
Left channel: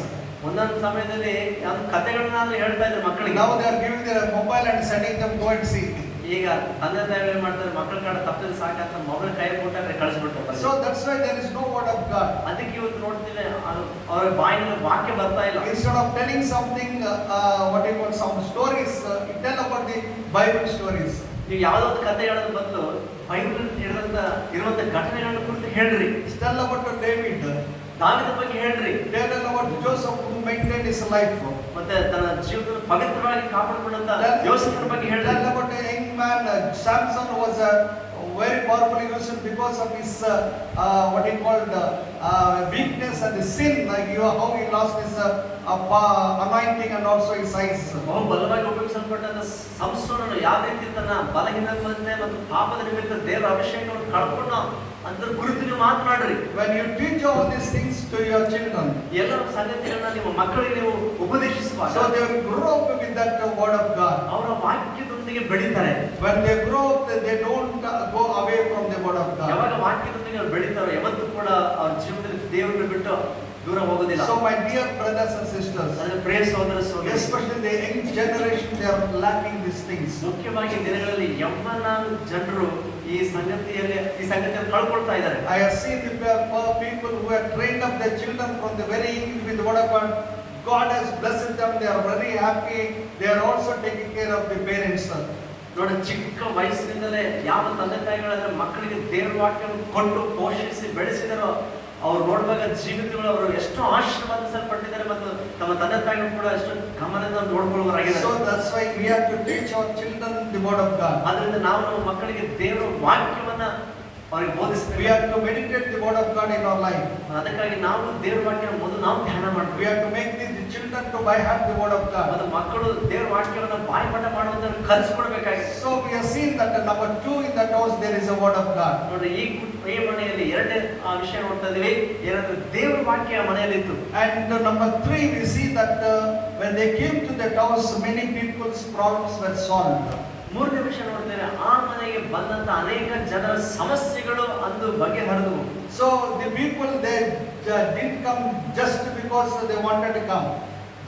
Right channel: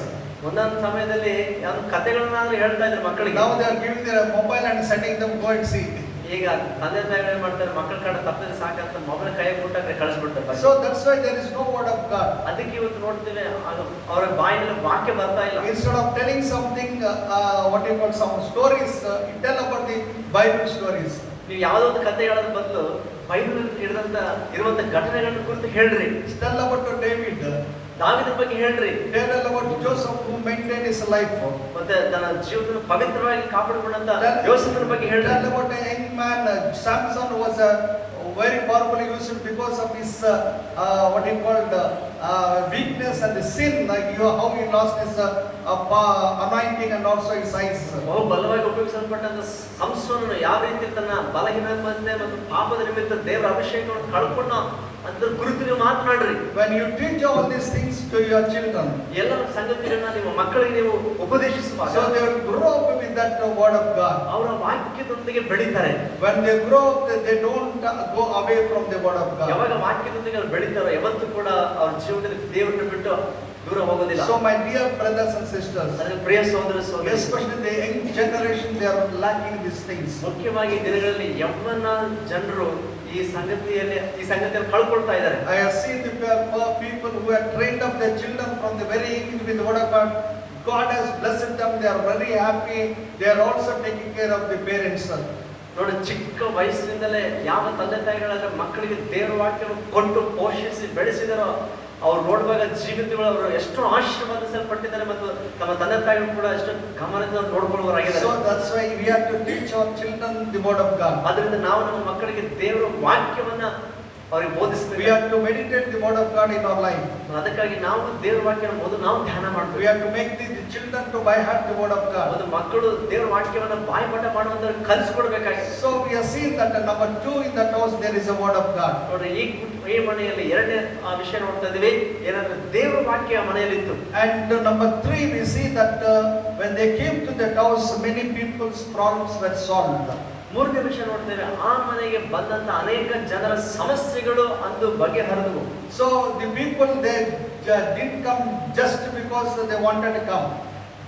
ಒಂದೊಂದು ಸಮಯದಲ್ಲಿ ಯಾವ ಕಥೆಗಳನ್ನಾದ್ರೂ ಹೇಳ್ತಾ ಇದ್ದಾರೆ ಮಕ್ಕಳಿಗೆ. Now they are giving their mobile and sending them go and see. ಈಗ ತಂದೆ ತಾಯಿಗಳು ಏನ್ ಮಾಡ್ತಾರೆ, ಮಕ್ಕಳ ಕಡೆ ತಪ್ಪಿದ್ರೆ ಸಾಕಂತ ಮೊಬೈಲ್ ಕೈ ಕೊಟ್ಟಾಗ ಕಳಿಸ್ಬಿಡ್ತಾರೆ. So that's why there is no word of God. ಅದಕ್ಕೆ ಇವತ್ತು ನೋಡ್ತೀವಿ ಅವರ ಬಾಯಿನಲ್ಲಿ ವಾಕ್ಯ ಬರ್ತಾ ಇಲ್ಲ. Instead of telling something, what you call some stories, tell about the Bible stories. ನೀವು ಯಾವ್ದಾದ್ರು ಕಥೆ ಹೇಳೋದು ಬಂದು ಬೈಬಲ್ ಇರುವಂತ ಘಟನೆಗಳ ಕುರಿತು ಹೇಳ್ರಿ. Tell about David. ದಾವೀದನ ಬಗ್ಗೆ ಹೇಳ್ರಿ. Tell about Joseph who maintained his life. ಮತ್ತೆ ತನ್ನ ಜೀವನವನ್ನು ಪವಿತ್ರವಾಗಿ ಕಾಪಾಡಿಕೊಂಡಂತ ಯೋಸೇಫನ ಬಗ್ಗೆ ಹೇಳ್ರಿ. Tell about a young man, Samson was very powerfully used because of his what he called weakness and the sin, how he lost his anointing and also his eyes. ಬಹು ಬಲವಾಗಿ ಉಪಯೋಗಿಸಲ್ಪಟ್ಟಂತ ಸಂಸೋನನು ಯಾವ ರೀತಿ ತನ್ನ ಬಲಹೀನತೆ ಮತ್ತು ಪಾಪದ ನಿಮಿತ್ತ ದೇವರ ಅಭಿಷೇಕವನ್ನು ಕಳ್ಕೊಂಡ ಅದ್ರ ಕುರಿತು ನೀವು ಮಾತನಾಡ್ರಿ. When you teach all these things to your children, ಎಲ್ಲ ಸಂಗತಿಗಳನ್ನ ನಿಮ್ಮ ಮಕ್ಕಳಿಗೆ ನೀವು ಉಪದೇಶಿಸುವಾಗ so they will grow up with that word of God. ಅವರ ವಾಕ್ಯದೊಂದಿಗೆ ಬೆಳೀತಾರೆ. When they grow up, they don't go away from the word of God. ಯಾವಾಗ ವಾಕ್ಯದೊಂದಿಗೆ ಅವರು ಬೆಳೀತಾರೋ ಯಾವತ್ತೂ ಕೂಡ ಅವ್ರ ಜೀವನದಲ್ಲಿ ದೇವರನ್ನು ಬಿಟ್ಟು ದೂರ ಹೋಗೋದಿಲ್ಲ. So my dear brothers and sisters, ಅದರ ಪ್ರಿಯ ಸಹೋದರ ಸಹೋದರಿ, especially the young generation, they are lacking these things. ಮುಖ್ಯವಾಗಿ ದಿನಗಳಲ್ಲಿ ಯವ್ವನ ಜನರು ಈ ಸಂಗತಿಯನ್ನು ಕಳ್ಕೊಳ್ತಾ ಇದ್ದಾರೆ. I have seen the people who have trained up their children from the very young with the word of God. God has blessed them. They are very happy. They are also taking care of the parents. ನೋಡಿ, ಚಿಕ್ಕ ವಯಸ್ಸಿನಿಂದಲೇ ಯಾವ ತಂದೆ ತಾಯಿಗಳಾದ್ರೆ ಮಕ್ಕಳಿಗೆ ದೇವರ ವಾಕ್ಯವನ್ನು ಕೊಟ್ಟು ಪೋಷಿಸಿ ಬೆಳೆಸಿದಾರೋ ಅವ್ರು ನೋಡುವಾಗ ಜೀವಿತಗಳು ಅವರು ಎಷ್ಟು ಆಶೀರ್ವಾದಿಸಲ್ಪಟ್ಟಿದ್ದಾರೆ ಮತ್ತು ತಮ್ಮ ತಂದೆ ತಾಯಿಗಳು ಕೂಡ ಎಷ್ಟು ಗಮನದಿಂದ ನೋಡ್ಕೊಳ್ಳುವರಾಗಿದ್ದಾರೆ. So that's why we have to teach our children the word of God. ಅದರಿಂದ ನಾವು ನಮ್ಮ ಮಕ್ಕಳಿಗೆ ದೇವರ ವಾಕ್ಯವನ್ನ ಅವರಿಗೆ ಬೋಧಿಸಬೇಕು. We have to meditate the word of God in our life. ಅದಕ್ಕಾಗಿ ನಾವು ದೇವರ ವಾಕ್ಯವನ್ನು ಮೊದಲು ನಾವು ಧ್ಯಾನ ಮಾಡಬೇಕು. We have to make the children to by heart the word of God. ಮತ್ತು ಮಕ್ಕಳು ದೇವರ ವಾಕ್ಯವನ್ನು ಬಾಯ್ಪಾಠ ಮಾಡುವುದನ್ನು ಕಲಿಸಿಕೊಡ್ಬೇಕಾಗಿದೆ. So we have seen that number 2 in that house there is a word of God. ನೋಡಿ, ಈ ಮನೆಯಲ್ಲಿ ಎರಡನೇ ವಿಷಯ ನೋಡ್ತಾ ಇದೀವಿ, ಏನಂದ್ರೆ ದೇವರ ವಾಕ್ಯ ಮನೆಯಲ್ಲಿ ಇತ್ತು. And number 3 we see that when they came to that house many people's problems were solved. ಮೂರನೇ ವಿಷಯ ನೋಡ್ತೇವೆ, ಆ ಮನೆಗೆ ಬಂದಂತ ಅನೇಕ ಜನರ ಸಮಸ್ಯೆಗಳು ಅಂದು ಬಗೆಹರಿದವು. So the people they didn't come just because they wanted to come.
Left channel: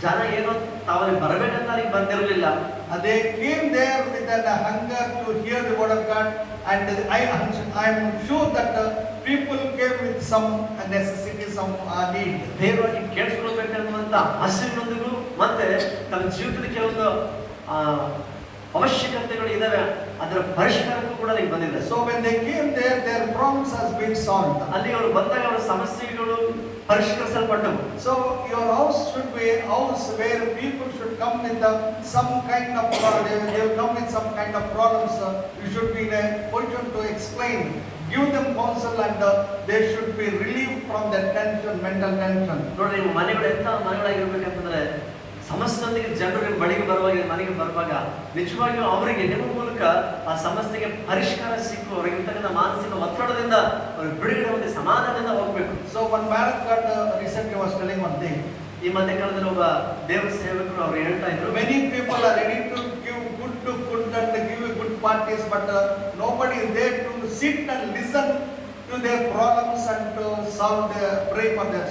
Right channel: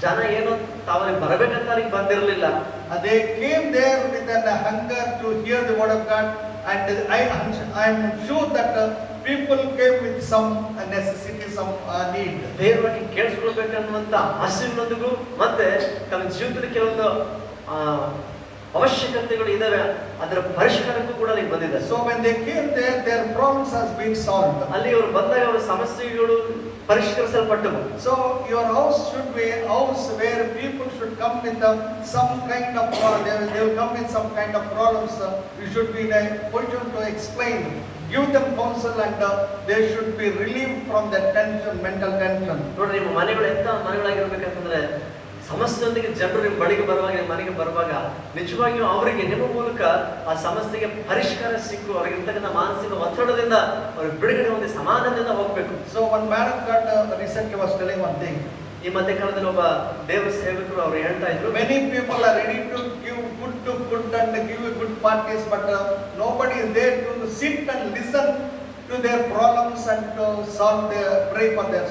ಜನ ಏನು ತಾವಲ್ಲಿ ಬರಬೇಕಂತ ಅವ್ರಿಗೆ ಬಂದಿರಲಿಲ್ಲ. They came there with a hunger to hear the word of God, and I am sure that people came with some necessities some need. ದೇವರಾಗಿ ಕೇಳಿಸ್ಕೊಳ್ಬೇಕನ್ನುವಂತ ಹಸಿವಿನೊಂದಿಗೂ ಮತ್ತೆ ತಮ್ಮ ಜೀವಿತದ ಕೆಲವೊಂದು ಆ, ಅವಶ್ಯಕತೆಗಳು ಇದಾವೆ, ಅದರ ಪರಿಷ್ಕಾರಕ್ಕೂ ಕೂಡ ಅಲ್ಲಿ ಬಂದಿದೆ. So when they came there, their problems has been solved. ಅಲ್ಲಿ ಅವರು ಬಂದಾಗ ಅವರ ಸಮಸ್ಯೆಗಳು ಪರಿಷ್ಕರಿಸಲ್ಪಟ್ಟವು. So your house should be a house where people should come with some kind of they will come with some kind of problems. You should be in a position to explain, give them counsel, and they should be relieved from their tension, mental tension. ನೋಡ್ರಿ, ನಿಮ್ಮ ಮನೆಗಳು ಎಂತ ಮನೆಗಳಾಗಿರ್ಬೇಕಂತಂದ್ರೆ ಸಮಸ್ಯೆಯೊಂದಿಗೆ ಜನರು ನಿಮ್ಮ ಬಳಿಗೆ ಬರುವಾಗ, ಮನೆಗೆ ಬರುವಾಗ ನಿಜವಾಗಿಯೂ ಅವರಿಗೆ ನಿಮ್ಮ ಮೂಲಕ ಆ ಸಮಸ್ಯೆಗೆ ಪರಿಷ್ಕಾರ ಸಿಕ್ಕು ಅವರಿಗಿರ್ತಕ್ಕಂಥ ಮಾನಸಿಕ ಒತ್ತಡದಿಂದ ಅವರು ಬಿಡುಗಡೆ ಹೊಂದಿ ಸಮಾಧಾನದಿಂದ ಹೋಗ್ಬೇಕು. So one man of God recently was telling one thing. ಈ ಮಧ್ಯಕಾಲದಲ್ಲಿ ಒಬ್ಬ ದೇವರ ಸೇವಕರು ಅವರು ಹೇಳ್ತಾ ಇದ್ರು, Many people are ready to give good and give you good parties, but nobody is there to sit and listen to their problems and to pray for their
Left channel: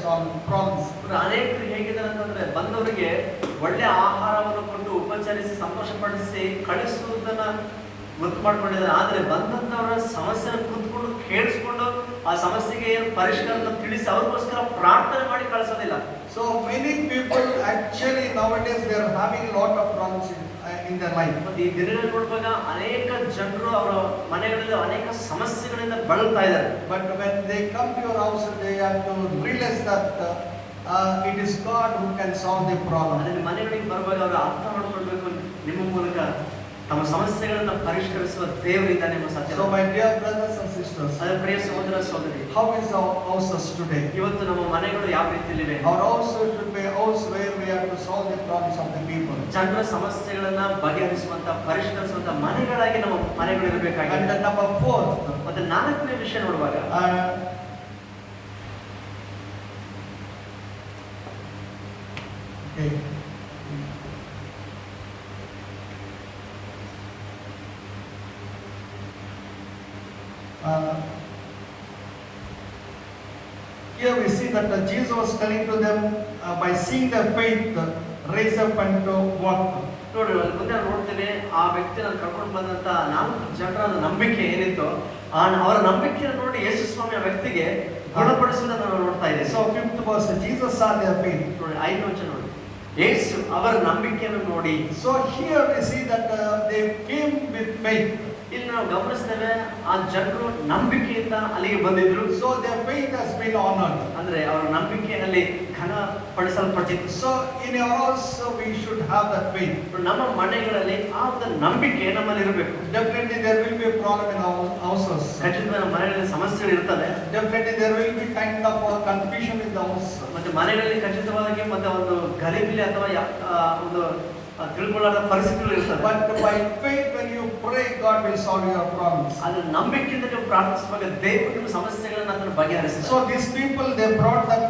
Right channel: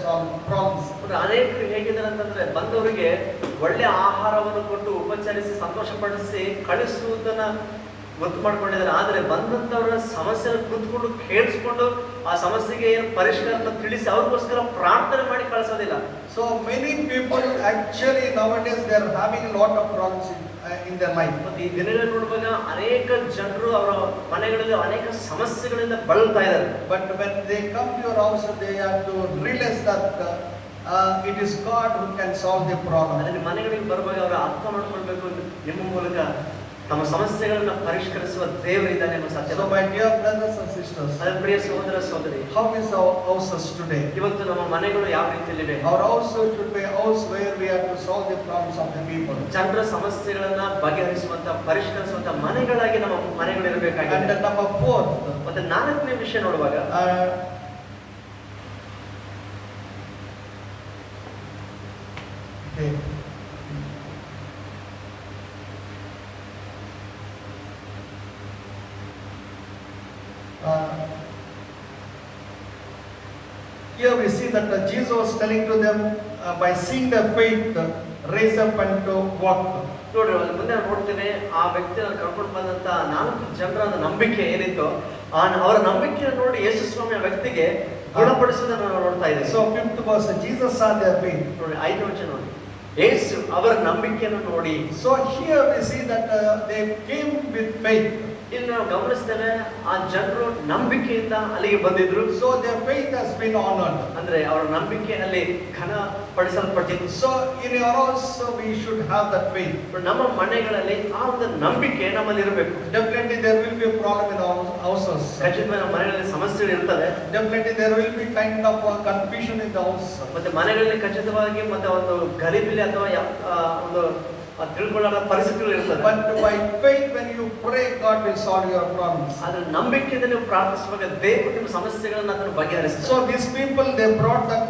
problems. ಅನೇಕರು ಹೇಗಿದ್ದಾರೆ ಅಂತಂದ್ರೆ ಬಂದವರಿಗೆ ಒಳ್ಳೆ ಆಹಾರವನ್ನು ಕೊಟ್ಟು ಉಪಚರಿಸಿ ಸಂತೋಷಪಡಿಸಿ ಕಳಿಸುವುದನ್ನ ಗೊತ್ತು ಮಾಡ್ಕೊಂಡಿದ್ದಾರೆ. ಆದ್ರೆ ಬಂದಂತವರ ಸಮಸ್ಯೆನ ಕೂತ್ಕೊಂಡು ಕೇಳಿಸ್ಕೊಂಡು ಆ ಸಮಸ್ಯೆಗೆ ಪರಿಷ್ಕಾರ ತಿಳಿಸಿ ಅವ್ರಿಗೋಸ್ಕರ ಪ್ರಾರ್ಥನೆ ಮಾಡಿ ಕಳಿಸೋದಿಲ್ಲ. So many people actually nowadays they are having a lot of problems in their life. ಮತ್ತೆ ಈ ದಿನಗಳಲ್ಲಿ ನೋಡುವಾಗ ಅನೇಕ ಜನರು ಅವರ ಮನೆಗಳಲ್ಲಿ ಅನೇಕ ಸಮಸ್ಯೆಗಳಿಂದ ಬಳಲ್ತಾ ಇದ್ದಾರೆ. But when they come to your house, they have to realize that it is God who can solve the problem. ಅದನ್ನ ಮನೆಗಳಿಗೆ ಬರುವಾಗ ಅವರು ಅರ್ಥ ಮಾಡ್ಕೊಳ್ಬೇಕು, ನಿಮ್ಮ ಮೂಲಕ ತಮ್ಮ ಸಮಸ್ಯೆಗಳನ್ನ ಪರಿಷ್ಕರಿಸುವ ದೇವರಿದ್ದಾನೆ ಎಂಬ ಸತ್ಯ. So my dear brothers and sisters, ಅದರ ಪ್ರಿಯ ಸಹೋದರ ಸಹೋದರಿ, how is our houses today? ಇವತ್ತು ನಮ್ಮ ಮನೆಗಳು ಯಾವ ರೀತಿಯಲ್ಲಿವೆ? Our house should be a house where we have to solve the problems of the people. ಜನರ ಸಮಸ್ಯೆಗಳನ್ನ ಬಗೆಹರಿಸುವಂತ ಪರಿಷ್ಕರಿಸುವಂತ ಮನೆಗಳಾಗಿ ನಮ್ಮ ಮನೆಗಳು And ಇರಬೇಕಾಗಿದೆ. number 4, ಮತ್ತೆ ನಾಲ್ಕನೇ ವಿಷಯ ನೋಡುವಾಗ okay. Here we see that Jesus was telling to them by seeing their faith raise up and to walk. ನೋಡ್ರಿ, ಮುಂದೆ ನಾವು ನೋಡ್ತೇವೆ ಆ ವ್ಯಕ್ತಿನ ಕರ್ಕೊಂಡು ಬಂದಂತ 4 ಜನರ ನಂಬಿಕೆ ಏನಿತ್ತು, ಅವರ ನಂಬಿಕೆಯನ್ನು ನೋಡಿ ಯೇಸು ಸ್ವಾಮಿ ಆ ವ್ಯಕ್ತಿಗೆ ಗುಣಪಡಿಸುವುದನ್ನು ನಾವು ನೋಡ್ತಾ ಇದ್ದೇವೆ. So 5th verse, Jesus saw their faith. ನೋಡಿ, 5ನೇ ವಚನ ನೋಡಿ, ಯೇಸು ಅವರ ನಂಬಿಕೆಯನ್ನು ನೋಡಿ. So here we see that they came with faith. ಇಲ್ಲಿ ನಾವು ಗಮನಿಸ್ತೇವೆ ಆ ಜನರು ನಂಬಿಕೆಯಿಂದ ಅಲ್ಲಿಗೆ ಬಂದಿದ್ರು. So their faith has been honored. ಅಂದ್ರೆ ಅವರ ನಂಬಿಕೆ ಅಲ್ಲಿ ಘನ ಪಡಿಸಲ್ಪಟ್ಟಿತ್ತು. So in your house we should have that faith. ನಮ್ಮ ಮನೆಗಳಲ್ಲಿ ಆ ಒಂದು ನಂಬಿಕೆ ನಮ್ಮಲ್ಲಿ ಇರಬೇಕು. Definitely there will be a problem in our houses. ಖಚಿತವಾಗಿ ನಮ್ಮ ಮನೆಗಳಲ್ಲಿ ಸಮಸ್ಯೆಗಳು ಇರ್ತವೆ. Definitely there will be kind of confusion in the house. ಮತ್ತೆ ಮನೆಗಳಲ್ಲಿ ಖಚಿತವಾಗಿ ಮತ್ತೆ ಒಂದು ಗಲಿಬಿಲಿ ಅಥವಾ ಒಂದು ತಿಳ್ಕೊಳ್ಳದ ಪರಿಸ್ಥಿತಿಗಳು ಇರ್ತವೆ. But by faith when you pray, God will solve your problems. ಅದ್ರ ನಂಬಿಕೆಯಿಂದ ನೀವು ಪ್ರಾರ್ಥಿಸುವಾಗ ದೇವರು ನಿಮ್ಮ ಸಮಸ್ಯೆಗಳನ್ನು ಅದನ್ನು ಬಗೆಹರಿಸ್ತಾರೆ. So these people they brought that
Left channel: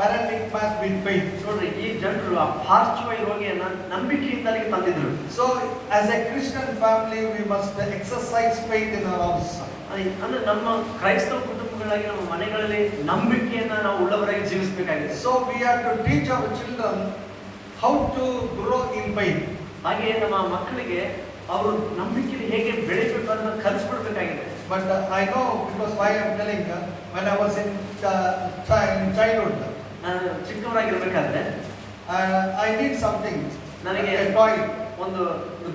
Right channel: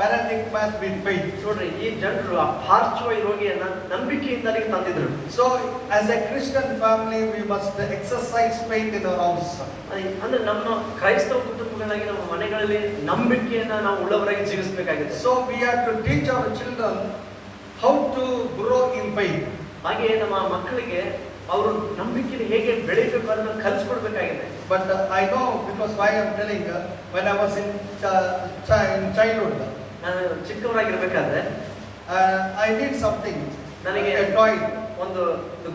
paralytic man with faith. ನೋಡ್ರಿ, ಈ ಜನರು ಆ ಪಾರ್ಶ್ವ ರೋಗಿಯನ್ನ ನಂಬಿಕೆಯಿಂದ ಅಲ್ಲಿಗೆ ತಂದಿದ್ರು. So as a Christian family we must exercise faith in our house. ಅಂದ್ರೆ ನಮ್ಮ ಕ್ರೈಸ್ತ ಕುಟುಂಬಗಳಾಗಿ ನಮ್ಮ ಮನೆಗಳಲ್ಲಿ ನಂಬಿಕೆಯನ್ನ ನಾವು ಉಳ್ಳವರಾಗಿ ಜೀವಿಸಬೇಕಾಗಿದೆ. So we have to teach our children how to grow in faith. ಹಾಗೆ ನಮ್ಮ ಮಕ್ಕಳಿಗೆ ಅವರು ನಂಬಿಕೆಯಲ್ಲಿ ಹೇಗೆ ಬೆಳಿಬೇಕು ಅಂತ ಕಲಿಸ್ಕೊಡ್ಬೇಕಾಗಿದೆ. But I know because why I am telling when I was in childhood, ನಾನು ಚಿಕ್ಕವರಾಗಿರ್ಬೇಕಾದ್ರೆ I need something. ನನಗೆ A toy. ಒಂದು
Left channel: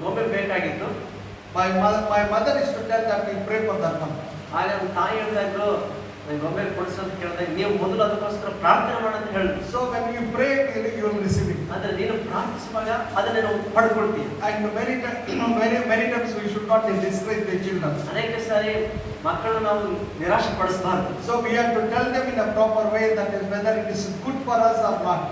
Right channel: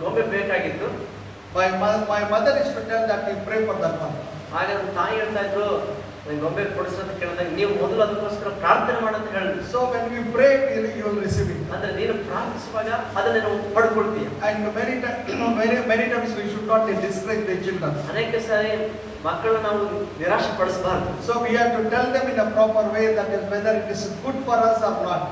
ಗೊಂಬೆ ಬೇಕಾಗಿತ್ತು. My mother used to tell that we pray for that one. ಆಗ ನನ್ನ ತಾಯಿ ಹೇಳ್ತಾ ಇದ್ರು, ಗೊಂಬೆ ಕೊಡಿಸೋದು ಕೇಳಿದಾಗ ನೀವು ಮೊದಲು ಅದಕ್ಕೋಸ್ಕರ ಪ್ರಾರ್ಥನೆ ಮಾಡಂತ ಹೇಳಿದ್ರು. So when we pray, you will receive it. ಅಂದ್ರೆ ನೀನು ಪ್ರಾರ್ಥಿಸುವಾಗ ಅದನ್ನ ನಾವು ಪಡ್ಕೊಳ್ತೀವಿ. And many times we should not discourage the children. ಅನೇಕ ಸಾರಿ ಮಕ್ಕಳು ನಾವು ನಿರಾಶೆ ಪಡಿಸಬಾರದು. So we have to tell them in a proper way that is whether it is good for us or not.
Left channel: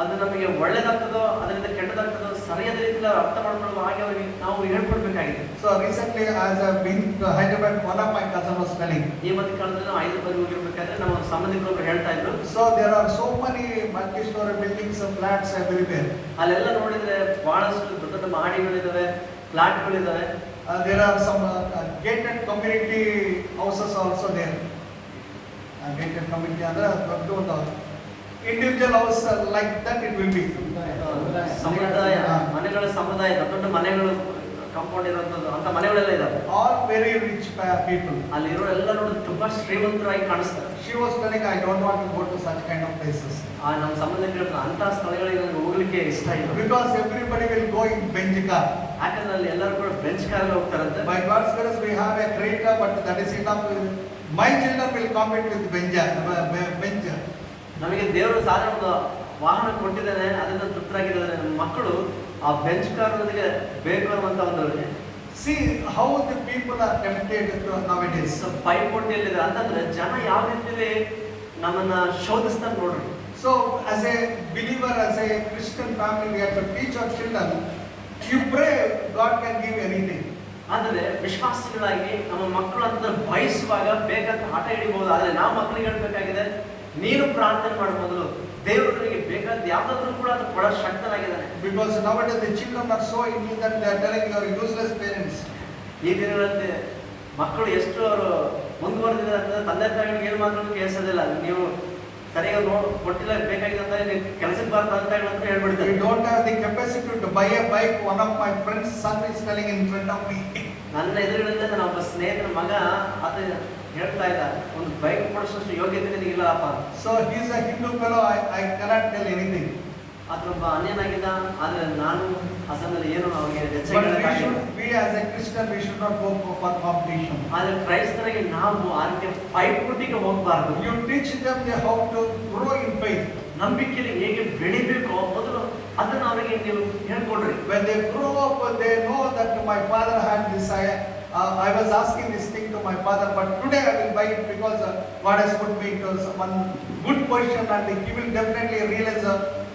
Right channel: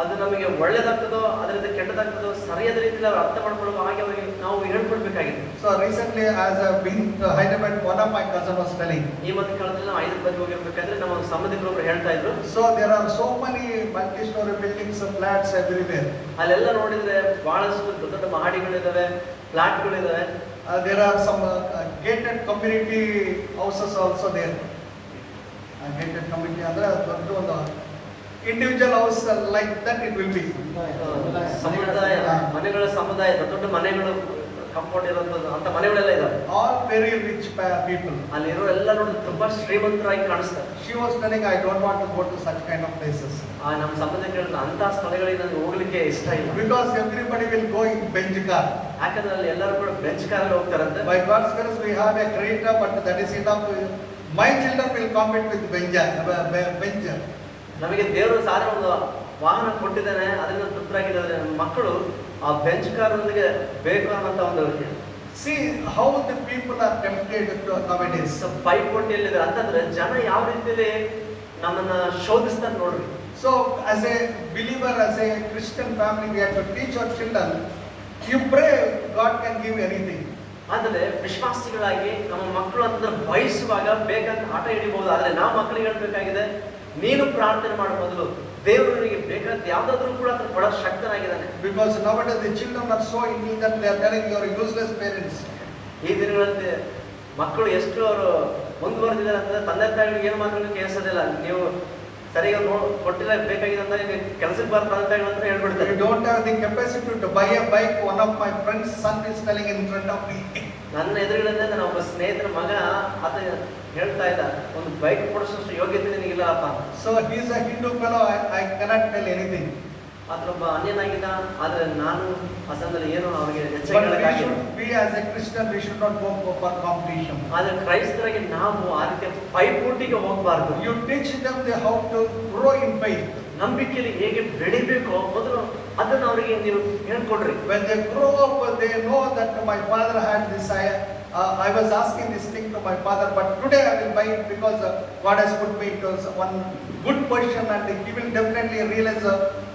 ಅದು ನಮಗೆ ಒಳ್ಳೆದಾಗ್ತದೋ ಅದರಿಂದ ಕೆಟ್ಟದಾಗ್ತದೋ ಸರಿಯಾದ ರೀತಿಯಲ್ಲಿ ಅವ್ರು ಅರ್ಥ ಮಾಡ್ಕೊಳ್ಳೋ ಹಾಗೆ ಅವರಿಗೆ ನಾವು ಹೇಳ್ಕೊಡ್ಬೇಕಾಗಿದೆ. So recently as I have been to Hyderabad, one of my cousin was telling. ಈ ಮಧ್ಯ ಕಾಲದಲ್ಲಿ ನಾವು ಹೈದರಾಬಾದ್ ಹೋಗಿರ್ಬೇಕಾದ್ರೆ ನಮ್ಮ ಸಂಬಂಧಿಕರು ಹೇಳ್ತಾ ಇದ್ರು. So there are so many multi-story buildings and flats everywhere. ಅಲ್ಲೆಲ್ಲ ನೋಡಿದ್ರೆ ಬಹಳಷ್ಟು ದೊಡ್ಡ ದೊಡ್ಡ ಮಹಡಿಗಳಿದಾವೆ, ಫ್ಲಾಟ್ಗಳಿದಾವೆ. There are some gated community houses also there. Gated community ಅಂದ್ರೆ ದೊಡ್ಡ individual house like that it will be. ಸಮುದಾಯ ಮನೆಗಳ ಸಮುದಾಯ ದೊಡ್ಡ ದೊಡ್ಡ ಮನೆಗಳು ಕಾಂಪೌಂಡ್ ಇರೋದು ಅಂತ ಮನೆಗಳೆಲ್ಲ ಇದಾವೆ. All very rich people. ಅಲ್ಲಿರೋ ಎಲ್ಲ ನೋಡಿ ತುಂಬಾ ಶ್ರೀಮಂತರಾಗಿ ಕಾಣಿಸ್ತಾರೆ. She was telling, I don't want to go to such kind of places. ನಮ್ಮ ಸಂಬಂಧಿಕರು ಹೇಳಿದ್ರು ಅಂತ ಸ್ಥಳಗಳಿಗೆ ನನಗೆ ಹೋಗ್ಲಿಕ್ಕೆ ಇಷ್ಟ ಇಲ್ಲ. Because everybody will go in bench car. ಯಾಕಂದ್ರೆ ಅಲ್ಲಿ ಎಲ್ಲರೂ ಕೂಡ ಬೆಂಚ್ ಕಾರಲ್ಲಿ ಹೋಗ್ತಾರಂತೆ. By God's grace we have a Creta, but that is enough. My children will compete with bench. ನಮಗೆ ದೇವರು ಸಾಧಾರಣ ಒಂದು ವಾಹನ ಕೊಟ್ಟಿದ್ದಾನೆ, ಅದರಿಂದ ತೃಪ್ತರಾಗಿದ್ದಾರೆ. ನಮ್ಮ ಮಕ್ಕಳು ಆ ಬೆಂಚ್ ಕಾರೊಂದಿಗೆ ಬೇಕು ಅನ್ನೋಂಥ ಒಂದು See how the people are tempted nowadays. ಪೈಪೋಟಿಯಲ್ಲಿದೆ ಅಂತಂದ್ರೆ ಜನ ಯಾವ ರೀತಿಯಲ್ಲಿ ನಮ್ಮನ್ನ ಶೋಧಿಸ್ತಾರೆ ನೋಡ್ರಿ. So as a believer, as a Christian family, we have to teach our children. You pray, God can give anything. ಆದರೆ ವಿಶ್ವಾಸಿಗಳಾಗಿ ನಮ್ಮ ಮಕ್ಕಳು ಅಂತಂದ್ರೆ ಬಯಸುವಾಗ ಬೇಕಾದ ಆಟ ಹಿಡಿಬಹುದು. ಆದರೆ ನಾವು ಮಕ್ಕಳಿಗೆ ಹೇಳ್ಬೇಕಾಗಿದೆ, ನೀನು ಪ್ರಾರ್ಥನೆ ಮಾಡೋ ಮೊದಲು ದೇವರಿಗೆ ಬೇಕಾದ ಯಾವ್ದಾದ್ರು ಕೂಡ ಅದು ಕೊಡೋ ಶಕ್ತನಾಗಿದ್ದಾನೆ. Because nowadays the children are so into that they are telling you are useless parents. ಈ ದಿನಗಳಲ್ಲಿ ಮಕ್ಕಳು ಎಷ್ಟು ಅವರು ಮುಂದುವರೆದಿದ್ದಾರೆ ಅಂತಂದ್ರೆ ತಂದೆ ತಾಯಿಗಳಿಗೆ ಏನು ಮಾತ್ರ ಕೇಳಿಸೋದಿಲ್ಲ. ನೀವು ಸರಿಯಾಗಿ ಕೊಟ್ಟಿಲ್ಲ ಬೇಕಾಗಿದೆ ಅಂತ ನೀವು ಕೆಲಸಕ್ಕೆ ಬರ್ತಾ ಅಂತ ಹೇಳ್ಬಿಡ್ತಾರೆ. We don't have the capacity to buy a bike. One of my friend's son is telling in front of me. ನನ್ನ ಎದುರುಗಡೆ ನನ್ನ ಒಬ್ಬ ಸ್ನೇಹಿತರ ಮಗ ಆತ ಹೇಳ್ತಾ ಇದ್ದ, ಒಂದು ಬೈಕ್ ಕೊಡಿಸೋಷ್ಟು ಯೋಗ್ಯತೆ ನಿನಗಿಲ್ಲಪ್ಪ. So he is a Hindu fellow. I cannot tell anything. ಆತನೊಬ್ಬ ಅನ್ಯನಾಗಿದ್ದ. ಆದರೆ ನಾನು ಆ ಸಮಯದಲ್ಲಿ ಏನು ಅವರಿಗೆ We as a Christian we should not go for competition. ಆದರೆ ಕ್ರೈಸ್ತರಾಗಿ ನಾವು ಆ ರೀತಿಯ ಪೈಪೋಟಿಗೆ ಹೋಗಬಾರದು. You teach them how to grow in faith. ನಂಬಿಕೆಯಲ್ಲಿ ಹೇಗೆ ಬೆಳಿಬೇಕೋ ಮೊದಲು ಅದನ್ನು ಅವರಿಗೆ ನೀವು ಹೇಳ್ಕೊಡ್ರಿ. When they grow up, they know that my father had this. I was asking this thing to my father, but today I will buy it because God has put me into one good position, and he will definitely realize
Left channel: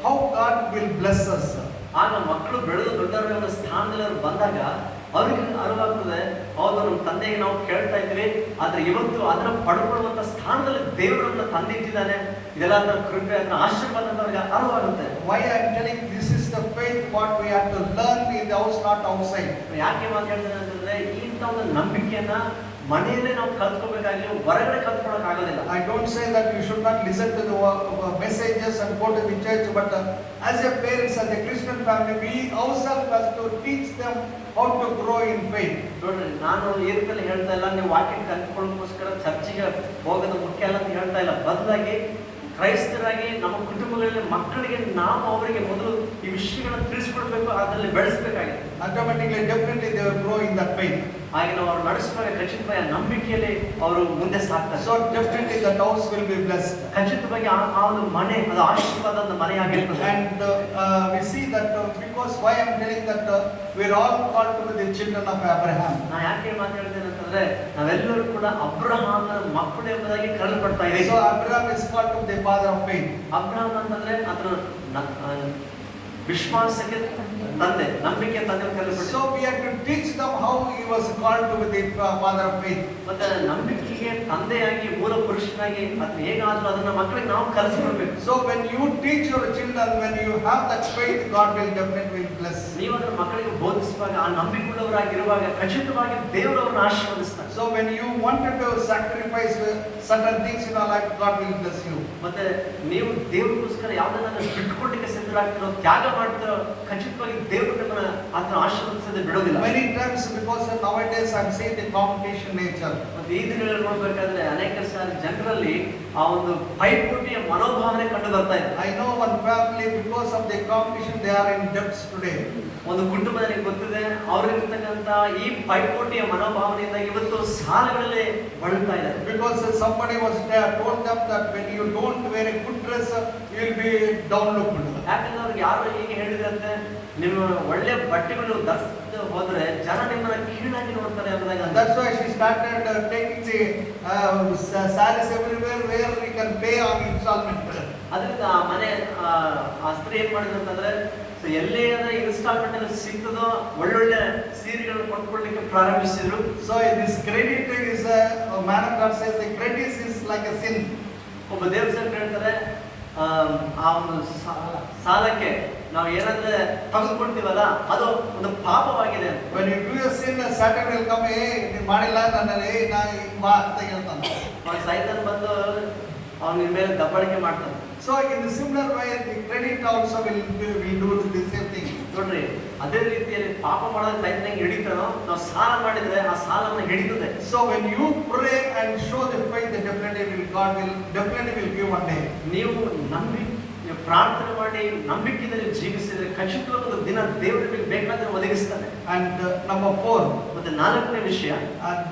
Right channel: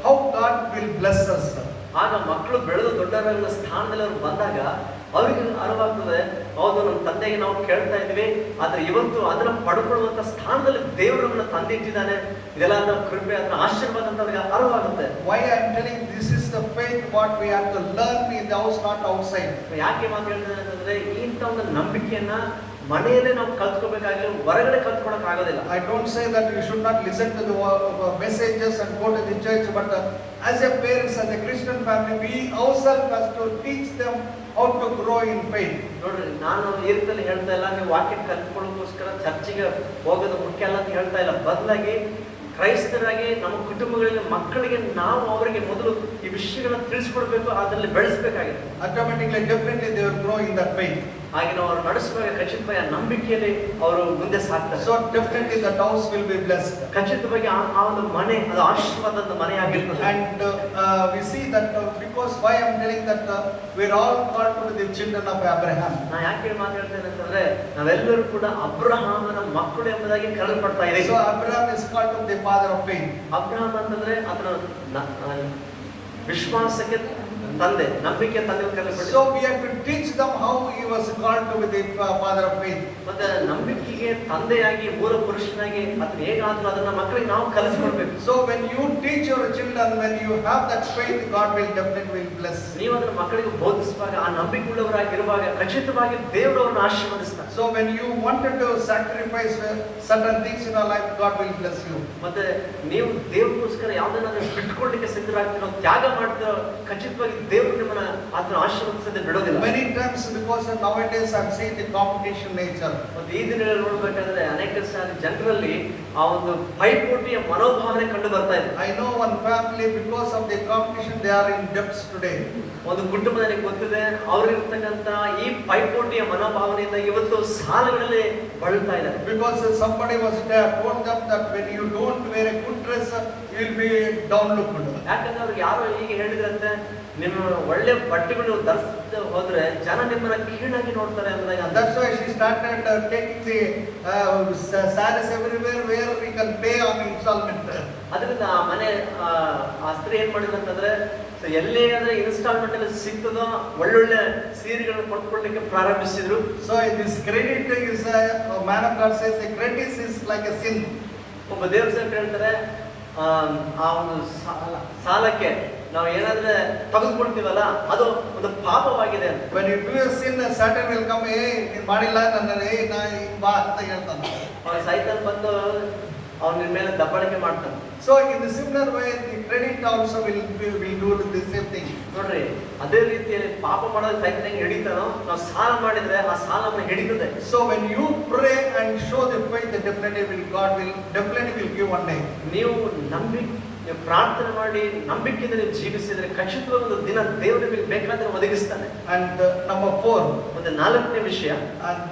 how God will bless us. ಆಗ ಮಕ್ಕಳು ಬೆಳೆದು ದೊಡ್ಡವರ ಸ್ಥಾನದಲ್ಲಿ ಅವರು ಬಂದಾಗ ಅವರಿಗೆ ಅರಿವಾಗ್ತದೆ, ಹೌದು ನಮ್ಮ ತಂದೆಗೆ ನಾವು ಕೇಳ್ತಾ ಇದ್ವಿ, ಆದ್ರೆ ಇವತ್ತು ಅದನ್ನ ಪಡ್ಕೊಳ್ಳುವಂತ ಸ್ಥಾನದಲ್ಲಿ ದೇವರನ್ನ ತಂದಿಟ್ಟಿದ್ದಾನೆ. ಇದೆಲ್ಲ ಅದರ ಕೃಪೆ, ಅದರ ಆಶೀರ್ವಾದ ಅಂತ ಅವ್ರಿಗೆ ಅರಿವಾಗುತ್ತೆ. Why I am telling this is the faith what we have to learn in the house, not outside. ಯಾಕೆ ಮಾತಾಡ್ತೇನೆ ಅಂತಂದ್ರೆ ಇಂಥ ಒಂದು ನಂಬಿಕೆಯನ್ನ ಮನೆಯಲ್ಲೇ ನಾವು ಕಲ್ತ್ಕೋಬೇಕಾದ್ರೆ ಹೊರಗಡೆ ಕಲ್ತ್ಕೊಳಕ್ ಆಗೋದಿಲ್ಲ. I don't say that you should not listen to the messages and go to the church, but as a parents, as a Christian family, we ourselves have to teach them how to grow in faith. ನೋಡ್ರಿ, ನಾನು ಈ ರೀತಿಯಲ್ಲಿ ಹೇಳ್ತಾ ಇಲ್ಲ ನೀವು ವಾಕ್ಯ ಕಲ್ತ್ಕೊಳ್ಳೋದಕ್ಕೋಸ್ಕರ ಚರ್ಚಿಗೆ ಹೋಗೋದು ಮುಖ್ಯ ಅಲ್ಲ ಅಂತ ಹೇಳ್ತಾ ಇಲ್ಲ. ಬದಲಾಗಿ ಕ್ರೈಸ್ತರಾಗಿ ನಮ್ಮ ಕುಟುಂಬಗಳಲ್ಲಿ ಮಕ್ಕಳಿಗೆ ನಾವು ಅವರಿಗೆ ಮೊದಲು ಈ ವಿಷಯಗಳನ್ನು ತಿಳಿಸ್ಕೊಡ್ಬೇಕು, ಅದರಲ್ಲಿ ಬೆಳೆಸಬೇಕಾಗಿದೆ. Automatically, definitely they will grow in that faith. ಹಾಗೆ ನಾವು ಅವ್ರು ನಡೆಸುವಾಗ ಖಚಿತವಾಗಿ ನಂಬಿಕೆಯಲ್ಲಿ ಅವರು ಮುಂದೆ ಸಾಕ್ತಾರೆ. So definitely that house will be blessed. ಖಚಿತವಾಗಿ ಆ ಒಂದು ಮನೆ ಅದು ಆಶೀರ್ವಾದದ ಮನೆ ಆಗಿರ್ತದೆ. And we see that because why I am telling that we are all called to be the children of Abraham. ನಾ ಯಾಕೆ ಮಾತಾಡ್ತೇನೆ ಅಂತಂದ್ರೆ ನಾವೆಲ್ಲರೂ ಕೂಡ ಅಬ್ರಹಾಮನ ಮಕ್ಕಳು ಎಂಬುದಾಗಿ ಕರೆಯಲ್ಪಡ್ತಾ ಇದ್ದೀವಿ. So Abraham is called to the father of faith. Abraham ಅಂತಂದ್ರೆ ಅದರ ವಿಶ್ವಾಸಕ್ಕೆ ತಂದೆ, ನಂಬಿಕೆ ತಂದೆ ಕರೆಯಲ್ಪಡ್ತಾರೆ. So we have to teach them how he was called to be the father of faith. ಮತ್ತೆ ನಂಬಿಕೆಗೆ ತಂದೆಯಾಗಿ ಮೂಲ ಪುರುಷನಾಗಿ ಅದನ್ನ ಹೇಗಾದ್ರೂ ಅದನ್ನ ಮಕ್ಕಳಿಗೆ ನಾವು ಕಲಿಸ್ಕೊಡ್ಬೇಕು. So when you teach your children, when you have that faith, God will definitely bless. ನೀವು ಅದನ್ನ ಮಕ್ಕಳಿಗೆ ಬೋಧಿಸುವಾಗ ಆ ನಂಬಿಕೆಯುಳ್ಳವರಾಗಿರುವಾಗ ಖಚಿತವಾಗಿ ದೇವರು ಅವರನ್ನು ಆಶೀರ್ವದಿಸ್ತಾರೆ. So when you wanted to sacrifice certain things in your life, God will bless you. ಮತ್ತೆ ನೀವು ದೇವರಿಗೋಸ್ಕರ ಯಾವುದನ್ನ ಬಿಟ್ಕೊಡ್ಲಿಕ್ಕೆ ಸಿದ್ಧರಾಗ್ತೀರೋ, ತ್ಯಾಗ ಮಾಡ್ತೀರೋ, ಖಚಿತವಾಗಿ ದೇವರು ನಿಮ್ಮನ್ನ ಅದನ್ನ ಆಶೀರ್ವದಿಸದೆ ಬಿಡೋದಿಲ್ಲ. Many times because of nowadays I'm saying the competition nature. ಮತ್ತೆ ಈ ದಿನಗಳಲ್ಲಿ ನೋಡ್ಬೇಕಾದ್ರೆ ಅನೇಕ ಸಾರಿ ಜನರಲ್ಲಿ ಆ ಒಂದು ಪೈಪೋಟಿಯ ಮನೋಭಾವನೆ ಕಂಡು ಬರ್ತಾ ಇದೆ. I know one family because of the competition they are in debts today. ಒಂದು ಕುಟುಂಬದಲ್ಲಿ ಗೊತ್ತಿದೆ ಅವರಿರ್ತಕ್ಕಂಥ ಈ ಪೈಪೋಟಿಯ ಮನೋಭಾವನೆಯಿಂದ ಇವತ್ತು ಸಾಲಗಳಲ್ಲಿ ಬಳಲ್ತಾ ಇದ್ದಾರೆ. Because somebody was told them that when you don't wear a good dress, you will be downlooked. ಯಾಕಂದ್ರೆ ಅವ್ರಿಗೆ ಯಾರು ಹೀಗೆ ಹೇಳಿದ್ರಂತೆ, ನಿಮ್ಮ ಒಳ್ಳೆ ಬಟ್ಟೆಗಳು ಧರಿಸದೆ ಹೋದ್ರೆ ಜನ ನಿಮ್ಮನ್ನ ಕೀಳಾಗಿ ನೋಡ್ತಾರೆ ಎಂಬುದಾಗಿ. That's why she started taking the sarees everywhere where we can pay on installment. ಅದರಿಂದ ಆ ಮನೆ ಆ ಸ್ತ್ರೀ ಏನ್ ಮಾಡಿದ್ರು ಅಂತಂದ್ರೆ, ಎಲ್ಲೇ ಇನ್ಸ್ಟಾಲ್ಮೆಂಟ್ ಅಲ್ಲಿ ಸಿಗ್ತದೋ ಒಳ್ಳೊಳ್ಳೆ ಸೀರೆಗಳನ್ನು ಕೊಂಡ್ಕೊಳ್ಳಿಕ್ಕೆ ಪ್ರಾರಂಭಿಸಿದ್ರು. So this credit is man of God says the credit is like a sin. ಒಬ್ಬ ದೇವ್ರ ಸೇವಕರು ಹೇಳ್ತಾರೆ, ಆ ಒಂದು ಸಾಲಕ್ಕೆ ನಾವು ಏನಾದ್ರೆ ತೆಗೆದುಕೊಳ್ತೀವಲ್ಲ ಅದು ಒಂದು ಪಾಪವಾಗಿದೆ. When you do a sin, Satan will come, hey ನೀನು ಮಾಡಿಲ್ಲ ನನ್ನ ನಾ ಬಾ ಅಂತ ಹೇಳ್ತಾನೆ. ಅವನ ಸೈತಾನ್ ಬಂದು ಅವನ ಮೇಲೆ ದಬ್ಬಾಳಿಕೆ ಮಾಡ್ತಾನೆ. So in the similar way, the credit also will do the same thing. ನೋಡ್ರಿ, ಅದೇ ರೀತಿಯಲ್ಲಿ ಪಾಪ ಮಾಡೋದು ಸೈತಾನ ಹೆಂಗೆ ಹಿಡಿತಾನೋ, ನಾವು ಸಾಲ ಮಾಡಿದ್ರೆ ಆ ಸಾಲವನ್ನು ಹಿಡಿತದೆ. So when you pray and show the faith, God will definitely give one day. ನೀವು ಪ್ರಾರ್ಥನೆ ಮಾಡಿ ನಂಬಿಕೆಯಿಂದ ಜೀವಿಸಿದ್ರೆ ಖಚಿತವಾದ ಒಂದು ದಿನ ದೇವರು ನಿಮಗೆ ಬೇಕಾದ್ರೆ ಒದಗಿಸ್ತಾನೆ. And number 4, ಮತ್ತೆ ನಾಲ್ಕನೇ ವಿಷಯ,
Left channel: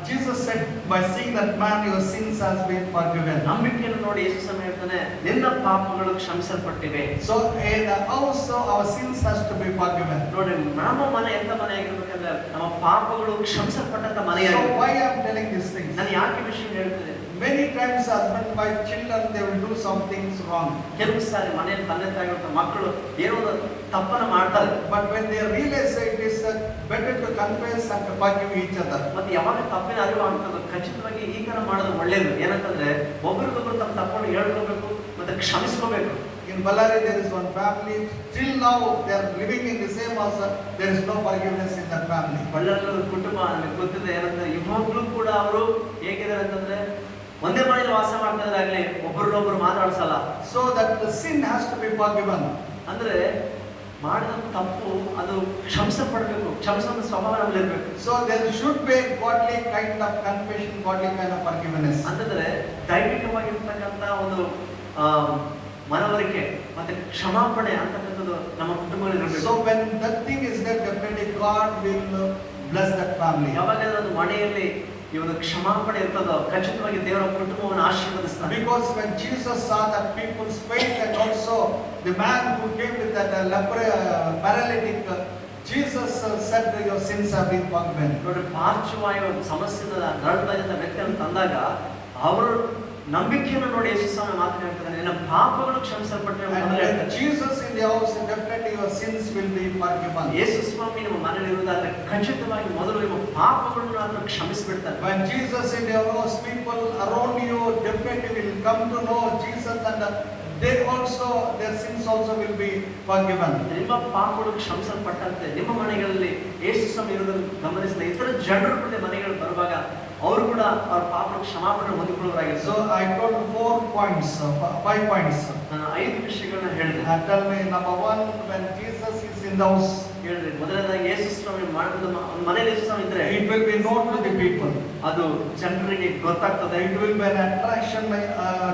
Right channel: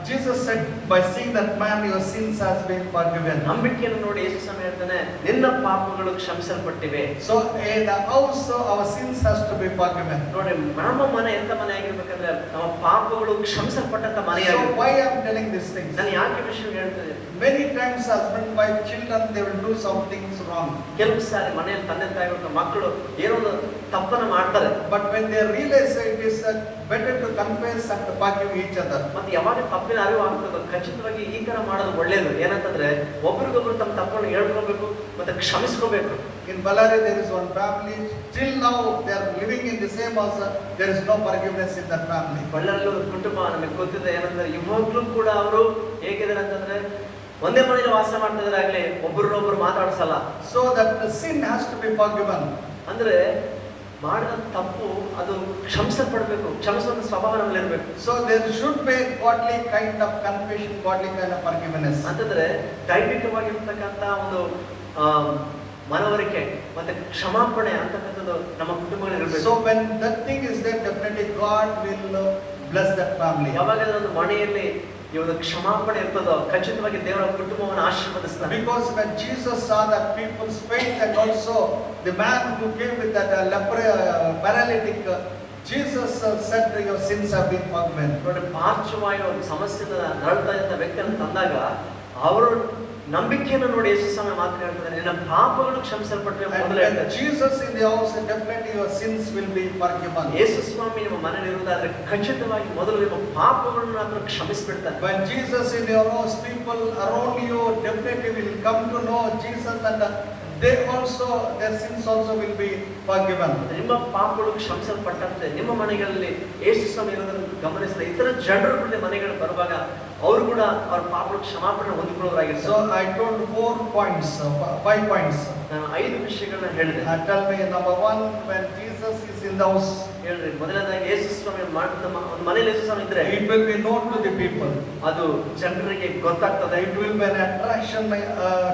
Jesus said, by seeing that man, your sins has been forgiven. ನಂಬಿಕೆಯನ್ನು ನೋಡಿ ಯೇಸು ಸ್ವಾಮಿ ಹೇಳ್ತಾನೆ, ನಿನ್ನ ಪಾಪಗಳು ಕ್ಷಮಿಸಲ್ಪಟ್ಟಿವೆ. So in the house, our sins has to be forgiven. ನೋಡಿ, ನಮ್ಮ ಮನೆ ಎಂತ ಮನೆ ಆಗಿರ್ಬೇಕಂದ್ರೆ ನಮ್ಮ ಪಾಪಗಳು ಕ್ಷಮಿಸಲ್ಪಟ್ಟಂತ ಮನೆಯಾಗಿದೆ. So why I am telling these things? ನಾನು ಯಾಕೆ ವಿಷಯ ಹೇಳ್ತೇನೆ? Many times husband, wife, children, they will do some things wrong. ಕೆಲವು ಸಾರಿ ಮನೆಯಲ್ಲಿ ತಂದೆ ತಾಯಿ ಮಕ್ಕಳು ಏನೋ ಒಂದು ತಪ್ಪನ್ನು ಮಾಡ್ತಾರೆ. But when they realize it is better to confess and to forgive each other. ಮತ್ತೆ ಯಾವಾಗ ತಪ್ಪಿನ ಅರಿವು ಆಗ್ತದೆ, ಖಚಿತವಾಗಿ ಈ ತರ ಮಾಡೋದು ಒಳ್ಳೇದು. ಏನಂತಂದ್ರೆ ಒಬ್ರಿಗೊಬ್ರು ತಮ್ಮ ತಪ್ಪನ್ನು ಹೇಳ್ಕೋಬೇಕು ಮತ್ತೆ ಕ್ಷಮಿಸ್ಕೋಬೇಕು. In Ballari there is one family, till now they are living in the same house, there is no forgiveness in that family. ಬಳ್ಳಾರಿಯಲ್ಲಿ ಒಂದು ಕುಟುಂಬ ನಮಗೆ ಗೊತ್ತಿದೆ. ಏನಂದ್ರೆ ಇವಾಗ್ಲೂ ಕೂಡ ಅವರು ಹೇಗಿದ್ದಾರೆ ಅಂತಂದ್ರೆ ಒಂದೇ ಮನೆಯಲ್ಲಿ ವಾಸ ಮಾಡ್ತಿದ್ರಾಗ್ಲಿ ಒಬ್ಬರನ್ನೊಬ್ರು ಮಾತಾಡ್ಸಲ್ಲ. So that the sin has to be forgiven. ಅಂದ್ರೆ ಮಾಡಿದ ತಪ್ಪು ಅದು ಕ್ಷಮಿಸಲ್ಪಡಬೇಕು, ಕ್ಷಮಿಸುವ ಸ್ವಭಾವ ನಮ್ಮಲ್ಲಿರ್ಬೇಕು. So there should be godly kind of confession, godly kind of forgiveness. ಅಂತಂದ್ರೆ ದೈವಿಕವಾಗಿರ್ತಕ್ಕಂಥ ಒಂದು ಮನವರಿಕೆ ಮತ್ತೆ ಕ್ಷಮಾಪಣೆ ಅಂತಕ್ಕಂಥದ್ದು ನಮ್ಮ ಕುಟುಂಬದಲ್ಲಿ ಇರಬೇಕು. So when that thing is there, definitely God will bless that family. ಯಾವಾಗ ಒಂದು ಮನೆಯಲ್ಲಿ ಈ ಒಂದು ಕ್ಷಮಾಪಣೆ ಇರ್ತದೋ ಖಚಿತವಾಗಿ ದೇವರ ಕುಟುಂಬವನ್ನು ಆಶೀರ್ವದಿಸ್ತಾನೆ. Because when Jesus saw that people's faith, and also the man who came with that paralytic, Jesus said, your sins have been forgiven. ನೋಡಿ, ಪಾರ್ಶ್ವವಾಯು ಒಂದು ಸಮಸ್ಯೆಯಿಂದ ನರಳ್ತಾ ಇದ್ದ ವ್ಯಕ್ತಿಯನ್ನು ತಂದಾಗ ಅವರು ನಂಬಿಕೆಯನ್ನು ನೋಡಿ ಯೇಸು ಸ್ವಾಮಿ ಮಾತನಾಡ್ತಾರೆ, ನಿನ್ನ ಪಾಪಗಳು ಕ್ಷಮಿಸಲ್ಪಟ್ಟಿವೆ ಅಂತ ಹೇಳ್ತಾರೆ. Jesus in the house, definitely your sins will be forgiven. ಯೇಸು ಸ್ವಾಮಿ ನಿಮ್ಮ ಮನೆಯಲ್ಲಿ ಇರುವುದಾದ್ರೆ ಖಚಿತವಾಗಿ ಮೊದಲು ನಿಮ್ಮ ಪಾಪಗಳನ್ನು ಆತನು ಕ್ಷಮಿಸಿಬಿಡ್ತಾರೆ. When Jesus in your house, people around you definitely will come to know Jesus, and they also, their sins also will be forgiven. ನಿಮ್ಮ ಪಾಪಗಳು ಕ್ಷಮಿಸಲ್ಪಟ್ಟಂತೆ ನಿಮ್ಮ ಮನೆಗಳಲ್ಲಿ ಯೇಸು ಸ್ವಾಮಿ ಇರುವುದನ್ನು ಗಮನಿಸಿದ ಇತರ ಜನರು ಕೂಡ ಮನೆಗಳಿಗೆ ಬರುವಾಗ ಅವರು ಕೂಡ ಅವರ ಪಾಪಗಳು ಕ್ಷಮಾಪಣೆ ಹೊಂದಿಕೊಳ್ಳೋರಾಗಿದ್ದಾರೆ. So I told 5 points. ನಾನು 5 ವಿಷಯಗಳನ್ನ ಹೇಳಿದೆ. Tell me, number 1, when Jesus is in the house, ಹೇಳ್ರಿ, ಮೊದಲನೇದಾಗಿ ಯೇಸು ಸ್ವಾಮಿ ಮಾಡಿದ ಒಂದು ಮನೆಯಲ್ಲಿ ಯೇಸು ಸ್ವಾಮಿ ಇದ್ರೆ it will be known to the people. ಅದು ಜನರಿಗೆ ಗೊತ್ತಾಗ್ತದೆ. It will be an attraction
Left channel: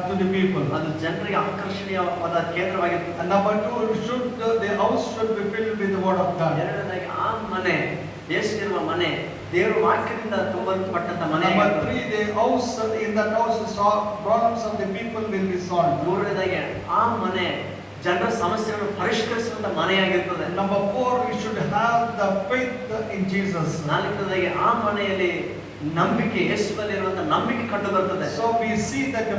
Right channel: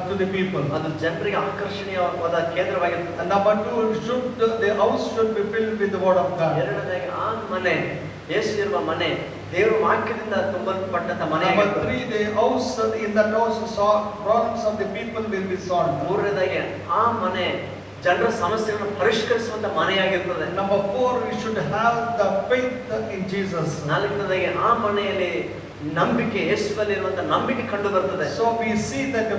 to the people. ಅದು ಜನರಿಗೆ ಆಕರ್ಷಣೀಯವಾದ ಕೇಂದ್ರವಾಗಿರ್ತದೆ. And number 2, the house should be filled with the word of God. ಎರಡನೇದಾಗಿ ಆ ಮನೆ, ಯೇಸು ಇರುವ ಮನೆ ದೇವರ ವಾಕ್ಯದಿಂದ ತುಂಬಲ್ಪಟ್ಟಂತ ಮನೆ. Number 3, the house, in that house, problems of the people will be solved. ಮೂರನೇದಾಗಿ ಆ ಮನೆ ಜನರ ಸಮಸ್ಯೆಗಳನ್ನು ಪರಿಷ್ಕರಿಸುವಂತ ಮನೆಯಾಗಿರ್ತದೆ. Number 4, we should have the faith in Jesus. ನಾಲ್ಕನೇದಾಗಿ ಆ ಮನೆಯಲ್ಲಿ ನಂಬಿಕೆ, ಯೇಸುವಲ್ಲಿ ಇರುವಂತ ನಂಬಿಕೆ ಕಂಡು ಬರ್ತದೆ. So we see that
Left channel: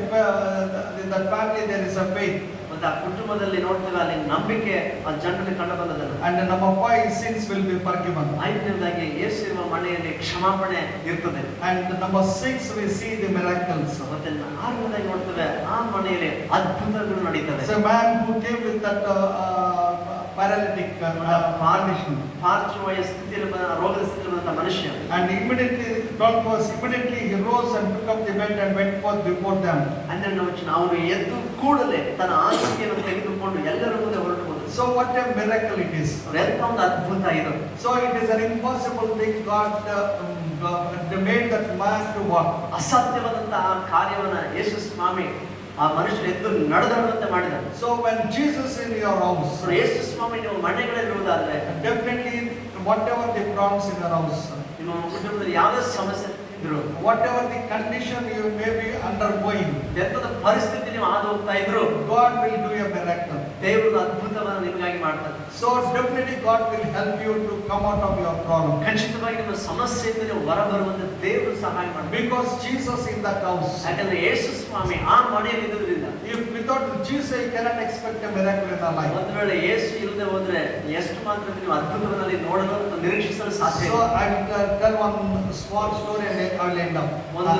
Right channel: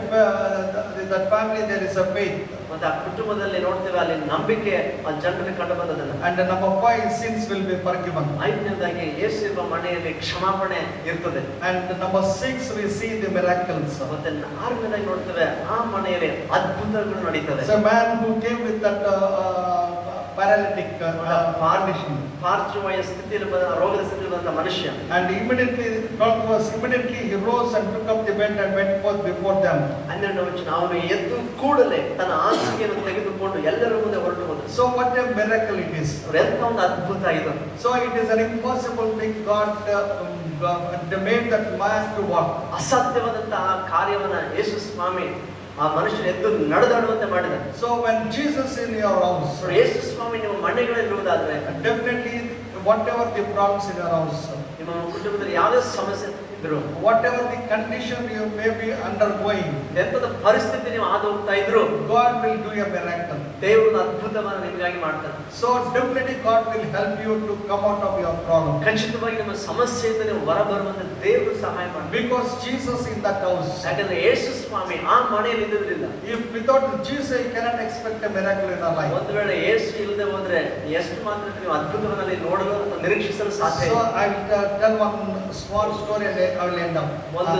in that family there is a faith. ಮತ್ತೆ ಆ ಕುಟುಂಬದಲ್ಲಿ ನೋಡ್ತೇವೆ ಅಲ್ಲಿ ನಂಬಿಕೆ ಆ ಜನರಿಗೆ ಕಂಡು ಬಂದದನ್ನು. And number 5, sins will be forgiven. ಐದನೇದಾಗಿ ಯೇಸು ಇರುವ ಮನೆಯಲ್ಲಿ ಕ್ಷಮಾಪಣೆ ಇರ್ತದೆ. And number 6, we see the miracles. ಮತ್ತೆ ಆರನೇದಾಗಿ ನೋಡ್ತೇವೆ ಆ ಮನೆಯಲ್ಲಿ ಅದ್ಭುತಗಳು ನಡೀತದೆ. So a man who came with that paralytic condition, ಪಾರ್ಶ್ವವಾಯು ಸ್ಥಿತಿಯಲ್ಲಿ ರೋಗದ ಸ್ಥಿತಿಯಲ್ಲಿ ಬಂದ ಮನುಷ್ಯ, and immediately he rose and took up the bed and went forth before them. 12ನೇ ವಚನ, ಅವನು ಎದ್ದು ಕೂಡಲೇ ತನ್ನ ಹಾಸಿಗೆಯನ್ನು ತೆಗೆದುಕೊಂಡು ಎಲ್ಲರ ಮುಂದೆ ಹೊರಟು ಹೋದ. So what a miracle it is. ಎಂತ ಒಂದು ಅದ್ಭುತ ಇದು. So it is an impossible thing. God made that man to walk. ಅಸಾಧ್ಯವಾದಂತಹ ಆ ಕಾರ್ಯವನ್ನ ಯೇಸು ಸ್ವಾಮಿ ಆ ಮನುಷ್ಯನ ಎದ್ದು ನಡೆದಾಡುವಂತೆ ಮಾಡಿದ. So when Jesus in your house, ಯೇಸು ಸ್ವಾಮಿ ನಿಮ್ಮ ಮನೆಗಳಲ್ಲಿ ಇರುವುದಾದ್ರೆ definitely whatever the problems in your house, ನಿಮ್ಮ ಕುಟುಂಬದಲ್ಲಿ ಯಾವುದೇ ಸಮಸ್ಯೆ ಇದ್ರು, whatever the condition you may be undergoing, ಎಂತದ ಪರಿಸ್ಥಿತಿ ನೀವು ಹಾದು ಹೋಗ್ತಾ ಇದ್ರು, God will do a miracle. ದೇವರು ಅದ್ಭುತವನ್ನು ನಿಮಗಾಗಿ ಮಾಡ್ತಾರೆ. So definitely God will help you to come out of your problem. ಖಚಿತವಾಗಿ ನಿಮ್ಮ ಸಮಸ್ಯೆಯಿಂದ ನೀವು ಹೊರಬರುವಂತೆ ದೇವರು ಸಹಾಯ ಮಾಡ್ತಾರೆ. Because Jesus in that house. ಯಾಕಂದ್ರೆ ಯೇಸು ಸ್ವಾಮಿ ಆ ಮನೆಯಲ್ಲಿ ಇದ್ದಿದ್ರಿಂದ. If without Jesus you cannot expect a miracle in our life. ಒಂದು ವೇಳೆ ಯೇಸು ಇಲ್ಲದೆ ಹೋದ್ರೆ ಎಷ್ಟು ಮಾತ್ರ ನೀವು ಅದ್ಭುತಗಳಲ್ಲಿ ನೋಡಲು ನಿರೀಕ್ಷಿಸಲು ಸಾಧ್ಯ So ಇಲ್ಲ. I will tell one small story and I will end up.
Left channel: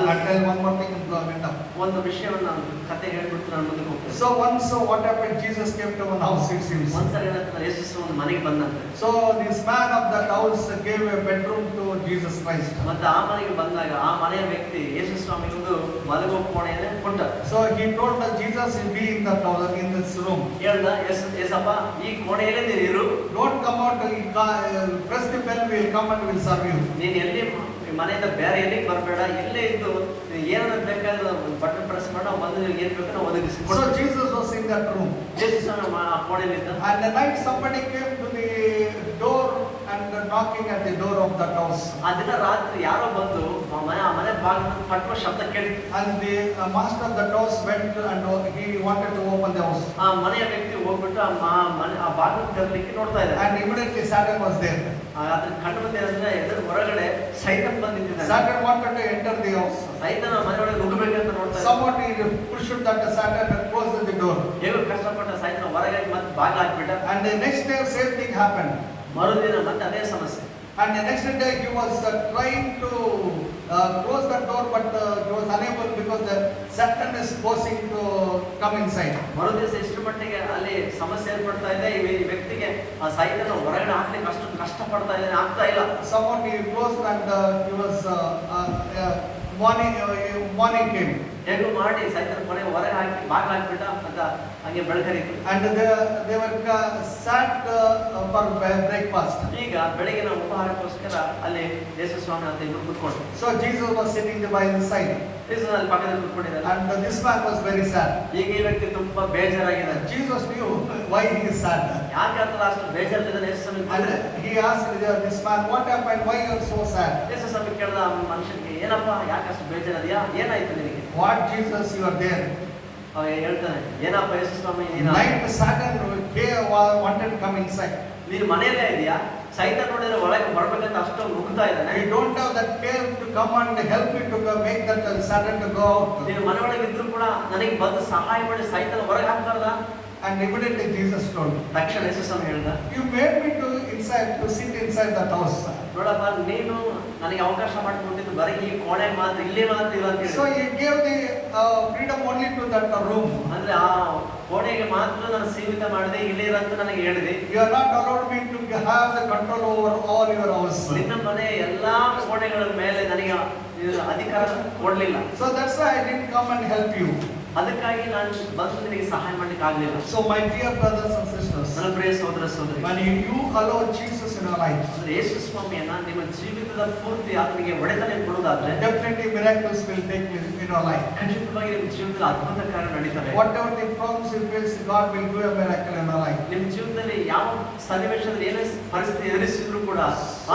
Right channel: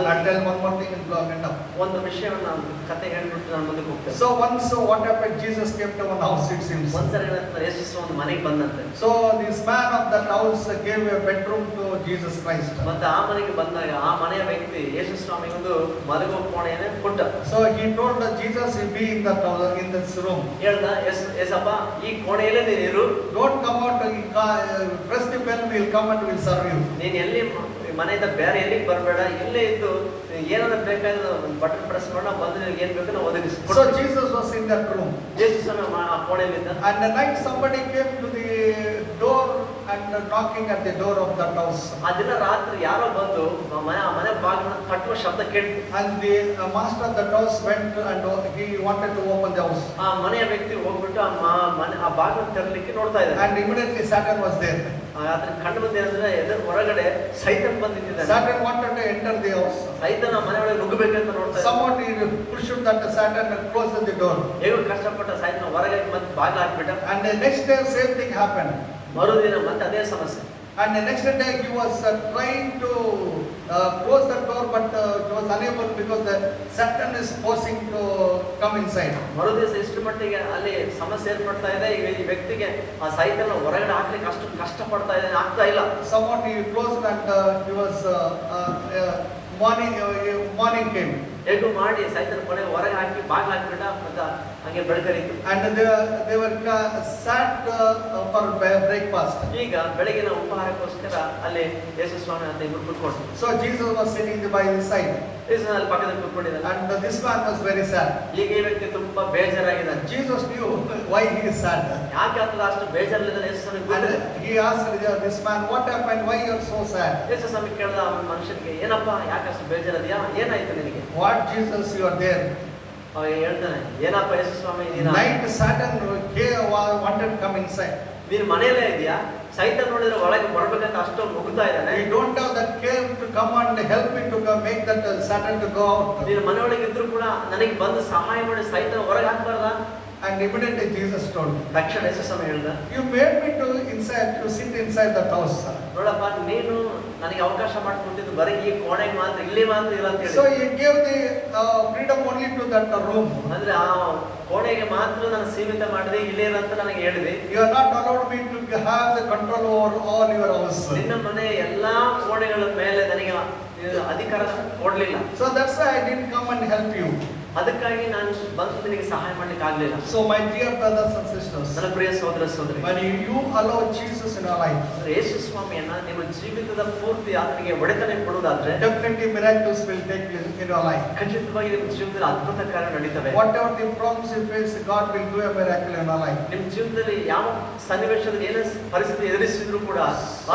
I tell one more thing and I will end up. ಒಂದು ವಿಷಯವನ್ನು ನಾನು ಕತೆ ಹೇಳ್ಬಿಟ್ಟು ನಾನು ಮುಂದೆ ಹೋಗ್ತೇನೆ. So once what happened, Jesus came to one house, it seems. ಒಂದ್ಸರಿ ಏನಂತಾರೆ, ಯೇಸು ಒಂದು ಮನೆಗೆ ಬಂದಂತೆ. So this man of that house gave a bedroom to Jesus Christ. ಮತ್ತೆ ಆ ಮನೆಗೆ ಬಂದಾಗ ಆ ಮನೆಯ ವ್ಯಕ್ತಿ ಯೇಸು ಸ್ವಾಮಿಗೊಂದು ಮಲಗುವ ಕೋಣೆಯನ್ನು ಕೊಟ್ಟ. So he told that Jesus will be in that house, in this room. ಹೇಳ್ದ, ಏಸಪ್ಪ ಈ ಕೋಣೆಯಲ್ಲೇ ನೀರು, Don't come out, press the bell, we'll come and we'll serve you. ನೀನು ಎಲ್ಲಿ ಮನೆಯಿಂದ ಬೇರೆ ಎಲ್ಲಿಗೆ ಬರಬೇಡ, ಇಲ್ಲೇ ಇದ್ದು ಏನಾದ್ರು ಬೇಕಾದ್ರೆ ಬಟನ್ ಪ್ರೆಸ್ ಮಾಡಿ ನಾವು ಬಂದು ಏನ್ ಬೇಕು ನಾವು ಒದಗಿಸ್ತೀವಿ. So Jesus was in that room. Yesu ಕೋಣೆಯಲ್ಲಿದ್ದ. And the night somebody came to the door and knocking at the door of that house. ಆ ದಿನ ರಾತ್ರಿ ಯಾರೋ ಬಂದು ಮನೆ ಬಾಗಿಲನ್ನು ತಟ್ಟುವ ಶಬ್ದ ಕೇಳಿತು. And the master of the house went and he wanted to open the house. ಆ ಮನೆಯ ವ್ಯಕ್ತಿ ಹೋಗ್ಬಿಟ್ಟು ಆ ಬಾಗಿಲು ತೆರಲಿಕ್ಕೆ ನೋಡ್ತಾ ಇದ್ದಾರೆ. And immediately Satan was there. ಅದನ್ನ ಕಂಡು ಬಂದ ಏನಂದ್ರೆ ಎದುರು ಹೊರಗಡೆ ಸೈತಾನ್ ಬಂದಿದ್ದಾನೆ. Satan wanted to enter the house. ಸೈತಾನ ಮನೆಯೊಳಗೆ ನುಗ್ಗಬೇಕಂತ ನೋಡ್ತಾ ಇದ್ದಾನೆ. Someone he pushed that Satan and closed the door. ಹೇಗೋ ಕಷ್ಟಪಟ್ಟ ಸೈತಾನ ಹೊರಗೆ ಮತ್ತೆ ಬಾಗಿಲು ಹಾಕ್ಬಿಟ್ಟ. And the next day same thing happened. ಮರುದಿನ ಮತ್ತೆ ಅದೇ ಸಮಸ್ಯೆ. And the next day he was trying to close the door, but he was unable because the Satan is forcing to come inside. ಮರುದಿವಸ ಎಷ್ಟು ಮಟ್ಟಿಗೆ ಅಲ್ಲಿ ಸಮಸ್ಯೆ ಏರ್ಪಡ್ತಾ ಇದೆ, ಈ ವ್ಯಕ್ತಿಗೆ ಆ ಸೈತಾನ ಹೊರಗಡೆ ಹಾಕ್ಲಿಕ್ಕೆ ಅಷ್ಟು ಕಷ್ಟಪಡ್ತಾ ಇದ್ದಾನೆ, ಆಗ್ತಾ ಇಲ್ಲ. Someone he closed and he was morning came. ಹೇಗೂ ಮಾಡಿ ಸೈತಾನ ಕೊನೆ ಹೊರಗೆ ಹಾಕಿ ಬಾಗಿಲು ಹಾಕ್ಬಿಟ್ಟ. ಮತ್ತೆ ಹಾಗೆ ಬೆಳಕರಿತು. And they were sat for breakfast. ಈಗ ಬೆಳಗಿನ ಉಪಹಾರಕ್ಕೋಸ್ಕರ ಅಲ್ಲಿ ಯೇಸು ಸ್ವಾಮಿ ಅಂತ ಇಬ್ಬರು ಕೂತ್ಕೊಂಡ್ರು. So Jesus was sitting by his side. ಯೇಸು ಅಲ್ಲಿ ಪಕ್ಕದಲ್ಲಿ ಕೂತ್ಕೊಂಡಿದ್ದಾರೆ. And this man was very sad. ಈಗ ಈ ವ್ಯಕ್ತಿ ತುಂಬಾ ಬೇಜಾರಾಗಿದ್ದಾನೆ. Jesus knew why he is sad. ಯಾಕೆ ಅಂತ ಅಷ್ಟು ಬೇಜಾರಿಲ್ಲದೆ ಯೇಸು ಸ್ವಾಮಿ And ಕೂತಿದ್ದಾರೆ. he asked this man, what happened? Why you are so sad? ಯೇಸು ಸ್ವಾಮಿ ಕೇಳಿದ ಆ ಮನುಷ್ಯನಿಗೆ, ಏನಪ್ಪ ಯಾಕೆ ಅಷ್ಟು ಬೇಜಾರದಿಯಾ, ಏನಾಯ್ತು ನಿನಗೆ? What Jesus, you are there. ಅವ ಹೇಳ್ತಾನೆ, ಏನಪ್ಪ ಯೇಸು ಸ್ವಾಮಿ Night Satan wanted to come inside. ನೀನು ಮನೆಯಲ್ಲೇ ಇದೆಯಾ? ಸೈತಾನ ನೋಡಿದ್ರೆ ಒಳಗೆ ಬರ್ಬೇಕಂತ ಅಷ್ಟೊಂದು ನುಗ್ತಾ ಇದ್ದಾನೆ. You don't have that care to come and help me to make that Satan to go out. ನೀನು ಮನೆಯೊಳಗೆ ಇದ್ರು ಕೂಡ ನನಗೆ ಬಂದು ಸಹಾಯ ಮಾಡಿ ಸೈತಾನ ಹೊರಗೆ ಹಾಕ್ಬಾರ್ದ? And immediately Jesus told, ತಕ್ಷಣ ಯೇಸು ಸ್ವಾಮಿ ಹೇಳ್ದ, you made me to sit inside that house. ನೋಡಪ್ಪ ನೀನು ನನಗೆ ಅವಕಾಶ ಮಾಡಿಕೊಟ್ಟಿದ್ದು ಬರೀ ಈ ಕೋಣೆ ಮಾತ್ರ, ಇಲ್ಲೇ ಮಾತ್ರ ಇಲ್ಲ ಅಂತ So ಹೇಳಿ. he gave the freedom only to that room. ಅಂದ್ರೆ ಆ ಕೋಣೆಗೆ ಮಾತ್ರ ನಾನು ಸೀಮಿತ ಮಾಡಿದೆ, ಇಲ್ಲೇ ಇರಂತ ನನಗೆ ಹೇಳಿದೆ. You are not allowed me to have the control over all your house. ನಿನ್ನ ಮನೆ ಎಲ್ಲಾ ಕೋಣೆಗಳ ಮೇಲೆ ನನಗೆ ಅಧಿಕಾರ ಕೊಡ್ಲಿಲ್ಲ. So that's why I didn't come and help you. ಅದಕ್ಕಾಗಿ ನಾನು ಬಂದು ನಿನಗೆ ಸಹಾಯ ಮಾಡ್ಲಿಕ್ಕೆ ಆಗ್ಲಿಲ್ಲ. So my dear brothers and sisters, ನನ್ನ ಪ್ರಿಯ ಸಹೋದರ ಸಹೋದರಿ, when you allow Jesus in your life, ಯೇಸು ಸ್ವಾಮಿಯನ್ನ ನಿಮ್ಮ ಜೀವಿತದ ಪೂರ್ತಿ ಆತನಿಗೆ ಒಡೆತನ ಕೊಡುವುದಾದ್ರೆ definitely miracles will take place in your life. ಖಂಡಿತವಾಗಿ ನಿಮ್ಮ ಜೀವಿತದಲ್ಲಿ ಅದ್ಭುತ ಕಾರ್ಯ ನಡೀತವೆ. Whatever the problems you face, God will do a miracle in your life. ನಿಮ್ಮ ಜೀವಿತದಲ್ಲಿ ಯಾವ ಸನ್ನಿವೇಶದಲ್ಲಿ ಏನೇ ಪರಿಸ್ಥಿತಿ ಎದುರಿಸಿದ್ರು ಕೂಡ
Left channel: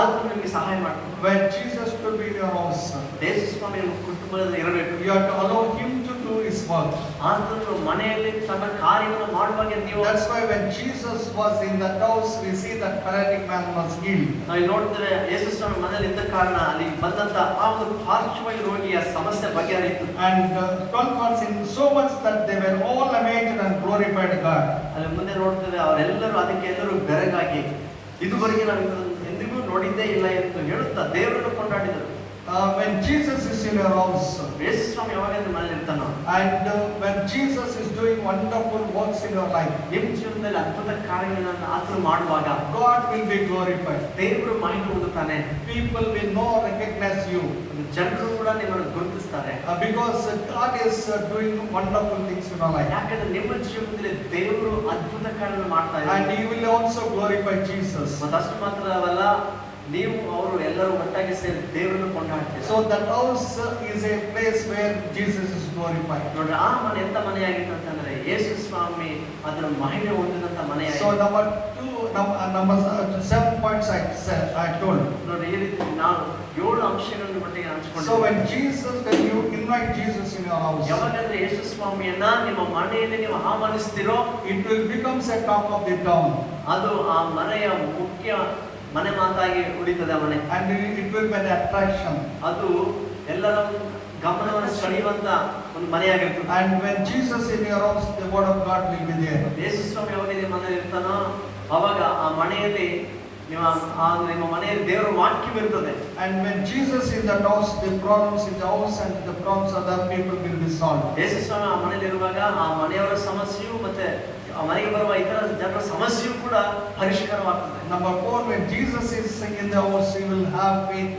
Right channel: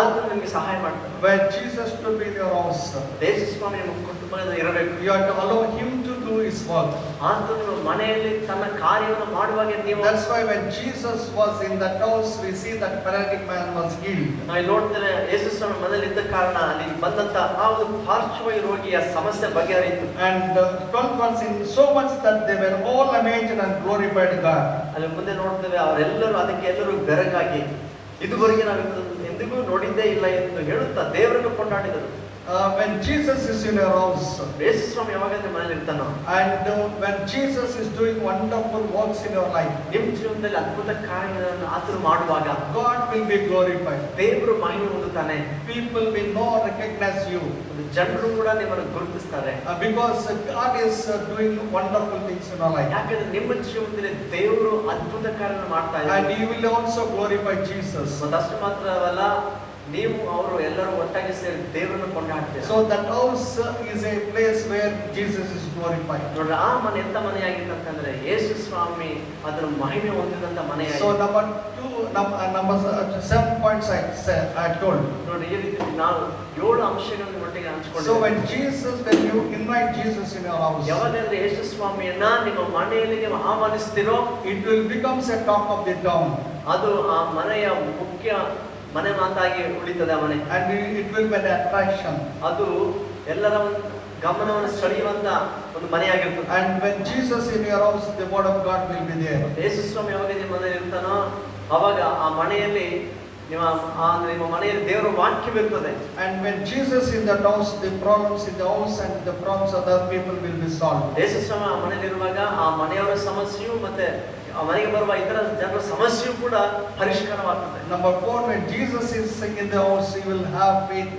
ಆತನು ನಿಮಗೆ ಸಹಾಯ ಮಾಡ್ತಾನೆ. When Jesus to be in your house, ಯೇಸು ಸ್ವಾಮಿ ನಿಮ್ಮ ಕುಟುಂಬದಲ್ಲಿ ಇರಬೇಕು. you have to allow Him to do His work. ಆತನು ಮನೆಯಲ್ಲಿ ತನ್ನ ಕಾರ್ಯವನ್ನು ಮಾಡುವಾಗ ನೀವು, That's why when Jesus was in that house, we see that paralytic man was healed. ನಾವು ನೋಡ್ತೇವೆ ಯೇಸು ಸ್ವಾಮಿ ಮನೆಯಲ್ಲಿ ಇದ್ದ ಕಾರಣ ಅಲ್ಲಿ ಬಂದಂತ ಆ ಒಂದು ಪಾರ್ಶ್ವವಾಯು ರೋಗಿಯ ಸಮಸ್ಯೆ ಬಗೆಹರಿತು. And 12 months in so much that they were all amazed and glorified God. ಅಲ್ಲಿ ಮುಂದೆ ನೋಡ್ತೇವೆ ಅವರೆಲ್ಲರೂ ಅದಕ್ಕೆ ಎಲ್ಲರೂ ಬೆರಗಾಗಿ ಇದುವರೆಗೆ ನಾವು ಎಂದಿಗೂ ನೋಡಿದ್ದೇ ಇಲ್ಲ ಎಂದು ಹೇಳುತ್ತಾ ದೇವರನ್ನು ಕೊಂಡಾಡಿದರು. When Jesus is in your house, ಯೇಸು ಸ್ವಾಮಿ ಯಾವಾಗ ಮನೆಯಲ್ಲಿ ಇರ್ತಾನೋ, and when Jesus is doing wonderful works in your life, ನಿಮ್ಮ ಜೀವನದಲ್ಲಿ ಅದ್ಭುತ ಕಾರ್ಯಗಳನ್ನು ಆತನು ಮಾಡುವಾಗ God will be glorified. ದೇವರು ಮಹಿಮೆ ಹೊಂದುತ್ತಾನೆ. People will know, recognize you, ಜನರು ಕೂಡ ನಿಮ್ಮನ್ನು ಗುರುತಿಸ್ತಾರೆ. because God is doing wonderful things in your life. ಯಾಕಂದ್ರೆ ನಿಮ್ಮ ಜೀವನದಲ್ಲಿ ದೇವರು ಅದ್ಭುತ ಕಾರ್ಯವನ್ನು ಮಾಡ್ತಾ And ಇದ್ದಾರೆ. you will also glorify Jesus. ಅದಷ್ಟು ಮಾತ್ರವಲ್ಲ, ನೀವು ಅವರು ಎಲ್ಲರೂ ಒಟ್ಟಾಗಿ ಸೇರಿ ದೇವರನ್ನು ಕೊಂಡಾಡ್ತೀರಿ. So that house is a place where Jesus is glorified. ನೋಡ್ರಿ, ಆ ಮನೆ ಎಂತ ಮನೆಯಾಗಿತ್ತಂತಂದ್ರೆ ಯೇಸು ಸ್ವಾಮಿ ಅದರ ಮಹಿಮೆ ಹೊಂದಿದಂತ ಮನೆಯಾಗಿ. So number 7 points I told. ನೋಡ್ರಿ, ಈ ರೀತಿ ನಾವು 7 ಅಂಶಗಳನ್ನು ಒಟ್ಟಿಗೆ ಹಂಚಿಕೊಂಡು, So when you invite Jesus in your house, ಯಾವಾಗಂದ್ರೆ ಯೇಸು ಸ್ವಾಮಿಯನ್ನ ನಿಮ್ಮ ಮನೆಯಲ್ಲಿ ನೀವು ಆಹ್ವಾನಿಸ್ತೀರೋ, it will become a top of the town. ಅದು ಆ ಮನೆಯ ಮುಖ್ಯ ಮನೆ ಮಾತಾಗಿ ಉಳಿತದೆ ಆ ಮನೆ. And it will be an attraction. ಅದು ಎಲ್ಲರ ಗಮನವನ್ನು ಸೆಳೆಯುವಂತ ಒಂದು ಮನೆಯಾಗಿರ್ತದೆ. And when Jesus in your house, the word of God will be there. ಯೇಸು ಸ್ವಾಮಿ ಯಾವಾಗ ನಿಮ್ಮ ಮನೆಯಲ್ಲಿ ಇರ್ತಾನೋ ಅವಾಗ ಆ ಮನೆಯಲ್ಲಿ ನಿಮ್ಮ ಮನೆಯಲ್ಲಿ ದೇವರ ವಾಕ್ಯವಿರ್ತದೆ. And when Jesus in the house, the problems in the house and the problems of other people will be solved. ಯೇಸು ಸ್ವಾಮಿ ಆ ಮನೆಯಲ್ಲಿ ಇರುವಾಗ ಆ ಮನೆಯವರ ಸಮಸ್ಯೆಯು ಮತ್ತೆ ಆ ಮನೆಗೆ ಬರುವ ಇತರ ಜನರ ಸಮಸ್ಯೆಯು ಕೂಡ ಪರಿಷ್ಕಾರವಾಗ್ತದೆ. Number 4, when Jesus is in the house, you will have faith.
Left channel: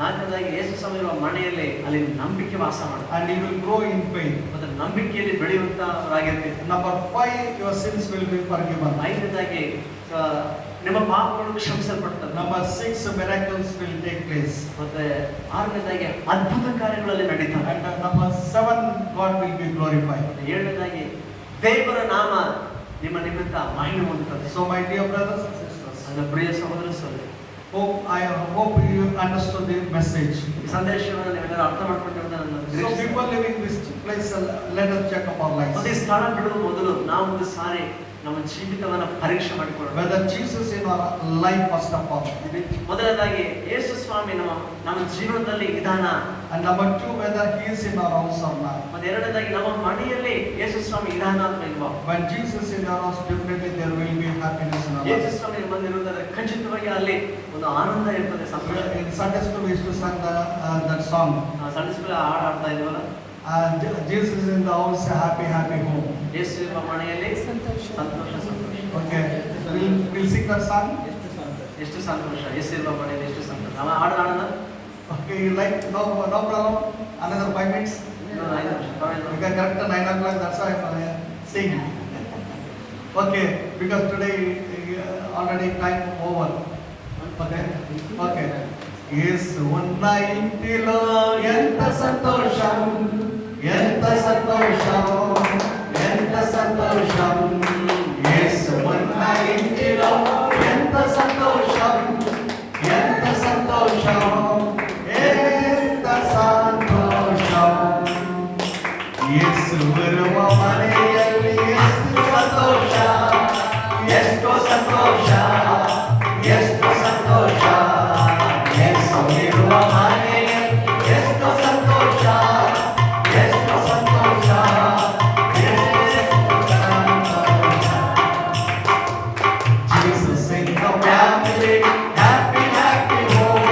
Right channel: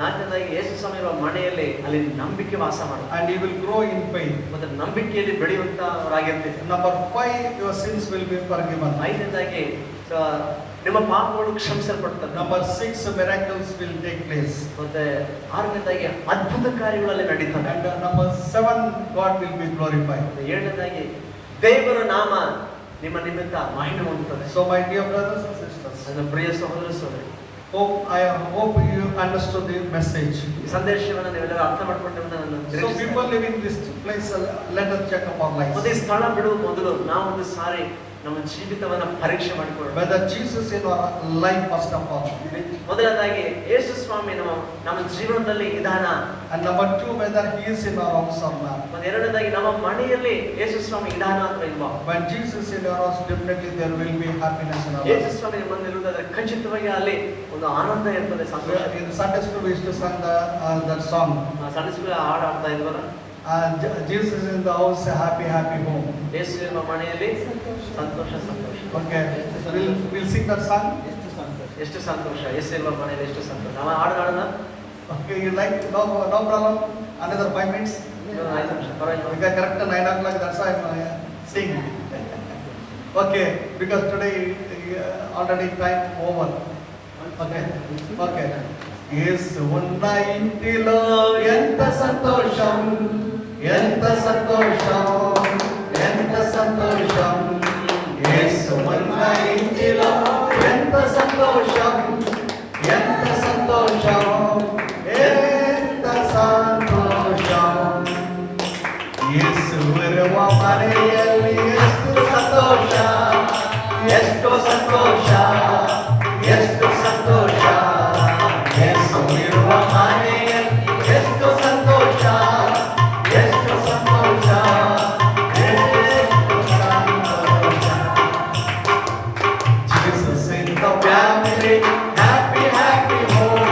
ನಾಲ್ಕನೇದಾಗಿ ಯೇಸು ಸ್ವಾಮಿ ಇರುವ ಮನೆಯಲ್ಲಿ ಅಲ್ಲಿ ನಂಬಿಕೆ ವಾಸ ಮಾಡುತ್ತೆ. and you will grow in faith. ಮತ್ತು ನಂಬಿಕೆಯಲ್ಲಿ ಬೆಳೆಯುವಂತವರಾಗಿರ್ತೀವಿ. Number 5, your sins will be forgiven. ಐದನೇದಾಗಿ ನಿಮ್ಮ ಪಾಪಗಳು ಕ್ಷಮಿಸಲ್ಪಡ್ತದೆ. Number 6, miracles will take place. ಮತ್ತೆ ಆರನೇದಾಗಿ ಅದ್ಭುತ ಕಾರ್ಯಗಳಲ್ಲಿ ನಡೀತವೆ. And number 7, God will be glorified. ಏಳನೇದಾಗಿ ದೇವರ ನಾಮ ನಿಮ್ಮ ನಿಮಿತ್ತ ಮಹಿಮೆ ಹೊಂದುತ್ತದೆ. So my dear brothers and sisters, ನನ್ನ ಪ್ರಿಯ ಸಹೋದರ ಸಹೋದರಿ, I hope you understood the message. ಈ ಸಂದೇಶವನ್ನು ನೀವೆಲ್ಲರೂ ಅರ್ಥ ಮಾಡ್ಕೊಂಡಿರೋದು ನನ್ನ So ನಿರೀಕ್ಷೆ. before leaving this place, let us check up our ಮತ್ತೆ ಈ lives. ಸ್ಥಳ ಬಿಡುವ ಮೊದಲು ನಾವು ಒಂದು ಸಾರಿ ನಮ್ಮ ಜೀವಿತವನ್ನ ಪರೀಕ್ಷೆ ಮಾಡಿಕೊಳ್ಳೋಣ. Whether Jesus in our life first of all. ಮೊದಲನೇದಾಗಿ ಯೇಸು ಸ್ವಾಮಿ ನಮ್ಮ ಜೀವನದಲ್ಲಿ ಇದಾನ. And number 2, whether he is in our house or not. ಮತ್ತೆ ಎರಡನೇದಾಗಿ ನಮ್ಮ ಮನೆಯಲ್ಲಿ ಯೇಸು ಸ್ವಾಮಿ ಇದಾನ ಅಂತ ಇಲ್ವಾ? When Jesus is in our house, definitely there will be happiness in our Yesu lives. ಸ್ವಾಮಿ ನಮ್ಮಲ್ಲಿರುವುದಾದ್ರೆ ಖಚಿತವಾಗಿ ಅಲ್ಲಿ ಒಂದು ಆನಂದ ಇರ್ತದೆ, ಸಂತೋಷ. In Sunday school, we used to sing that song. ಸಣ್ಣ ಸುಳ್ಳ ಹಾಡು ಆಡ್ತಾ ಇಲ್ವಲ್ಲ? Jesus in the house, a happy, happy home. ಯೇಸು ಇರುವ ಮನೆಯಲ್ಲಿ ಸಂತೋಷ ಸಂತೋಷ. Okay, so we'll sing that song. ಎಷ್ಟು ಸಂತೋಷ, ಯೇಸು ಇರುವ ಮನೆಯಲ್ಲಿ ಎಷ್ಟು ಸಂತೋಷ. ನಾವು ಹಾಡು ಹಾಡೋಣ. Okay, you like? No problem. Another 5 minutes. ಇನ್ನೊಂದು 5 ನಿಮಿಷ ಪರವಾಗಿಲ್ಲ. Because correct at 9 o'clock, that's why I'm saying. Okay, because today already time over. Okay, okay. Yes, ఉన్న ఇంటిలో ఎంత సంతోషం, ఎంత సంతోషం, ఎంత సంతోషం. Yes, ఉన్న ఇంటిలో ఎంత సంతోషం, ఎంత సంతోషం, ఎంత సంతోషం. ಯೇಸು ಇರುವ ಮನೆಯಲ್ಲಿ ಎಷ್ಟು ಸಂತೋಷ, ಎಷ್ಟು ಸಂತೋಷ, ಎಷ್ಟು ಸಂತೋಷ. ಯೇಸು ಇರುವ ಮನೆಯಲ್ಲಿ ಎಷ್ಟು ಸಂತೋಷ, ಎಷ್ಟು ಸಂತೋಷ, ಎಷ್ಟು ಸಂತೋಷ. Jesus in the family, happy, happy home,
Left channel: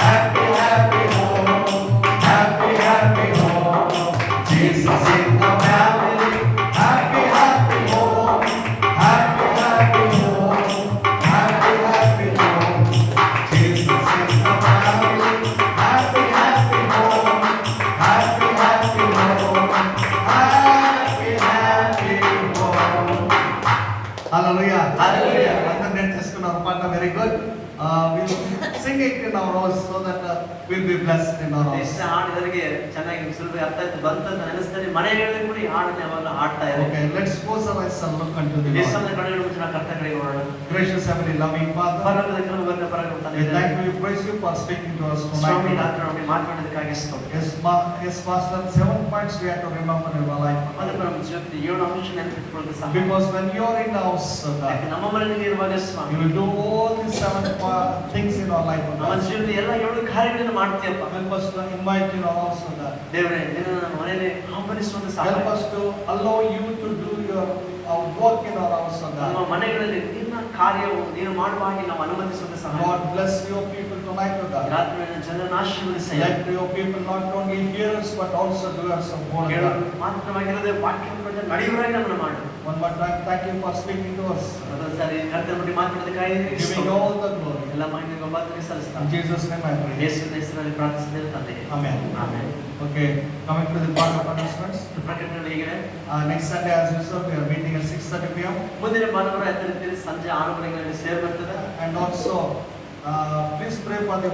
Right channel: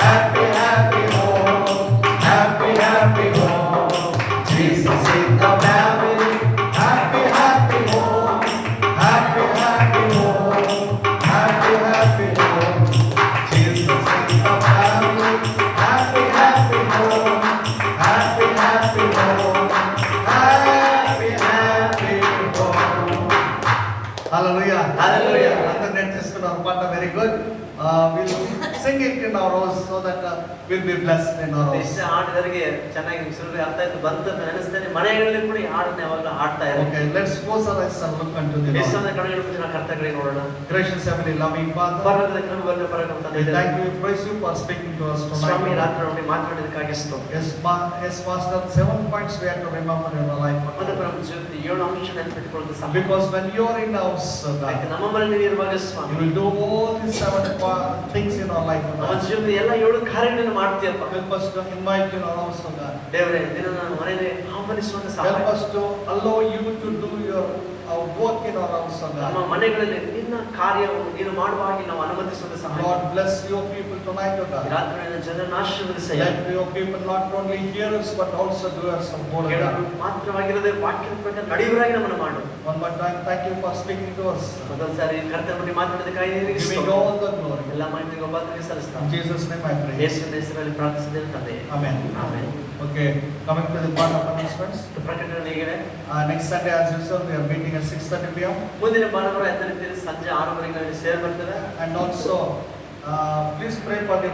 happy, happy home, happy, happy home. Jesus in the family, happy, happy home, happy, happy home, happy, happy home. Jesus in the family, happy, happy home, happy, happy home, happy, happy home. Hallelujah. Hallelujah. Internet చేసుకున్నారు పాట, very good. We'll sing it in our house so that we'll be blessed in our house. ಇಷ್ಟ ಹಾಡಿದವರಿಗೆ ಚೆನ್ನಾಗಿ ಸುಲಭ ಅರ್ಥ ಆಯ್ತು ಬಂತು ಅಂತ ಅನಿಸ್ತೇನೆ. ಮನೆಗಳಲ್ಲಿ ಕೂಡ ಈ ಹಾಡನ್ನ ಯಾವಾಗಲೂ ಹಾಡ್ತಾ ಇದ್ದಾರೆ. Okay, let's close our eyes and look unto the ಈ Lord. ಸಮಯ ಕಣ್ಣುಗಳ ಮುಚ್ಚಿನ ಕರ್ತಗಳಿಗೆ ನೋಡೋಣ. Gracious Heavenly loving Father, ಪರಲೋಕದ ಕಣ್ಣು ಬರಲಿ, ಪರಲೋಕದ ತಂದೆ we ಇದ್ದಾರೆ. thank you, praise you for speaking to us Swami tonight. ರಾತ್ರಿ ನಮಗೆ ಮಾತನಾಡಿದ್ದಕ್ಕಾಗಿ ಸ್ತೋತ್ರ. Yes, Master, 7 points we have to remember in our life. ಅದಕ್ಕೆ ನಮ್ಮ ಜೀವಿತದ 7 ಅಂಶ ನೆನಪಿಟ್ಕೊಳ್ಳೋದು ಸಾಕು. Because when you are in the house, ಯಾಕೆ ನಮ್ಮ ಮನೆಯಲ್ಲಿ ಇರುವಾಗ you Swami will do all these 7 things in our life. ನಮ್ಮ ಜೀವಿತದ ಎಲ್ಲ 7 ಕಾರ್ಯಗಳನ್ನು ಮಾಡ್ತೀಯಪ್ಪ. Help us to invite you in our house, God. ದೇವರೇ ನಿನ್ನ ನನ್ನ ಮನೆಯಲ್ಲಿ ಆಹ್ವಾನಿಸುವಂತ Help ಸಾಕು. us to allow you to do your work in our house, ನಮ್ಮ God. ಮನೆಗಳಲ್ಲಿ ನಿನ್ನ ಕಾರ್ಯವನ್ನು ನೀನು ಮಾಡುವ ಹಾಗೆ ನಾವು ಅನುಮತಿಸುವಂತ ಸಾಕು. Lord, bless your people tonight, God. ರಾತ್ರಿ ನನ್ನ ಜನರನ್ನು ಆಶೀರ್ವದಿಸಿ. Let your people not only hearers but also doers of word, ಕೇಳಲು God. ಮಾತ್ರವಾಗಿರದೆ ವಾಕ್ಯದ ಪ್ರಕಾರ ನಡೆಯುವರಾಗಿ ನಮ್ಮನ್ನು ಮಾಡು. One more time, thank you for speaking to us, ಮತ್ತೊಂದು ಸಾರಿ ಕರ್ತನ ಬಗ್ಗೆ ಮಾತನಾಡಿದ್ದಕ್ಕಾಗಿ ನಿನಗೆ giving ಸ್ತೋತ್ರ. all the glory. ಎಲ್ಲ ಮಾಹಿತಿ ಒಬ್ಬಾತನಿಗೆ In ಸಲ್ಲಿಸ್ತಾನೆ. Jesus' name I pray. ಯೇಸುವಿನ ಹೆಸರಲ್ಲಿ ಪ್ರಾರ್ಥಿಸಿದ್ದೇನೆ ತಂದೆ. Amen. Amen. Okay, coming to the part of announcements. ಪ್ರಕಟಣೆ ಹೇಗಿದೆ? Next Sunday, as usual, we are meeting at 6:30 p.m. ಮುಂದಿನ ಭಾನುವಾರ 10 ಸಂಜೆ 6 ಗಂಟೆಗೆ ಸೇರಬರ್ತದೆ. And also, please pray for the